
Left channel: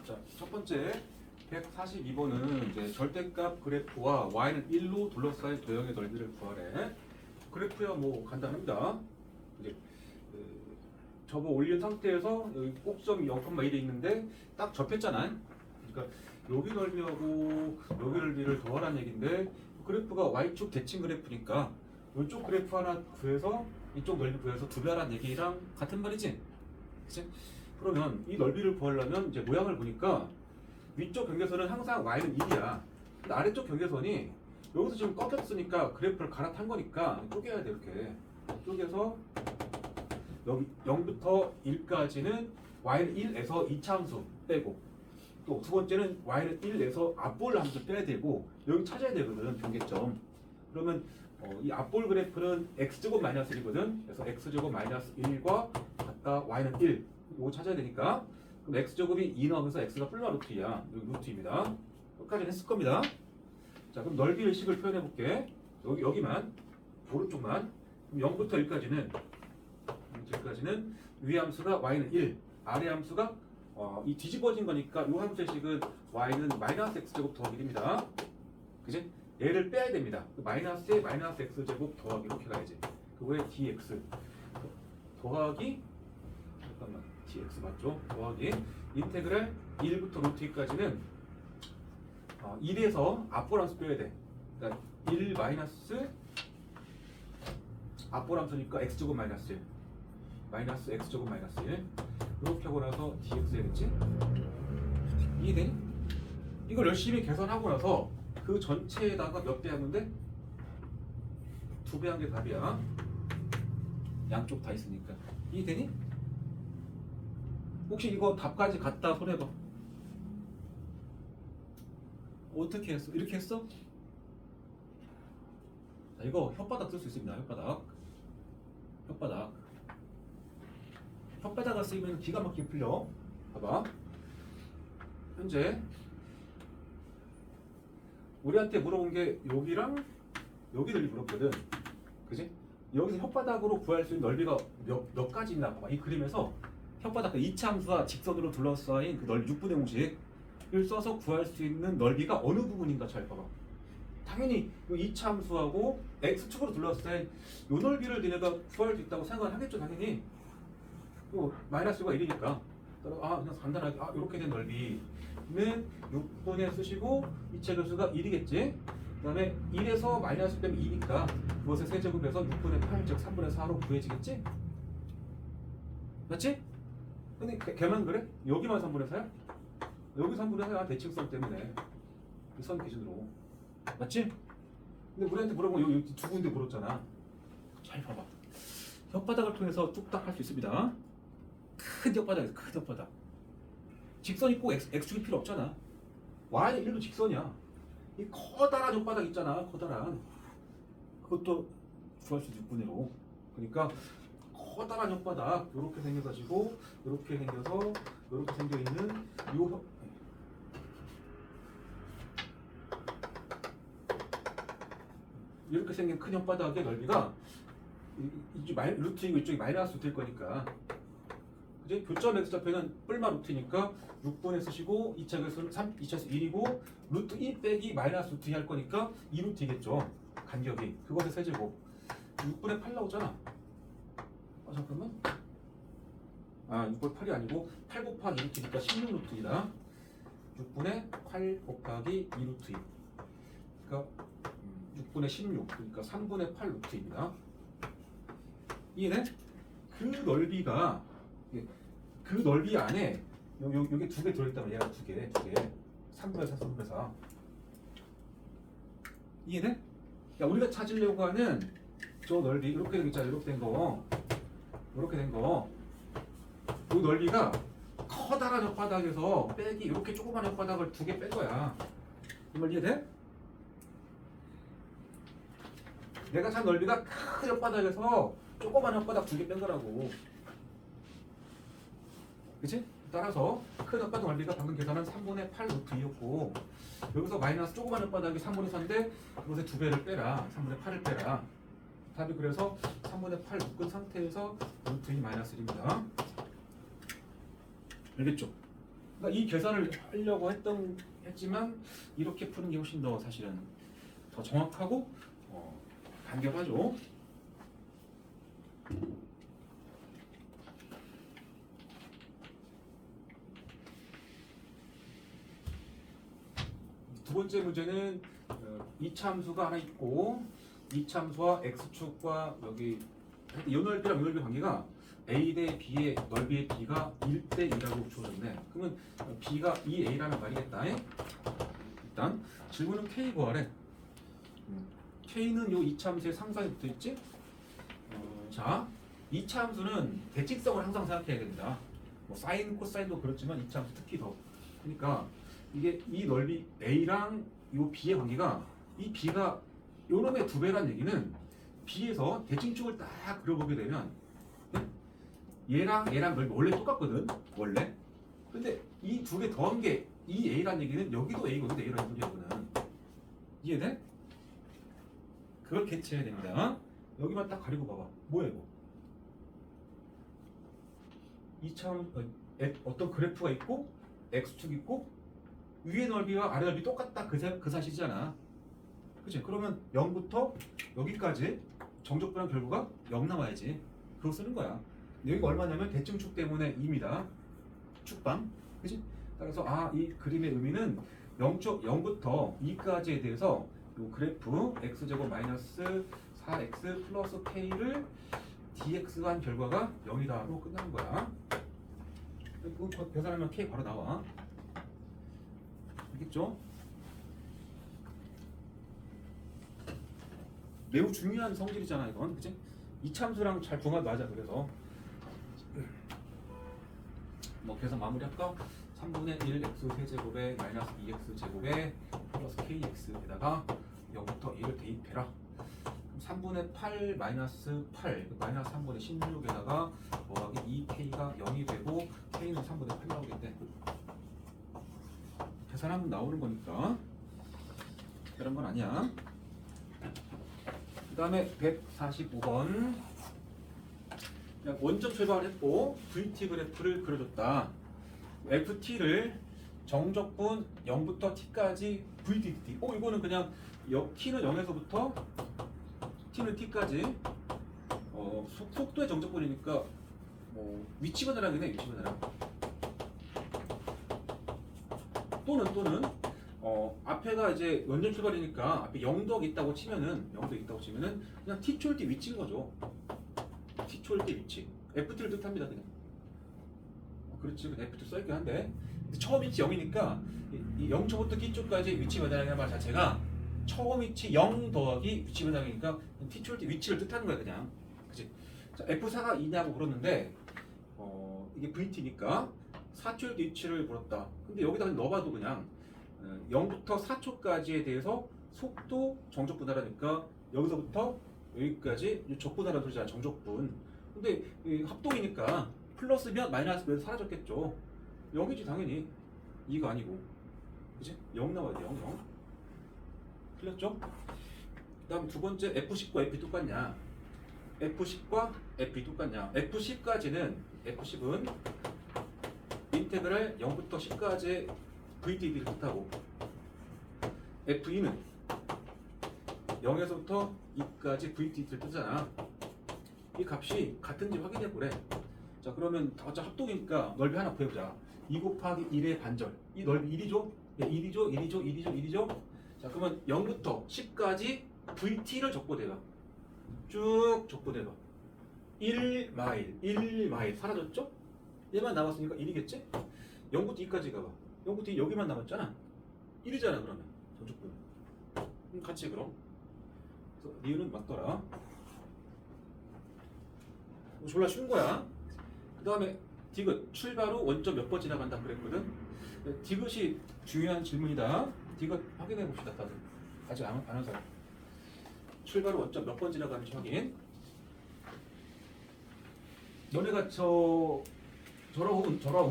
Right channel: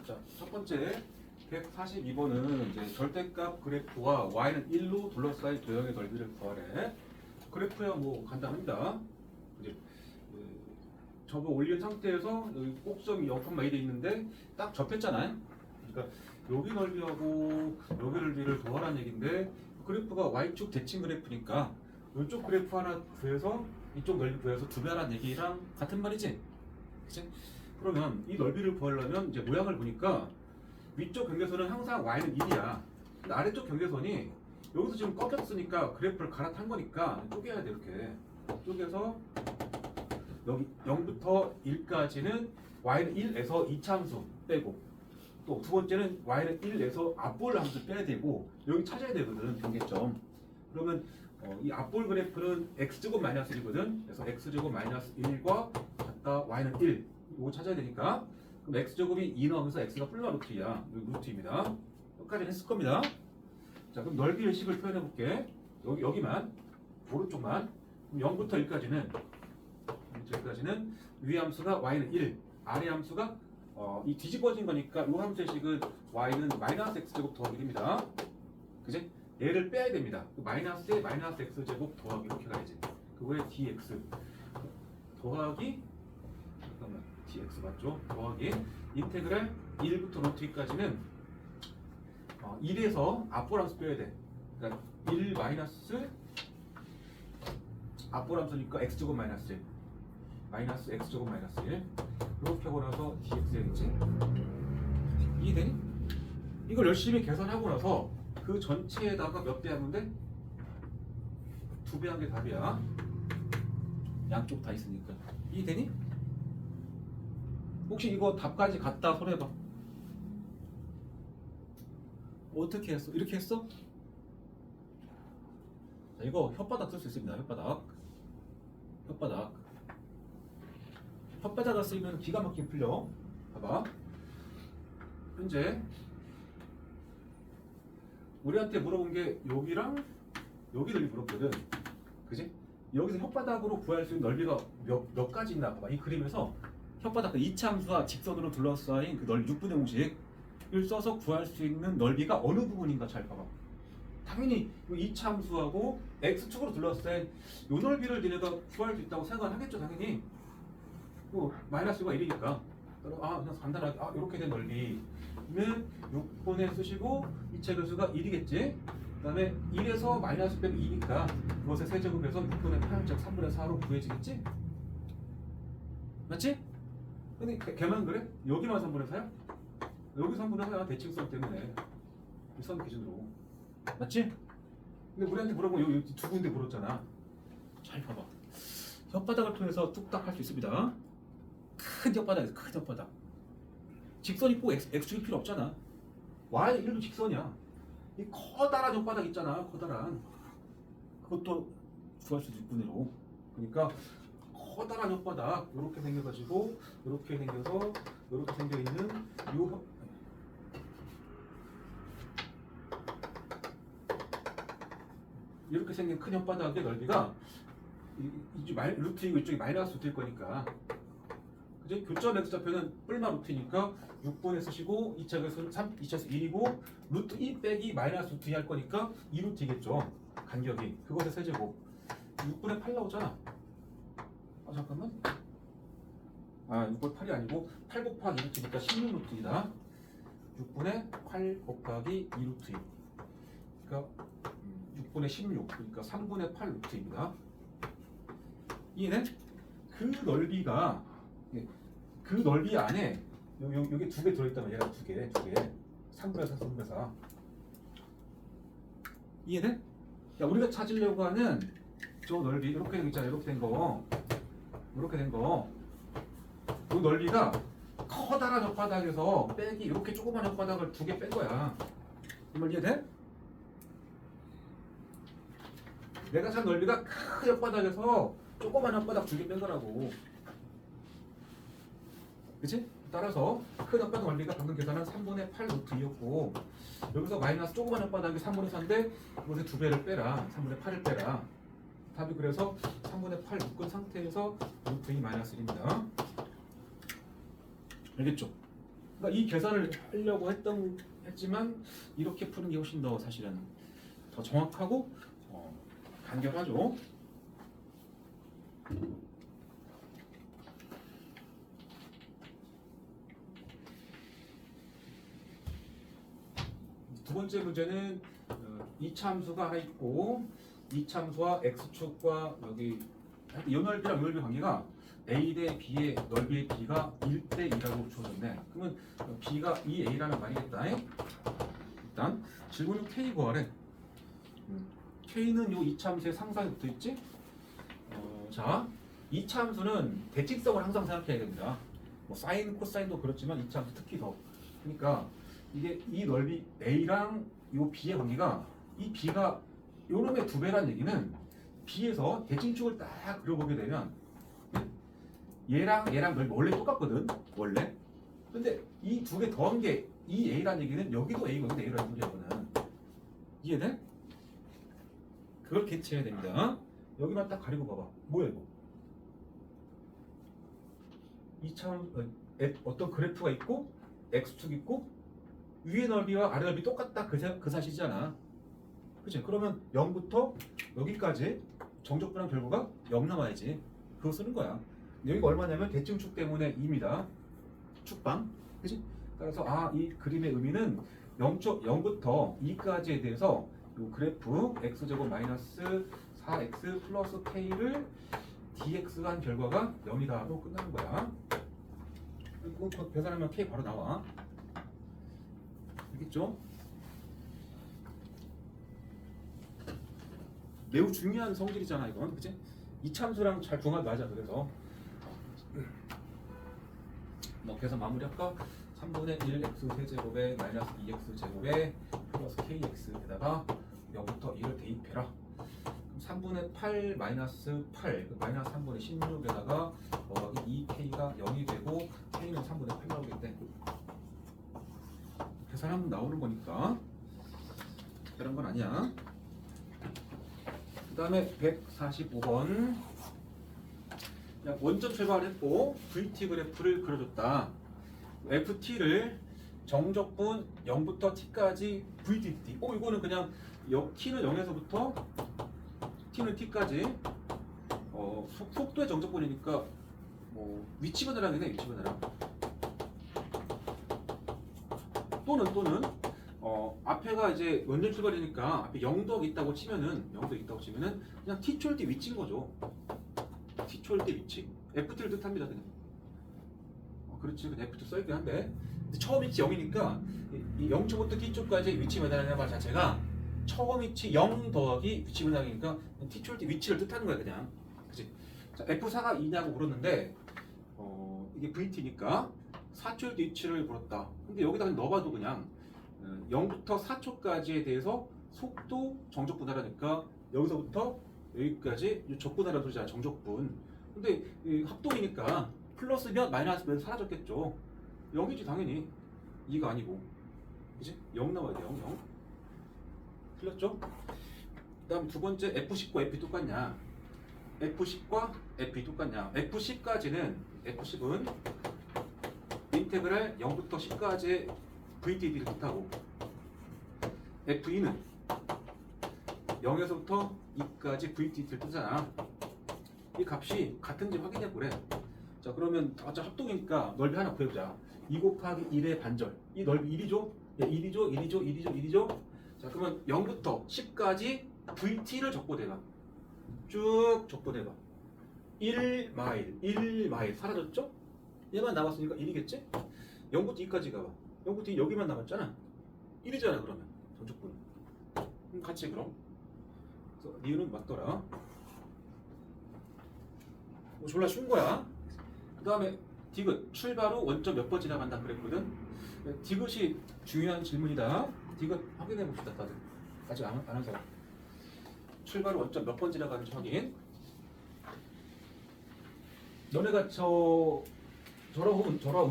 자, 첫 번째 142번은 이제 절대값 그래프와 y는 1로 둘러싸인 도형의 넓이를 구하래. 그래프야 뭐 간단합니다. 이제 접어 올린 상태에서 여기 꼭점이 0,1이 있는데 딱 접했잖아요. 그러니까 여기 넓이하고 여기 넓이를 더하라는 얘기인데 그래프가 y축 대칭 그래프니까 이쪽 그래프 하나 구해서 이쪽 넓이 구해서 두 배 하라는 얘기랑 같은 말이지. 그치? 그러면 이 넓이를 구하려면 이제 모양을 보니까 위쪽 경계선은 항상 y는 1이야. 근데 아래쪽 경계선이 여기서 지금 꺾였으니까 그래프를 갈아탄 거니까 쪼개야 돼. 이렇게 쪼개서 여기 0부터 1까지는 y는 1에서 2차 함수 빼고 또 두 번째는 y는 1에서 앞볼 함수 빼야 되고 여기 찾아야 되거든. 경계점. 그러면 이 앞볼 그래프는 x제곱 마이너스 1이거든. 그래서 x제곱 마이너스 1과 같다 y는 1 이거 찾아야 되니까 그럼 x제곱이 2 나오면서 x가 플루마 루트야. 여기 루트입니다. 여기까지 했을 겁니다. 자, 그럼 넓이 의식을 표현해 볼게. 여기만 오른쪽만. 그럼 0부터 1까지는 위 함수가 y는 1, 아래 함수가 이 뒤집어진 거니까 이 함수의 식은 y는 마이너스 x제곱 더하기 1입니다. 그지? 얘를 빼야 됩니다. 마이너스에 마이너스 x제곱 더하기 이렇게 가야지. 그 후에 dx 더하기 잠깐만 dx 맞죠? 더하기 인테그랄 1부터 루트 2까지는 1에서 앞볼 함수 빼야 돼. 그러니까 1 마이너스 앞볼 함수니까 x제곱 마이너스 1 마이너스 x제곱 마이너스 1 이렇게 하고 나서 dx 해야겠지? 이해되니? 이걸 열심히 계산하고 나서 그 전체에다가 몇 배 하면 돼? 2배 한 게 답이야. 양쪽 다 있으니까. 이해되니? 혹시 이거 답까지 갖다 손해봐. 어떻게 했어? 이렇게 했어? 자, 이거 혓바닥 쓸 수 있습니다. 혓바닥을 쓰면 기가 막히게 풀려. 봐봐. 현재 우리한테 물어본 게 여기랑 여기를 물었거든. 그지? 여기서 혓바닥으로 구할 수 있는 넓이가 몇 가지 있나 봐봐. 이 그림에서 혓바닥 그 이차함수와 직선으로 둘러싸인 그 넓이 6분의 공식을 써서 구할 수 있는 넓이가 어느 부분인가 잘 봐봐. 당연히 이 이차함수하고 x축으로 둘러싸인 요 넓이를 니네가 구할 수 있다고 생각을 하겠죠. 당연히 마이너스가 1이니까 그냥 간단하게 이렇게 된 넓이는 6분의 쓰시고 이차 교수가 1이겠지. 그 다음에 1에서 마이너스 빼면 2니까 그것을 세제곱해서 6분의 8, 즉 3분의 4로 구해지겠지? 맞지? 근데 걔만 그래? 여기만 3분의 4야? 여기 3분의 4야. 대칭성 때문에 이 선 기준으로. 맞지? 근데 우리한테 물어보면 여기 두 군데 물었잖아. 잘 봐봐. 혓바닥을 통해서 뚝딱 할 수 있습니다. 큰 혓바닥이야. 큰 혓바닥. 직선이 꼭 x축이 필요 없잖아. y 1도 직선이야. 이 커다란 혓바닥 있잖아. 커다란. 그것도 구할 수 6분의 5. 그러니까 커다란 혓바닥 이렇게 생겨가지고 이렇게 생겨서 이렇게 생겨 있는 요 이렇게 생긴 큰 혓바닥의 넓이가 루트이고 이쪽이 마이너스 루트일 거니까. 그지? 교점 x좌표는 뿔마 루트니까 6분의 쓰시고 2차 교수는 2차에서 1이고 루트 2 빼기 마이너스 루트 2 할 거니까 2루트이겠죠. 간격이. 그것의 세제곱. 6분의 8 나오잖아. 잠깐만. 6분의 8이 아니고 8 곱하기 2루트니까 16루트이다. 6분의 8 곱하기 2루트 2. 그러니까 6분의 16. 그러니까 3분의 8 루트입니다. 이해돼? 그 넓이가 그 넓이 안에 여기 두 개 들어있다면 얘가 두 개 3분의 4 3분의 4 이해돼? 야, 우리가 찾으려고 하는 저 넓이 이렇게 된 있잖아. 이렇게 된 거 그 넓이가 커다란 혓바닥에서 빼기 이렇게 조그만 혓바닥을 두 개 뺀 거야. 이 말 이해돼? 내가 찾은 넓이가 큰 혓바닥에서 조그만 혓바닥 두 개 뺀 거라고. 그치? 따라서 큰 혓바닥 넓이가 방금 계산한 3분의 8 루트 2였고 여기서 마이너스 조그만 혓바닥이 3분의 4인데 그것의 두 배를 빼라. 3분의 8을 빼라. 답이 그래서 3분의 8 묶은 상태에서 루트 2 마이너스 1입니다. 알겠죠? 그러니까 이 계산을 하려고 했지만 이렇게 푸는 게 훨씬 더 사실은 더 정확하고 간결하죠. 두 번째 문제는 이차함수가 하나 있고 이차함수와 x축과 여기 요 넓이랑 요 넓이 관계가 a 대 b의 넓이의 b가 1대 2라고 주어졌네. 그러면 b가 2a라는 말이겠다. 일단 질문은 k 구하래. k는 요 이차함수의 상사에 붙어있지? 자, 이차함수는 대칭성을 항상 생각해야 됩니다. 뭐 사인, 코사인도 그렇지만 이차함수 특히 더. 그러니까 이게 이 넓이 a랑 요 b의 관계가 이 b가 요 놈의 2배란 얘기는 b에서 대칭축을 딱 그려보게 되면 얘랑 넓이 원래 똑같거든. 원래. 근데 이 두 개 더한 게 이 a란 얘기는 여기도 a거든. a라는 소리하고는. 이해돼? 그걸 캐치해야 됩니다. 여기만 딱 가리고 봐봐. 뭐야 이거? 이차함 어떤 그래프가 있고 x축 있고 위의 넓이와 아래 넓이 똑같다 그 사실이잖아. 그치? 그러면 0부터 여기까지 정적분한 결과가 0 나와야지. 그거 쓰는 거야. 여기가 얼마냐면 대칭축 때문에 2입니다. 축방. 그치? 따라서 이 그림의 의미는 0부터 2까지에 대해서 이 그래프 x제곱 마이너스 4x 플러스 k를 dx가 한 결과가 0이다 하고 끝나는 거야. 그거 계산하면 k 바로 나와. 알겠죠? 매우 중요한 성질이잖아 이건. 그치? 이참수랑 잘 궁합 맞아. 그래서 뭐 계산 마무리할까? 3분의 1 x 세제곱에 마이너스 2x 제곱에 플러스 kx에다가 0부터 2를 대입해라. 그럼 3분의 8 마이너스 8 마이너스 3분의 16에다가 더하기 2k가 0이 되고 k는 3분의 8 나오겠대. 계산하면 나오는 거니까 특별한 건 아니야. 그 다음에 145번 그냥 원점 출발을 했고 VT 그래프를 그려줬다. FT를 정적분 0부터 T까지 VTT. 이거는 그냥 T는 0에서부터 T는 T까지 속도의 정적분이니까 뭐 위치분해랑이네. 위치분해랑. 또는 앞에가 이제 원점 출발이니까 앞에 0덕 있다고 치면은 그냥 T초일 때 위치인 거죠. T초일 때 위치. FT를 뜻합니다. 그냥. 그렇지. 그냥 FT 써있긴 한데 처음 위치 0이니까 이 0초부터 T초까지 위치 매달리는 말 자체가 처음 위치 0 더하기 위치 매달리니까 T초일 때 위치를 뜻하는 거야. 그냥. 그치? 자, F4가 2냐고 물었는데 이게 VT니까 4초일 때 위치를 물었다. 근데 여기다 넣어봐도 그냥 0부터 4초까지에 대해서 속도 정적분하라니까 여기서부터 여기까지 적분하라는 소리잖아. 정적분. 근데 합동이니까 플러스면 마이너스면 사라졌겠죠. 0이지 당연히. 2가 아니고. 그치? 0 나와야 돼. 0. 틀렸죠? 그 다음 두 번째 F10과 F 똑같냐? F10과 F 똑같냐? F10까지는 F10은 인테그랄 0부터 10까지의 VTD를 뜻하고 F2는 0에서부터 2까지 VTD를 뜻하잖아. 이 값이 같은지 확인해보래. 자, 그러면 어차피 합동이니까 넓이 하나 구해보자. 2 곱하기 1의 반절. 이 넓이 1이죠? 1이죠? 자, 그러면 0부터 10까지 VT를 적보대봐. 쭉 적보대봐. 1마일 사라졌죠? 얘만 남았으니까 1이겠지? 0부터 2까지 가봐. 0부터 2 여기만 남았잖아. 1이잖아 그러면 전적분. 같이 그럼. 그래서 리은은 맞더라. 졸라 쉬운 거야. 그 다음에 디귿 출발 후 원점 몇 번 지나간다 그랬거든. 디귿이 중요한 질문이다. 디귿 확인해 봅시다. 다들 아직 안 한 사람. 출발 후 원점 몇 번 지나가는지 확인. 너네가 저런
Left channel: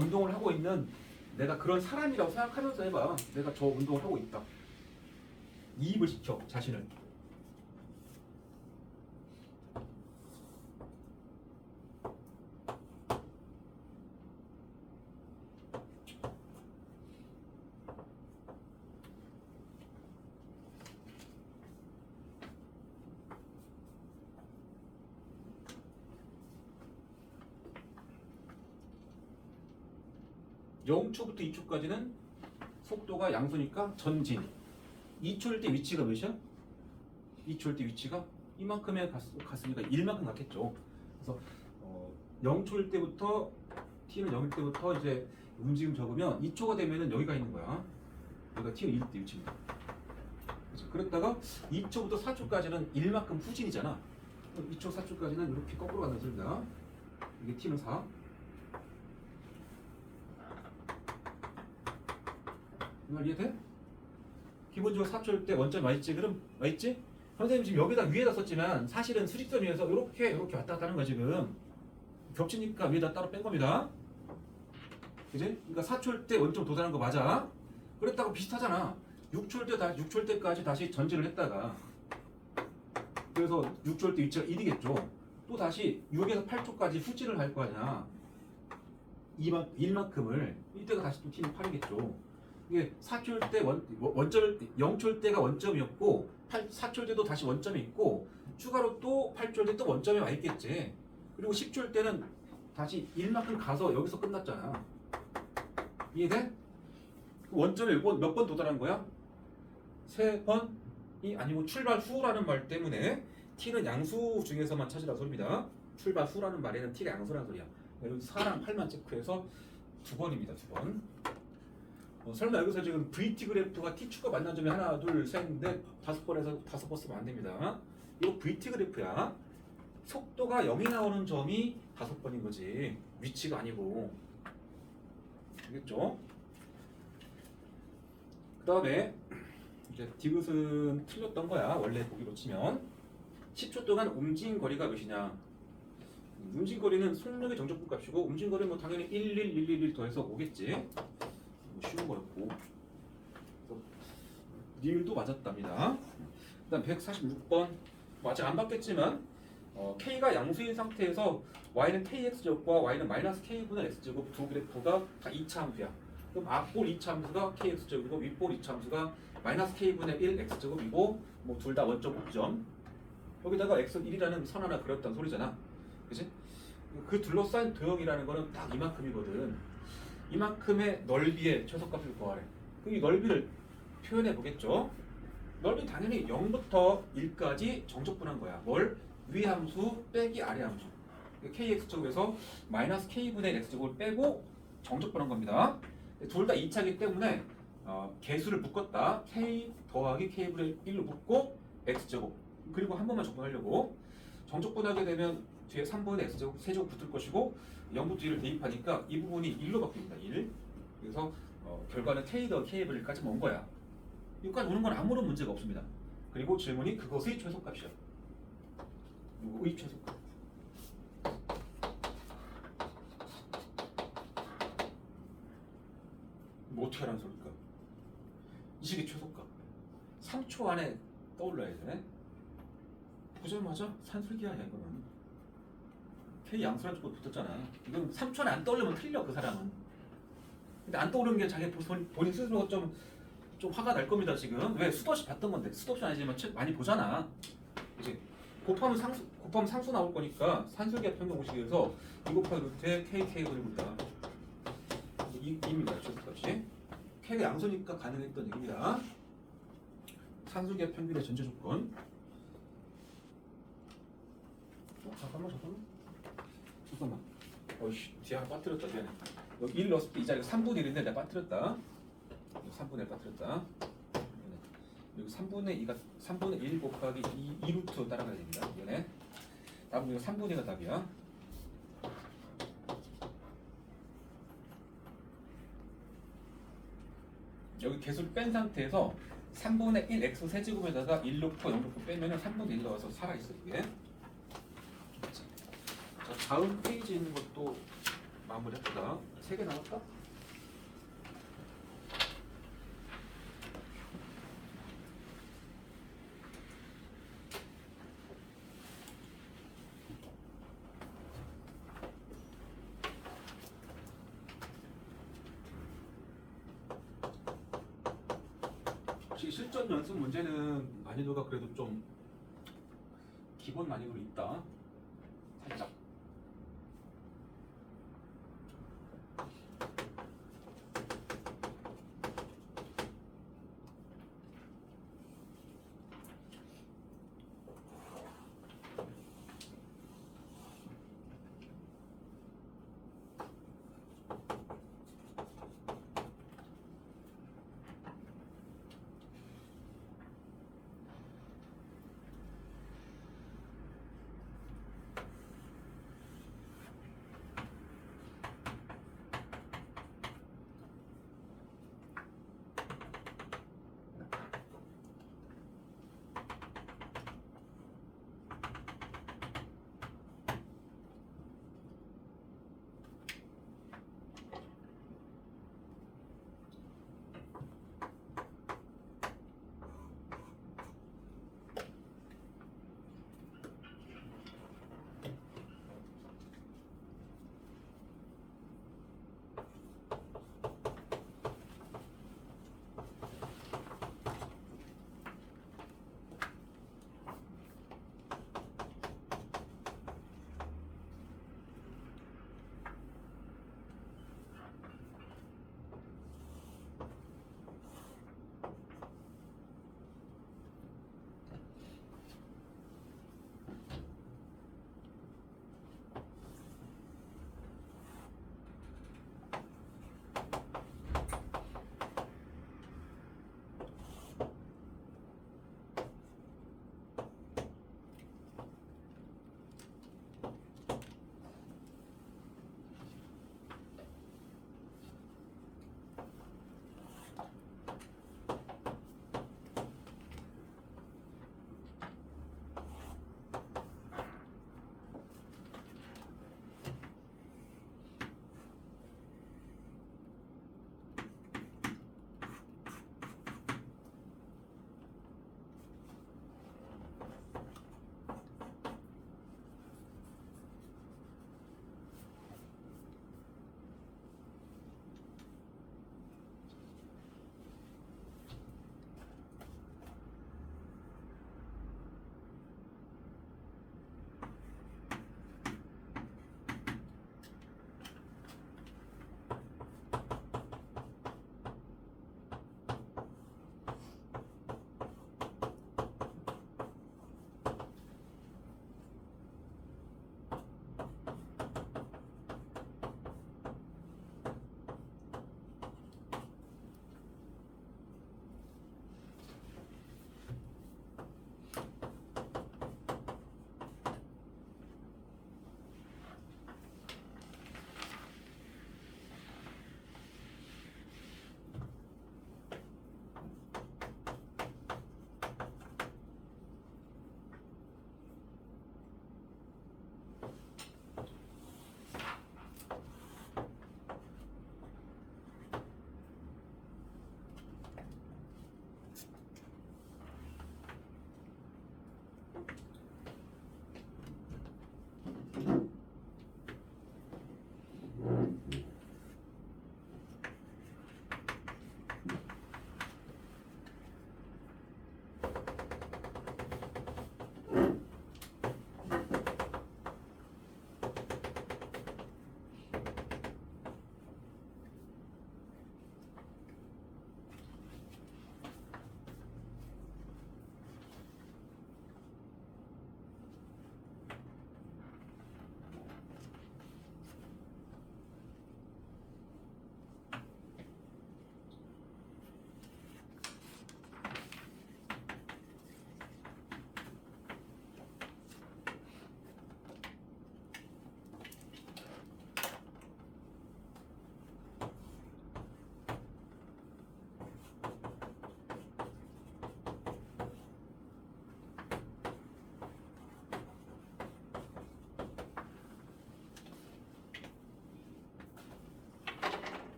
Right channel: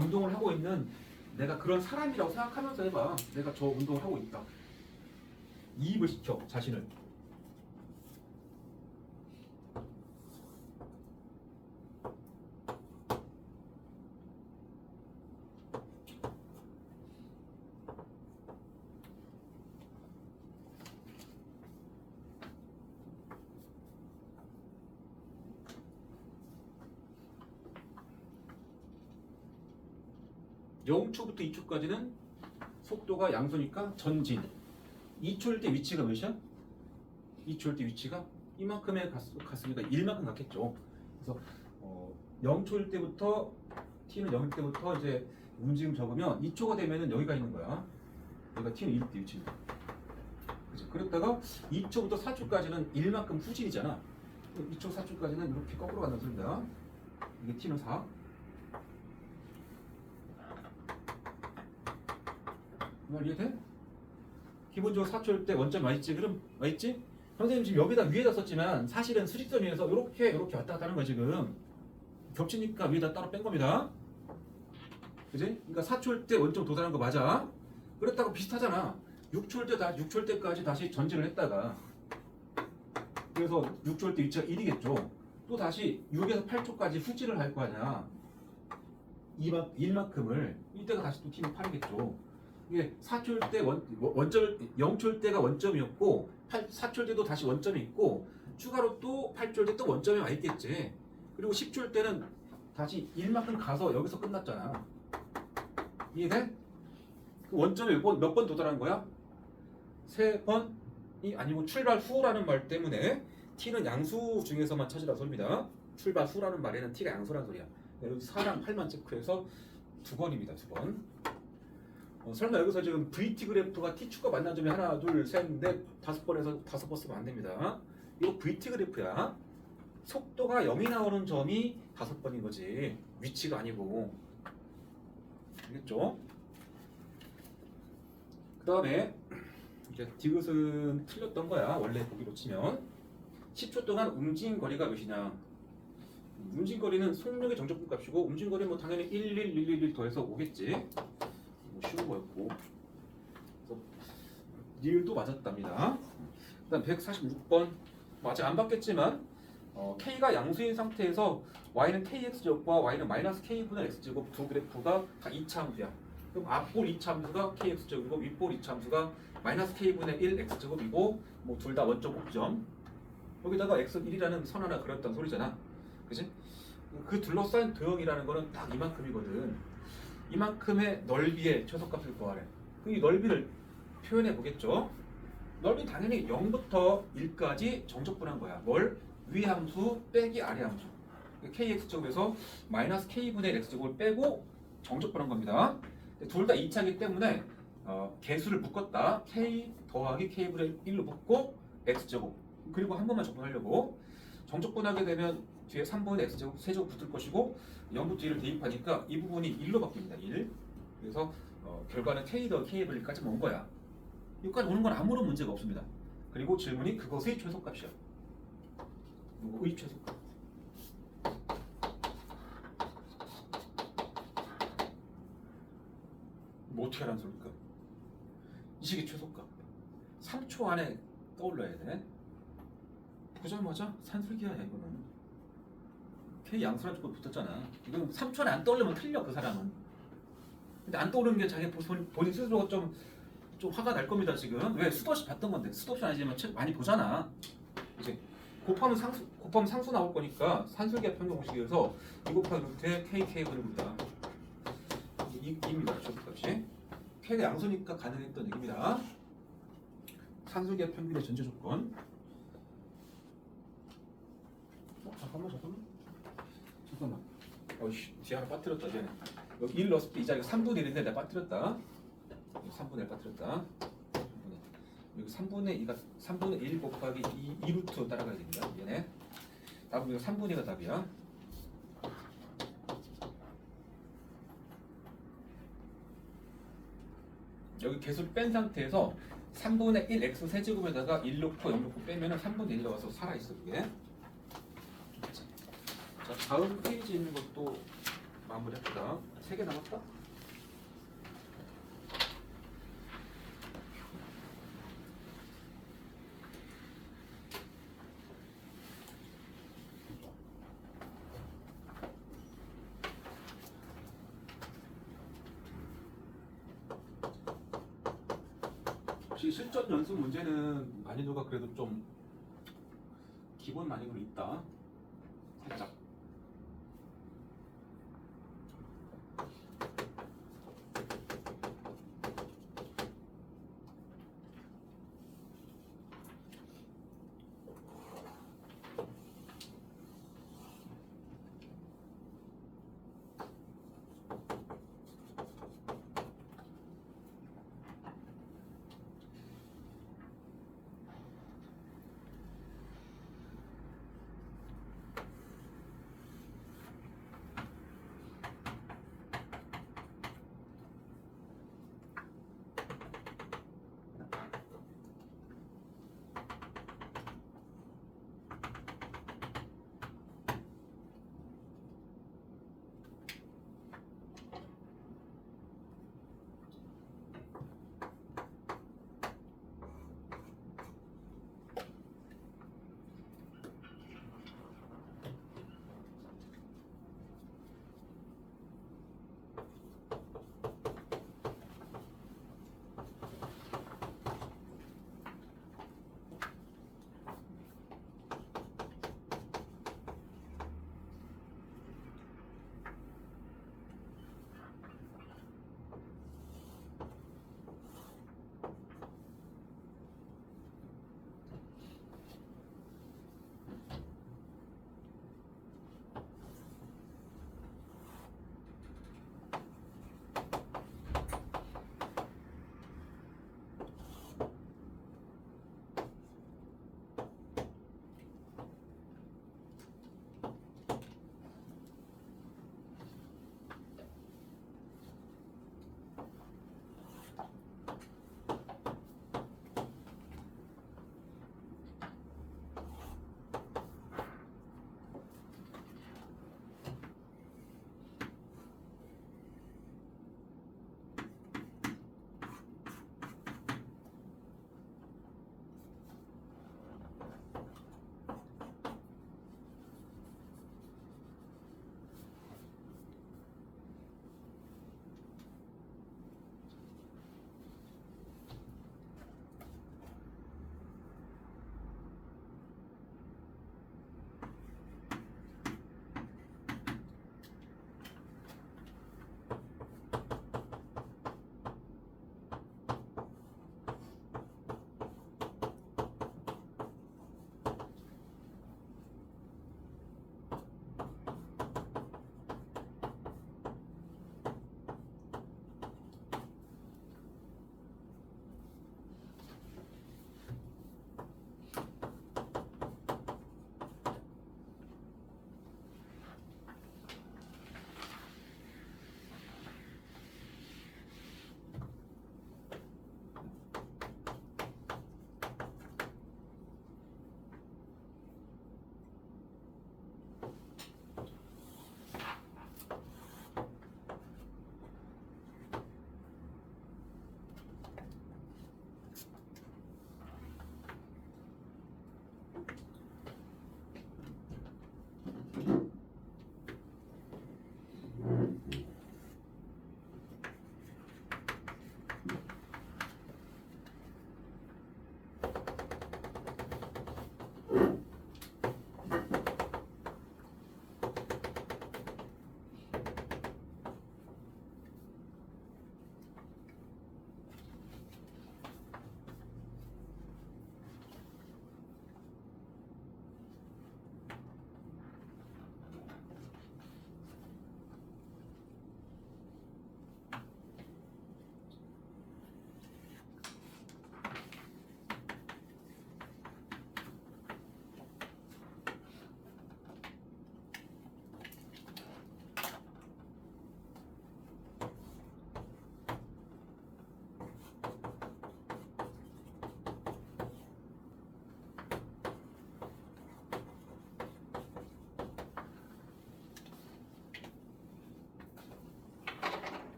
운동을 하고 있는 내가 그런 사람이라고 생각하면서 해봐. 내가 저 운동을 하고 있다. 이입을 시켜 자신을. 0초부터 2초까지는 속도가 양수니까 전진. 2초일 때 위치가 몇이야? 2초일 때 위치가 이만큼에 갔으니까 1만큼 갔겠죠. 그래서 0초일 때부터 t는 0일 때부터 이제 움직임 적으면 2초가 되면은 여기가 있는 거야. 여기가 t는 1일 때 위치입니다. 그죠? 그랬다가 2초부터 4초까지는 1만큼 후진이잖아. 2초, 4초까지는 이렇게 거꾸로 간다는 소리입니다. 이게 t는 4. 이말 이해돼? 기본적으로 4초일 때 원점이 와있지? 그럼 와있지? 선생님 지금 여기다 위에다 썼지만 사실은 수직선 위에서 이렇게 왔다 갔다 하는 거야 지금. 겹치니까 위에다 따로 뺀 겁니다. 그지? 그러니까 4초일 때 원점 도달한 거 맞아. 그랬다고 비슷하잖아. 6초일 때까지 다시 전진을 했다가 그래서 6초일 때 위치가 1이겠죠. 또 다시 6에서 8초까지 후진을 할 거 아니야. 1만큼을 이때가 다시 또 t는 8이겠죠. 이게 4초일 때 원점 0초일 때가 원점이었고 4초일 때도 다시 원점이 있고 추가로 또 8초일 때 또 원점이 와 있겠지. 그리고 10초일 때는 다시 1만큼 가서 여기서 끝났잖아. 이해돼? 그 원점에 몇 번 도달한 거야? 3번이 아니고 출발 후라는 말 때문에 t는 양수 중에서만 찾으라 소리입니다. 출발 후라는 말에는 t가 양수라는 소리야. 여기 4랑 8만 체크해서 2번입니다. 2번. 설마 여기서 지금 VT 그래프가 T축과 만난 점이 하나, 둘, 셋, 넷, 5번에서 5번 쓰면 안 됩니다. 이거 VT 그래프야. 속도가 0이 나오는 점이 5번인 거지. 위치가 아니고. 알겠죠? 그 다음에 이제 디귿은 틀렸던 거야. 원래 보기로 치면 10초 동안 움직인 거리가 몇이냐. 움직인 거리는 속력의 정적분 값이고 움직인 거리는 뭐 당연히 11111 더해서 5겠지. 쉬운 거였고 리을도 맞았답니다. 그 다음 146번 뭐 아직 안 받겠지만 K가 양수인 상태에서 Y는 KX제곱과 Y는 마이너스 K분의 X제곱 두 그래프가 다 2차 함수야. 그럼 앞볼 2차 함수가 KX제곱이고 윗볼 2차 함수가 마이너스 K분의 1 X제곱이고 뭐 둘 다 원점 꼭점 여기다가 X는 1이라는 선 하나 그렸단 소리잖아. 그치? 그 둘러싸인 도형이라는 거는 딱 이만큼이거든. 이만큼의 넓이의 최소값을 구하래. 그럼 이 넓이를 표현해 보겠죠. 넓이는 당연히 0부터 1까지 정적분한 거야. 뭘? 위 함수 빼기 아래 함수. kx제곱에서 마이너스 k분의 x제곱을 빼고 정적분한 겁니다. 둘 다 2차이기 때문에 개수를 묶었다. k 더하기 k분의 1로 묶고 x제곱. 그리고 한 번만 적분하려고. 정적분하게 되면 뒤에 3분의 x제곱 세제곱 붙을 것이고 0부터 1을 대입하니까 이 부분이 1로 바뀝니다. 1. 그래서 결과는 k 더 k분의 1까지 온 거야. 여기까지 오는 건 아무런 문제가 없습니다. 그리고 질문이 그것의 최소값이야. 의 최소값. 뭐 어떻게 하라는 소리일까? 이 식의 최소값. 3초 안에 떠올라야 돼. 보자마자 산술기야 이거는. K 양수란 쪽으로 붙었잖아. 이건 3초 안에 안 떠올리면 틀려 그 사람은. 근데 안 떠오르는 게 자기 본인 스스로가 좀 화가 날 겁니다 지금. 왜? 수도 없이 봤던 건데. 수도 없이 아니지만 책 많이 보잖아. 이제 곱하면 상수 나올 거니까 산술기하 평균 공식에서 2 곱하기 루트에 KK분을 본다. 이입니다. 저기까지. K가 양수니까 가능했던 얘기입니다. 산술기하 평균의 전제 조건. 잠깐만. 어이씨, 뒤에 하나 빠뜨렸다. 쟤는. 여기 1 넣었을 때 이 자리가 3분의 1인데 내가 빠뜨렸다. 3분의 1 빠뜨렸다. 여기 3분의 1 곱하기 2 루트 따라가야 됩니다. 이번에 답은 이거 3분의 1가 답이야. 여기 개수를 뺀 상태에서 3분의 1 x 세제곱에다가 1 넣고 0 넣고 빼면은 3분의 1이 나와서 살아있어 이게. 자, 다음 페이지 있는 것도 마무리합시다. 3개 남았다. 혹시 실전 연습 문제는 난이도가 그래도 좀 기본 난이도로 있다. 살짝.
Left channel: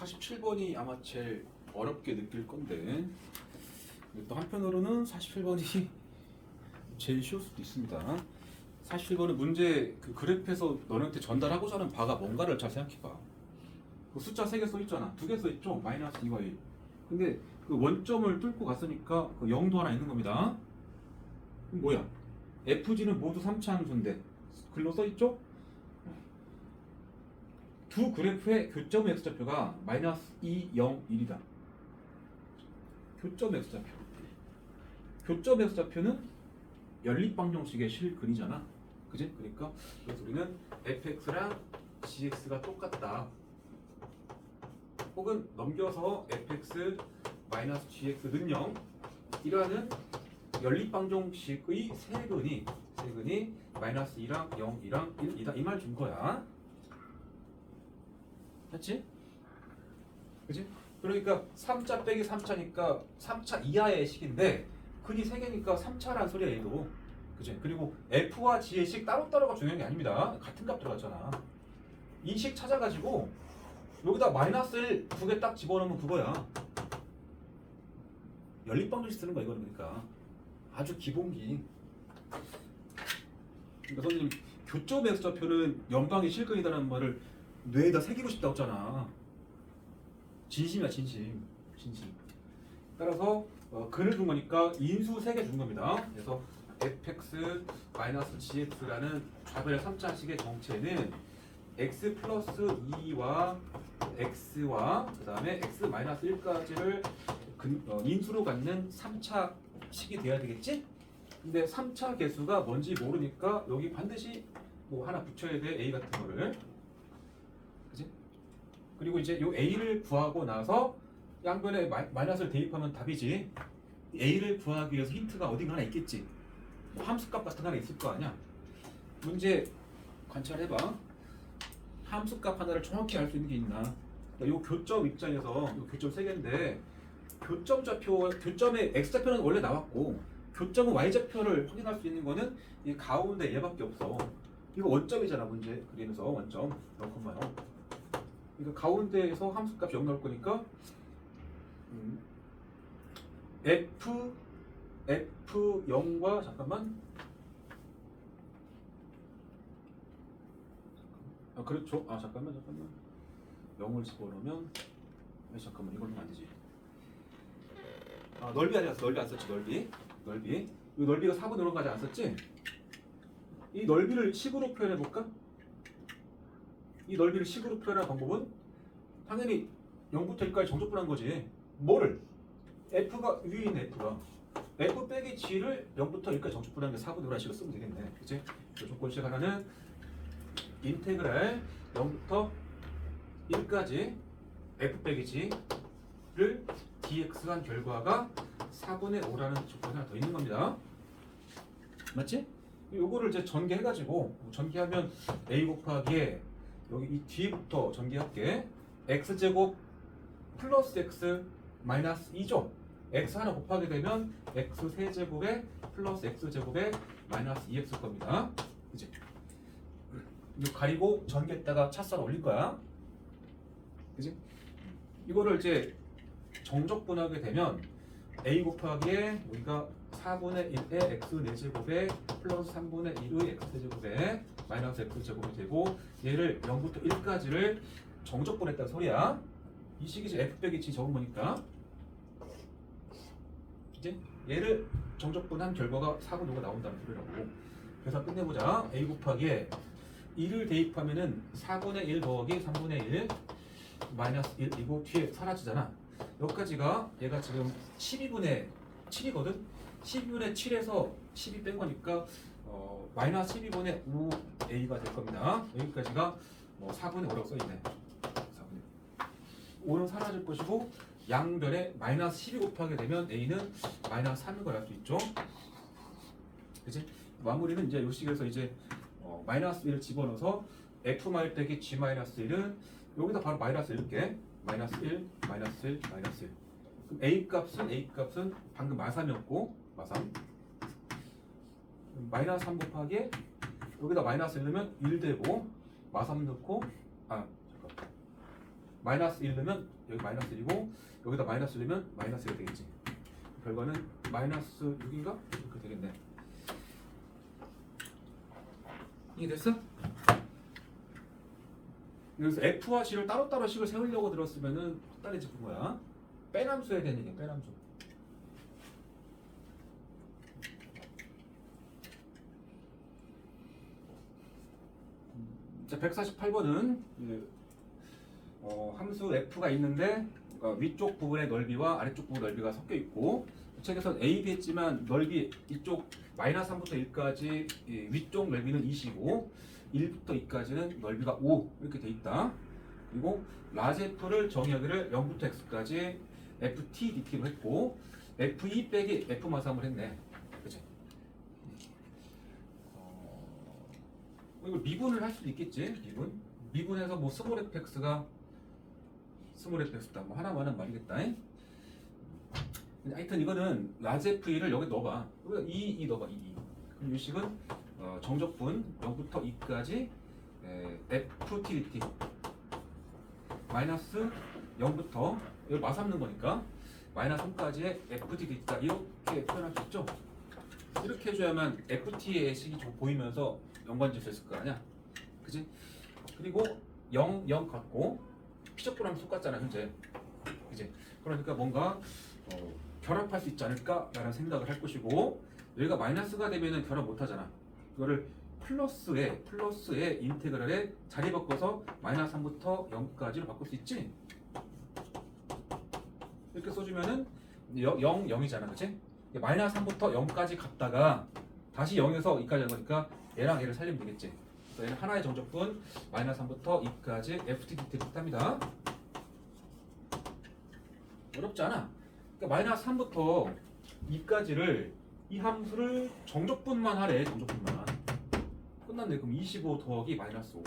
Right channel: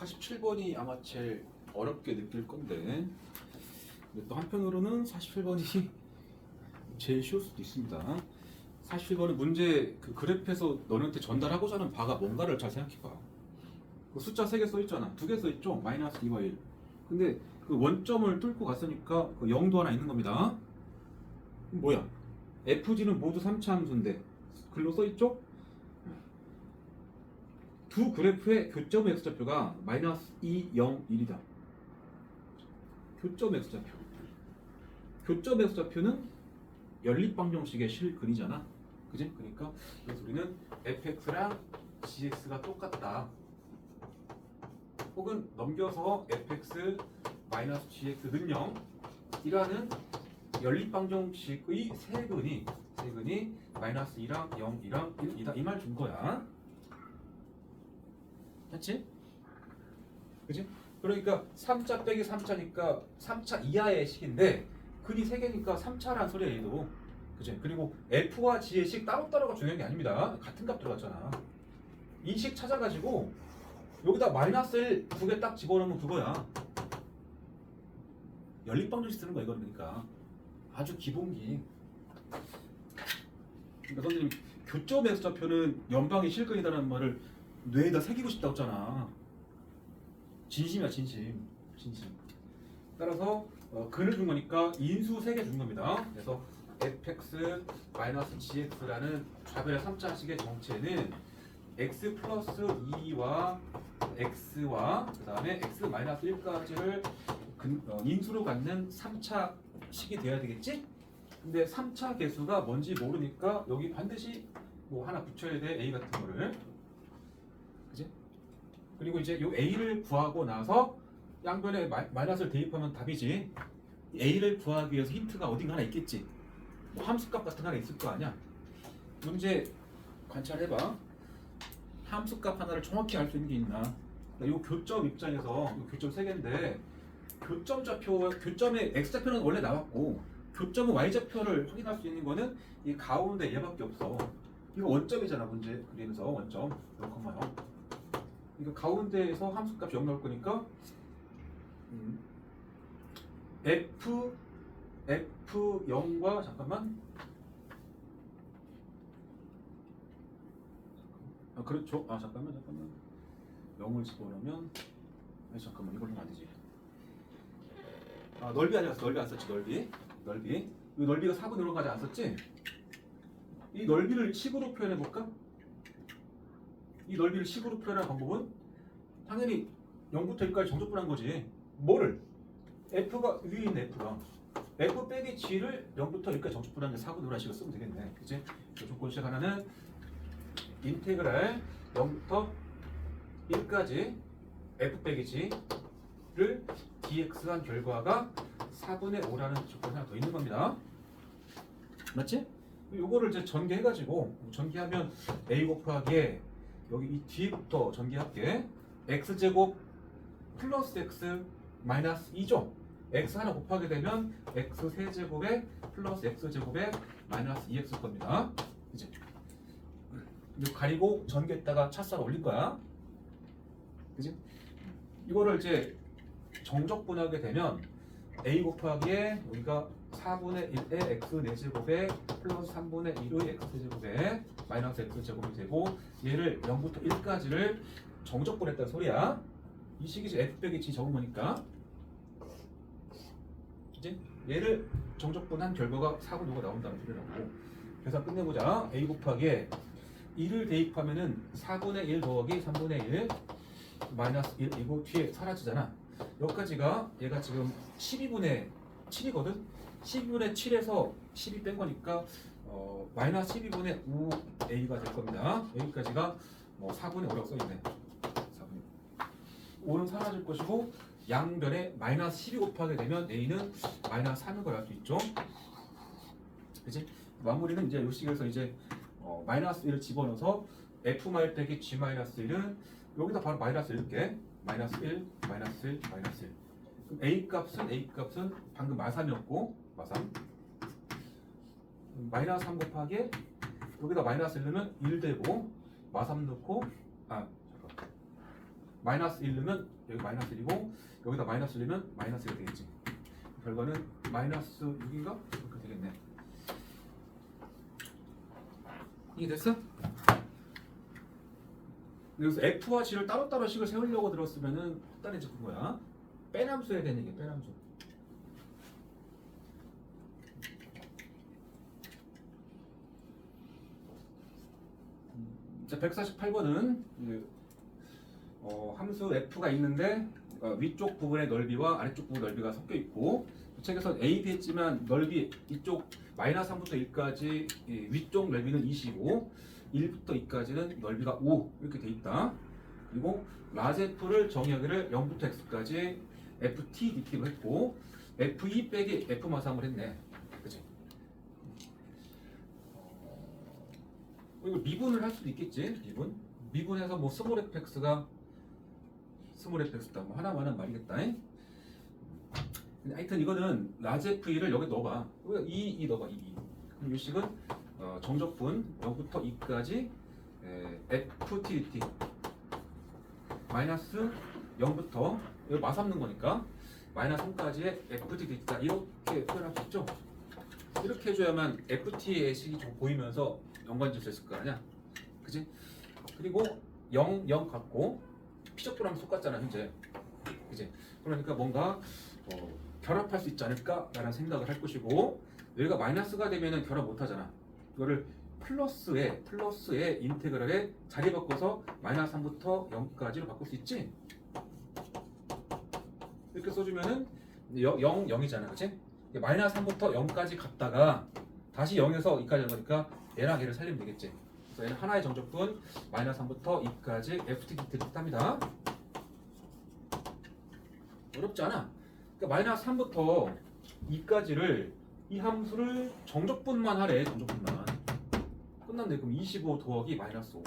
47번이 아마 제일 어렵게 느낄 건데 근데 또 한편으로는 47번이 제일 쉬울 수도 있습니다. 47번은 문제 그 그래프에서 너네한테 전달하고자 하는 바가 뭔가를 잘 생각해봐. 그 숫자 3개 써있잖아. 2개 써있죠? 마이너스 2와 1. 근데 그 원점을 뚫고 갔으니까 그 0도 하나 있는 겁니다. 그럼 뭐야? FG는 모두 3차 함수인데 글로 써있죠? 두 그래프의 교점 x좌표가 마이너스 2, 0, 1이다. 교점 x좌표. 교점 x좌표는 연립방정식의 실근이잖아. 그지? 그러니까 그래서 우리는 fx랑 gx가 똑같다. 혹은 넘겨서 fx 마이너스 gx는 0 이라는 연립방정식의 세근이 마이너스 2랑 0, 2랑 1이다. 이 말 준 거야. 맞지? 그지? 그러니까 3차 빼기 3차니까 3차 이하의 식인데 근이 3개니까 3차란 소리야 얘도. 그지? 그리고 f와 g의 식 따로따로가 중요한 게 아닙니다. 같은 값 들어갔잖아. 이 식 찾아가지고 여기다 마이너스 1 두 개 딱 집어넣으면 그거야. 연립방정식 쓰는 거야 이거는. 그러니까 아주 기본기. 그러니까 선생님 교점 x좌표는 연방의 실근이다라는 말을 뇌에다 새기고 싶다고 했잖아. 진심이야 진심. 따라서 근을 준 거니까 인수 3개 준 겁니다. 그래서 fx 마이너스 gx라는 좌변의 3차식의 정체는 x 플러스 2와 x와 그 다음에 x 마이너스 1까지를 인수로 갖는 3차식이 돼야 되겠지? 근데 3차 개수가 뭔지 모르니까 여기 반드시 뭐 하나 붙여야 돼. a 같은 거를. 그지? 그리고 이제 요 a를 구하고 나서 양변에 마이너스를 대입하면 답이지. a를 구하기 위해서 힌트가 어딘가 하나 있겠지. 뭐 함수값 같은 거 하나 있을 거 아니야. 문제 관찰해봐. 함수값 하나를 정확히 알 수 있는 게 있나. 요 교점 입장에서 요 교점 3개인데 교점 좌표, 교점의 x좌표는 원래 나왔고 교점의 y좌표를 확인할 수 있는 거는 이 가운데 얘밖에 없어. 이거 원점이잖아. 문제 그리면서 원점 0,0. 이거 가운데에서 함수값이 0 나올 거니까 f0과 잠깐만. 아 그렇죠. 아 잠깐만 0을 집어넣으면 잠깐만 이걸로 하면 안 되지. 아 넓이 아니었어. 넓이 안 썼지. 넓이 이 넓이가 4분의 5까지 안 썼지. 이 넓이를 식으로 표현해 볼까? 이 넓이를 식으로 표현할 방법은 당연히 0부터 1까지 정적분한 거지. 뭐를? f가 위에 있는 f가 f 빼기 g를 0부터 1까지 정적분한 게 4분의 5라는 식으로 쓰면 되겠네. 그치? 조건식 하나는 인테그랄 0부터 1까지 f 빼기 g를 dx가 한 결과가 4분의 5라는 조건이 하나 더 있는 겁니다. 맞지? 요거를 이제 전개해가지고 전개하면 a 곱하기에 여기 이 뒤부터 전개할게. x제곱 플러스 x 마이너스 2죠. x 하나 곱하게 되면 x 세제곱에 플러스 x제곱에 마이너스 2x 겁니다. 이제 이거 가리고 전개했다가 차수를 올릴 거야. 그지? 이거를 이제 정적분하게 되면 a 곱하기에 우리가 4분의 1의 x 4제곱에 플러스 3분의 1의 x 세제곱에 마이너스 x 제곱이 되고 얘를 0부터 1까지를 정적분했다는 소리야. 이 식이 이제 f 빼기 g 적은 거니까. 이제 얘를 정적분한 결과가 4분의 5가 나온다는 소리라고. 그래서 끝내보자. a 곱하기에 2를 대입하면은 4분의 1 더하기 3분의 1 마이너스 1이고 뒤에 사라지잖아. 여기까지가 얘가 지금 12분의 7이거든. 12분의 7에서 12 뺀 거니까 마이너스 12분의 5a가 될 겁니다. 여기까지가 4분의 5라고 써있네. 4분의 5는 사라질 것이고 양변에 마이너스 12 곱하게 되면 a는 마이너스 3을 걸 알 수 있죠. 그치? 마무리는 이제 요 식에서 이제 마이너스 1을 집어넣어서 f 빼기 g 마이너스 1은 여기다 바로 마이너스 1게 마이너스 1, 마이너스 1, 마이너스 1. 그럼 a 값은 방금 마삼이었고 마삼. 마이너스 3 곱하기 여기다 마이너스 1 넣으면 1 되고 마삼 넣고 잠깐 마이너스 1 넣으면 여기 마이너스 1이고 여기다 마이너스 1 넣으면 마이너스 1이 되겠지. 결과는 마이너스 6인가? 이렇게 되겠네. 이게 됐어? 그래서 F와 G를 따로따로 식을 세우려고 들었으면은 헛다리 짚은 거야. 빼남수 해야 되는 얘기야. 빼남수. 자, 148번은 함수 f가 있는데 위쪽 부분의 넓이와 아래쪽 부분 넓이가 섞여 있고 책에서 a, b 했지만 넓이 이쪽 마이너스 3부터 1까지 위쪽 넓이는 2이고 1부터 2까지는 넓이가 5 이렇게 돼 있다. 그리고 라지 f를 정의하기를 0부터 x까지 ft dt로 했고 f2 빼기 f 마삼을 했네. 그치? 이걸 미분을 할 수도 있겠지. 미분해서 뭐 스몰 fx가 스몰 fx다 뭐 하나만 말이겠다. 하여튼 이거는 라지 f를 여기 넣어봐. 이 넣어봐. 그럼 이 식은 정적분 0부터 2까지 ft dt 마이너스 0부터 여기 마삼는 거니까 마이너스 3까지의 ft dt다 이렇게 표현할 수 있죠. 이렇게 해줘야만 ft의 식이 좀 보이면서 연관지어서 있을 거 아니야. 그지? 그리고 0, 0 같고 피적분하면 똑같잖아 현재. 그지? 그러니까 뭔가 결합할 수 있지 않을까라는 생각을 할 것이고 여기가 마이너스가 되면은 결합 못 하잖아. 이거를 플러스에 인테그랄에 자리 바꿔서 마이너스 3부터 0까지로 바꿀 수 있지? 이렇게 써주면은 0, 0이잖아. 그치? 마이너스 3부터 0까지 갔다가 다시 0에서 2까지 한 거니까 얘랑 얘를 살리면 되겠지. 그래서 얘는 하나의 정적분 마이너스 3부터 2까지 ftdt를 뜻합니다. 어렵지 않아. 그러니까 마이너스 3부터 2까지를 이 함수를 정적분만 하래. 정적분만. 끝났네. 그럼 25 더하기 마이너스 5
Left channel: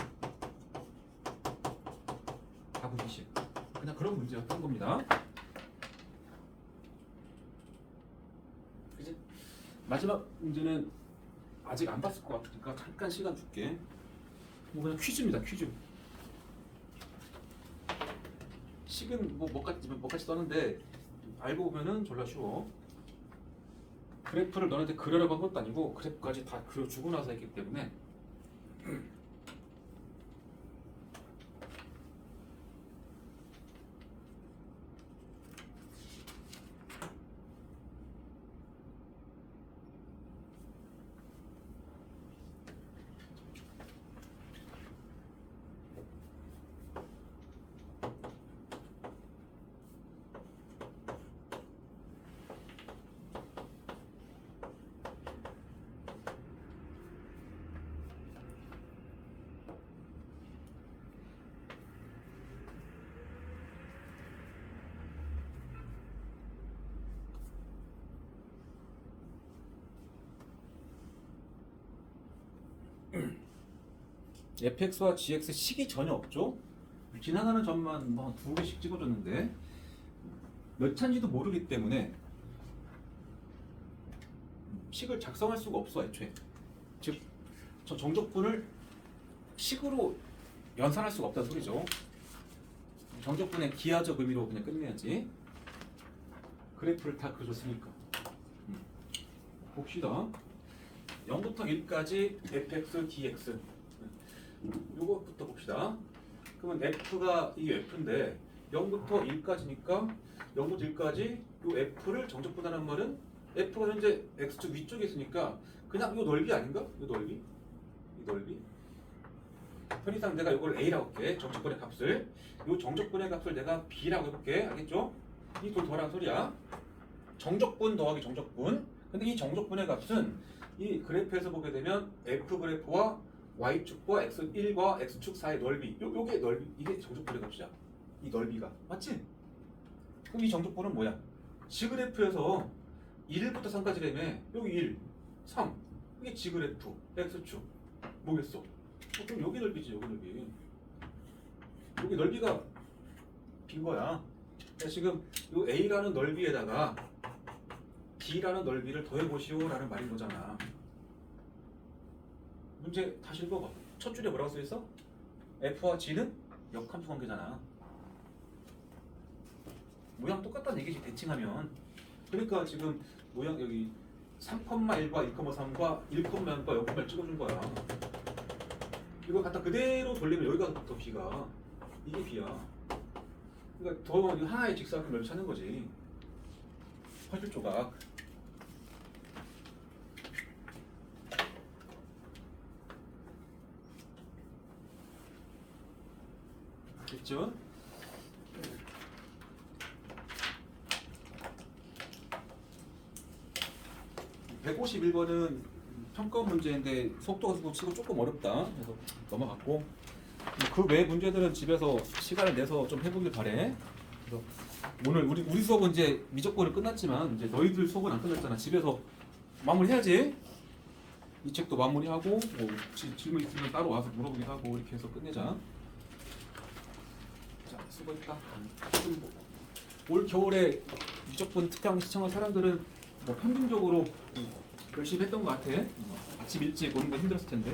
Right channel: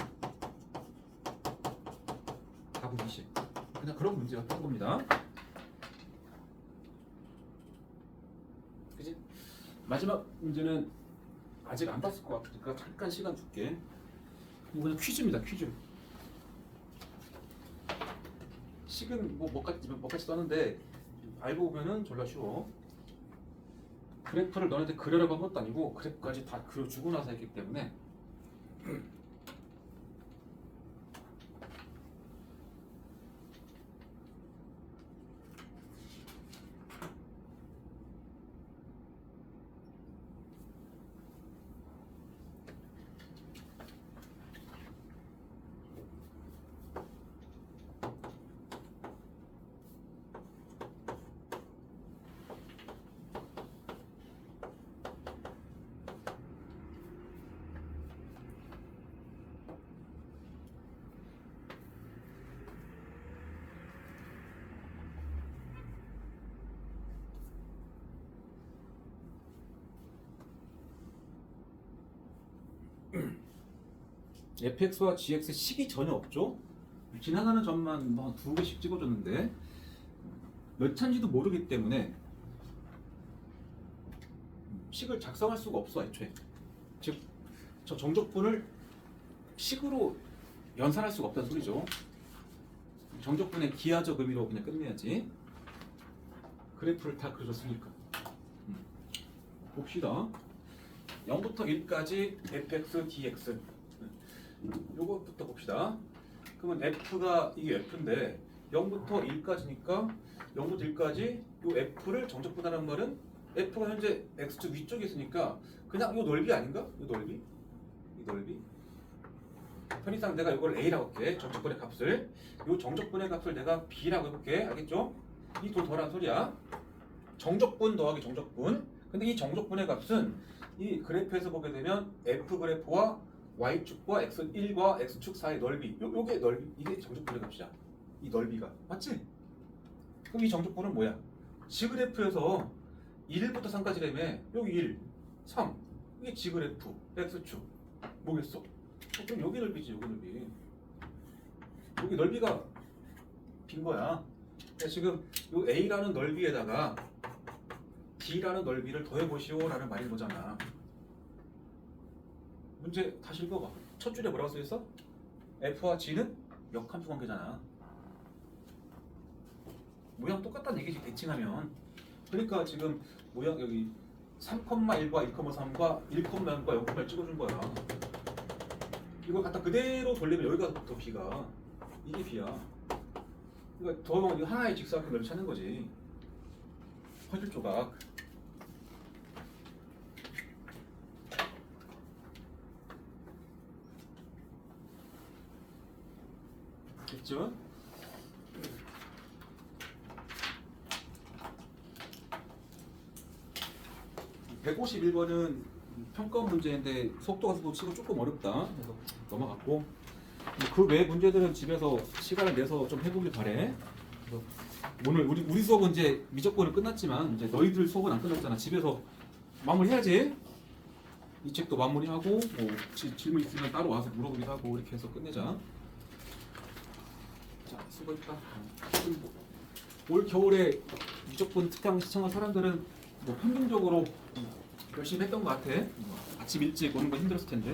답은 20. 그냥 그런 문제였던 겁니다. 그치? 마지막 문제는 아직 안 봤을 것 같으니까 잠깐 시간 줄게. 이거는 퀴즈입니다. 퀴즈. 식은 뭐까지 썼는데 알고 보면은 졸라 쉬워. 그래프를 너네한테 그려라고 한 것도 아니고 그래프까지 다 그려주고 나서 했기 때문에 fx와 gx 식이 전혀 없죠. 지나가는 점만 뭐 두 개씩 찍어줬는데 몇 차인지도 모르기 때문에 식을 작성할 수가 없어 애초에. 즉, 저 정적분을 식으로 연산할 수가 없다는 소리죠. 정적분의 기하적 의미로 그냥 끝내야지. 그래프를 다 그려줬으니까. 봅시다. 0부터 1까지 fx, dx. 요것부터 봅시다. 그러면 f가 이게 f인데 0부터 1까지니까 0부터 1까지 요 f를 정적분하는 말은 f가 현재 x축 위쪽에 있으니까 그냥 요 넓이 아닌가? 요 넓이? 이 넓이? 편의상 내가 이걸 a라고 할게. 정적분의 값을. 요 정적분의 값을 내가 b라고 해볼게. 알겠죠? 이 돈 더란 소리야. 정적분 더하기 정적분. 근데 이 정적분의 값은 이 그래프에서 보게 되면 f 그래프와 y축과 x1과 x축 사이의 넓이. 요게 넓이. 이게 정적분의 값이야. 이 넓이가. 맞지? 그럼 이 정적분은 뭐야? G그래프에서 1부터 3까지라며. 여기 1, 3. 이게 G그래프, x축. 뭐겠어? 그럼 여기 넓이지, 여기 넓이. 여기 넓이가 빈 거야. 그러니까 지금 요 A라는 넓이에다가 D라는 넓이를 더해보시오라는 말인 거잖아. 문제 다시 읽어봐. 첫 줄에 뭐라고 써있어? F와 G는 역함수 관계잖아. 모양 똑같다는 얘기지 대칭하면. 그러니까 지금 모양 여기 3,1과 1,3과 1,1과 0,1 찍어준 거야. 이거 갖다 그대로 돌리면 여기가 더 B가 이게 B야. 그러니까 더 하나의 직사각형을 찾는 거지. 퍼즐 조각. 됐죠? (151번은) 평가원 문제인데 속도가 치고 조금 어렵다. 그래서 넘어갔고, 그 외 문제들은 집에서 시간을 내서 좀 해보길 바래. 그래서 오늘 우리 수업은 이제 미적분은 끝났지만 이제 너희들 수업은 안 끝났잖아. 집에서 마무리해야지. 이 책도 마무리하고 뭐 혹시 질문 있으면 따로 와서 물어보기도 하고 이렇게 해서 끝내자. 자, 수고했다. 올 겨울에 미적분 특강 시청한 사람들은 뭐 평균적으로 열심히 했던 것 같아. 아침 일찍 오는 거 힘들었을 텐데.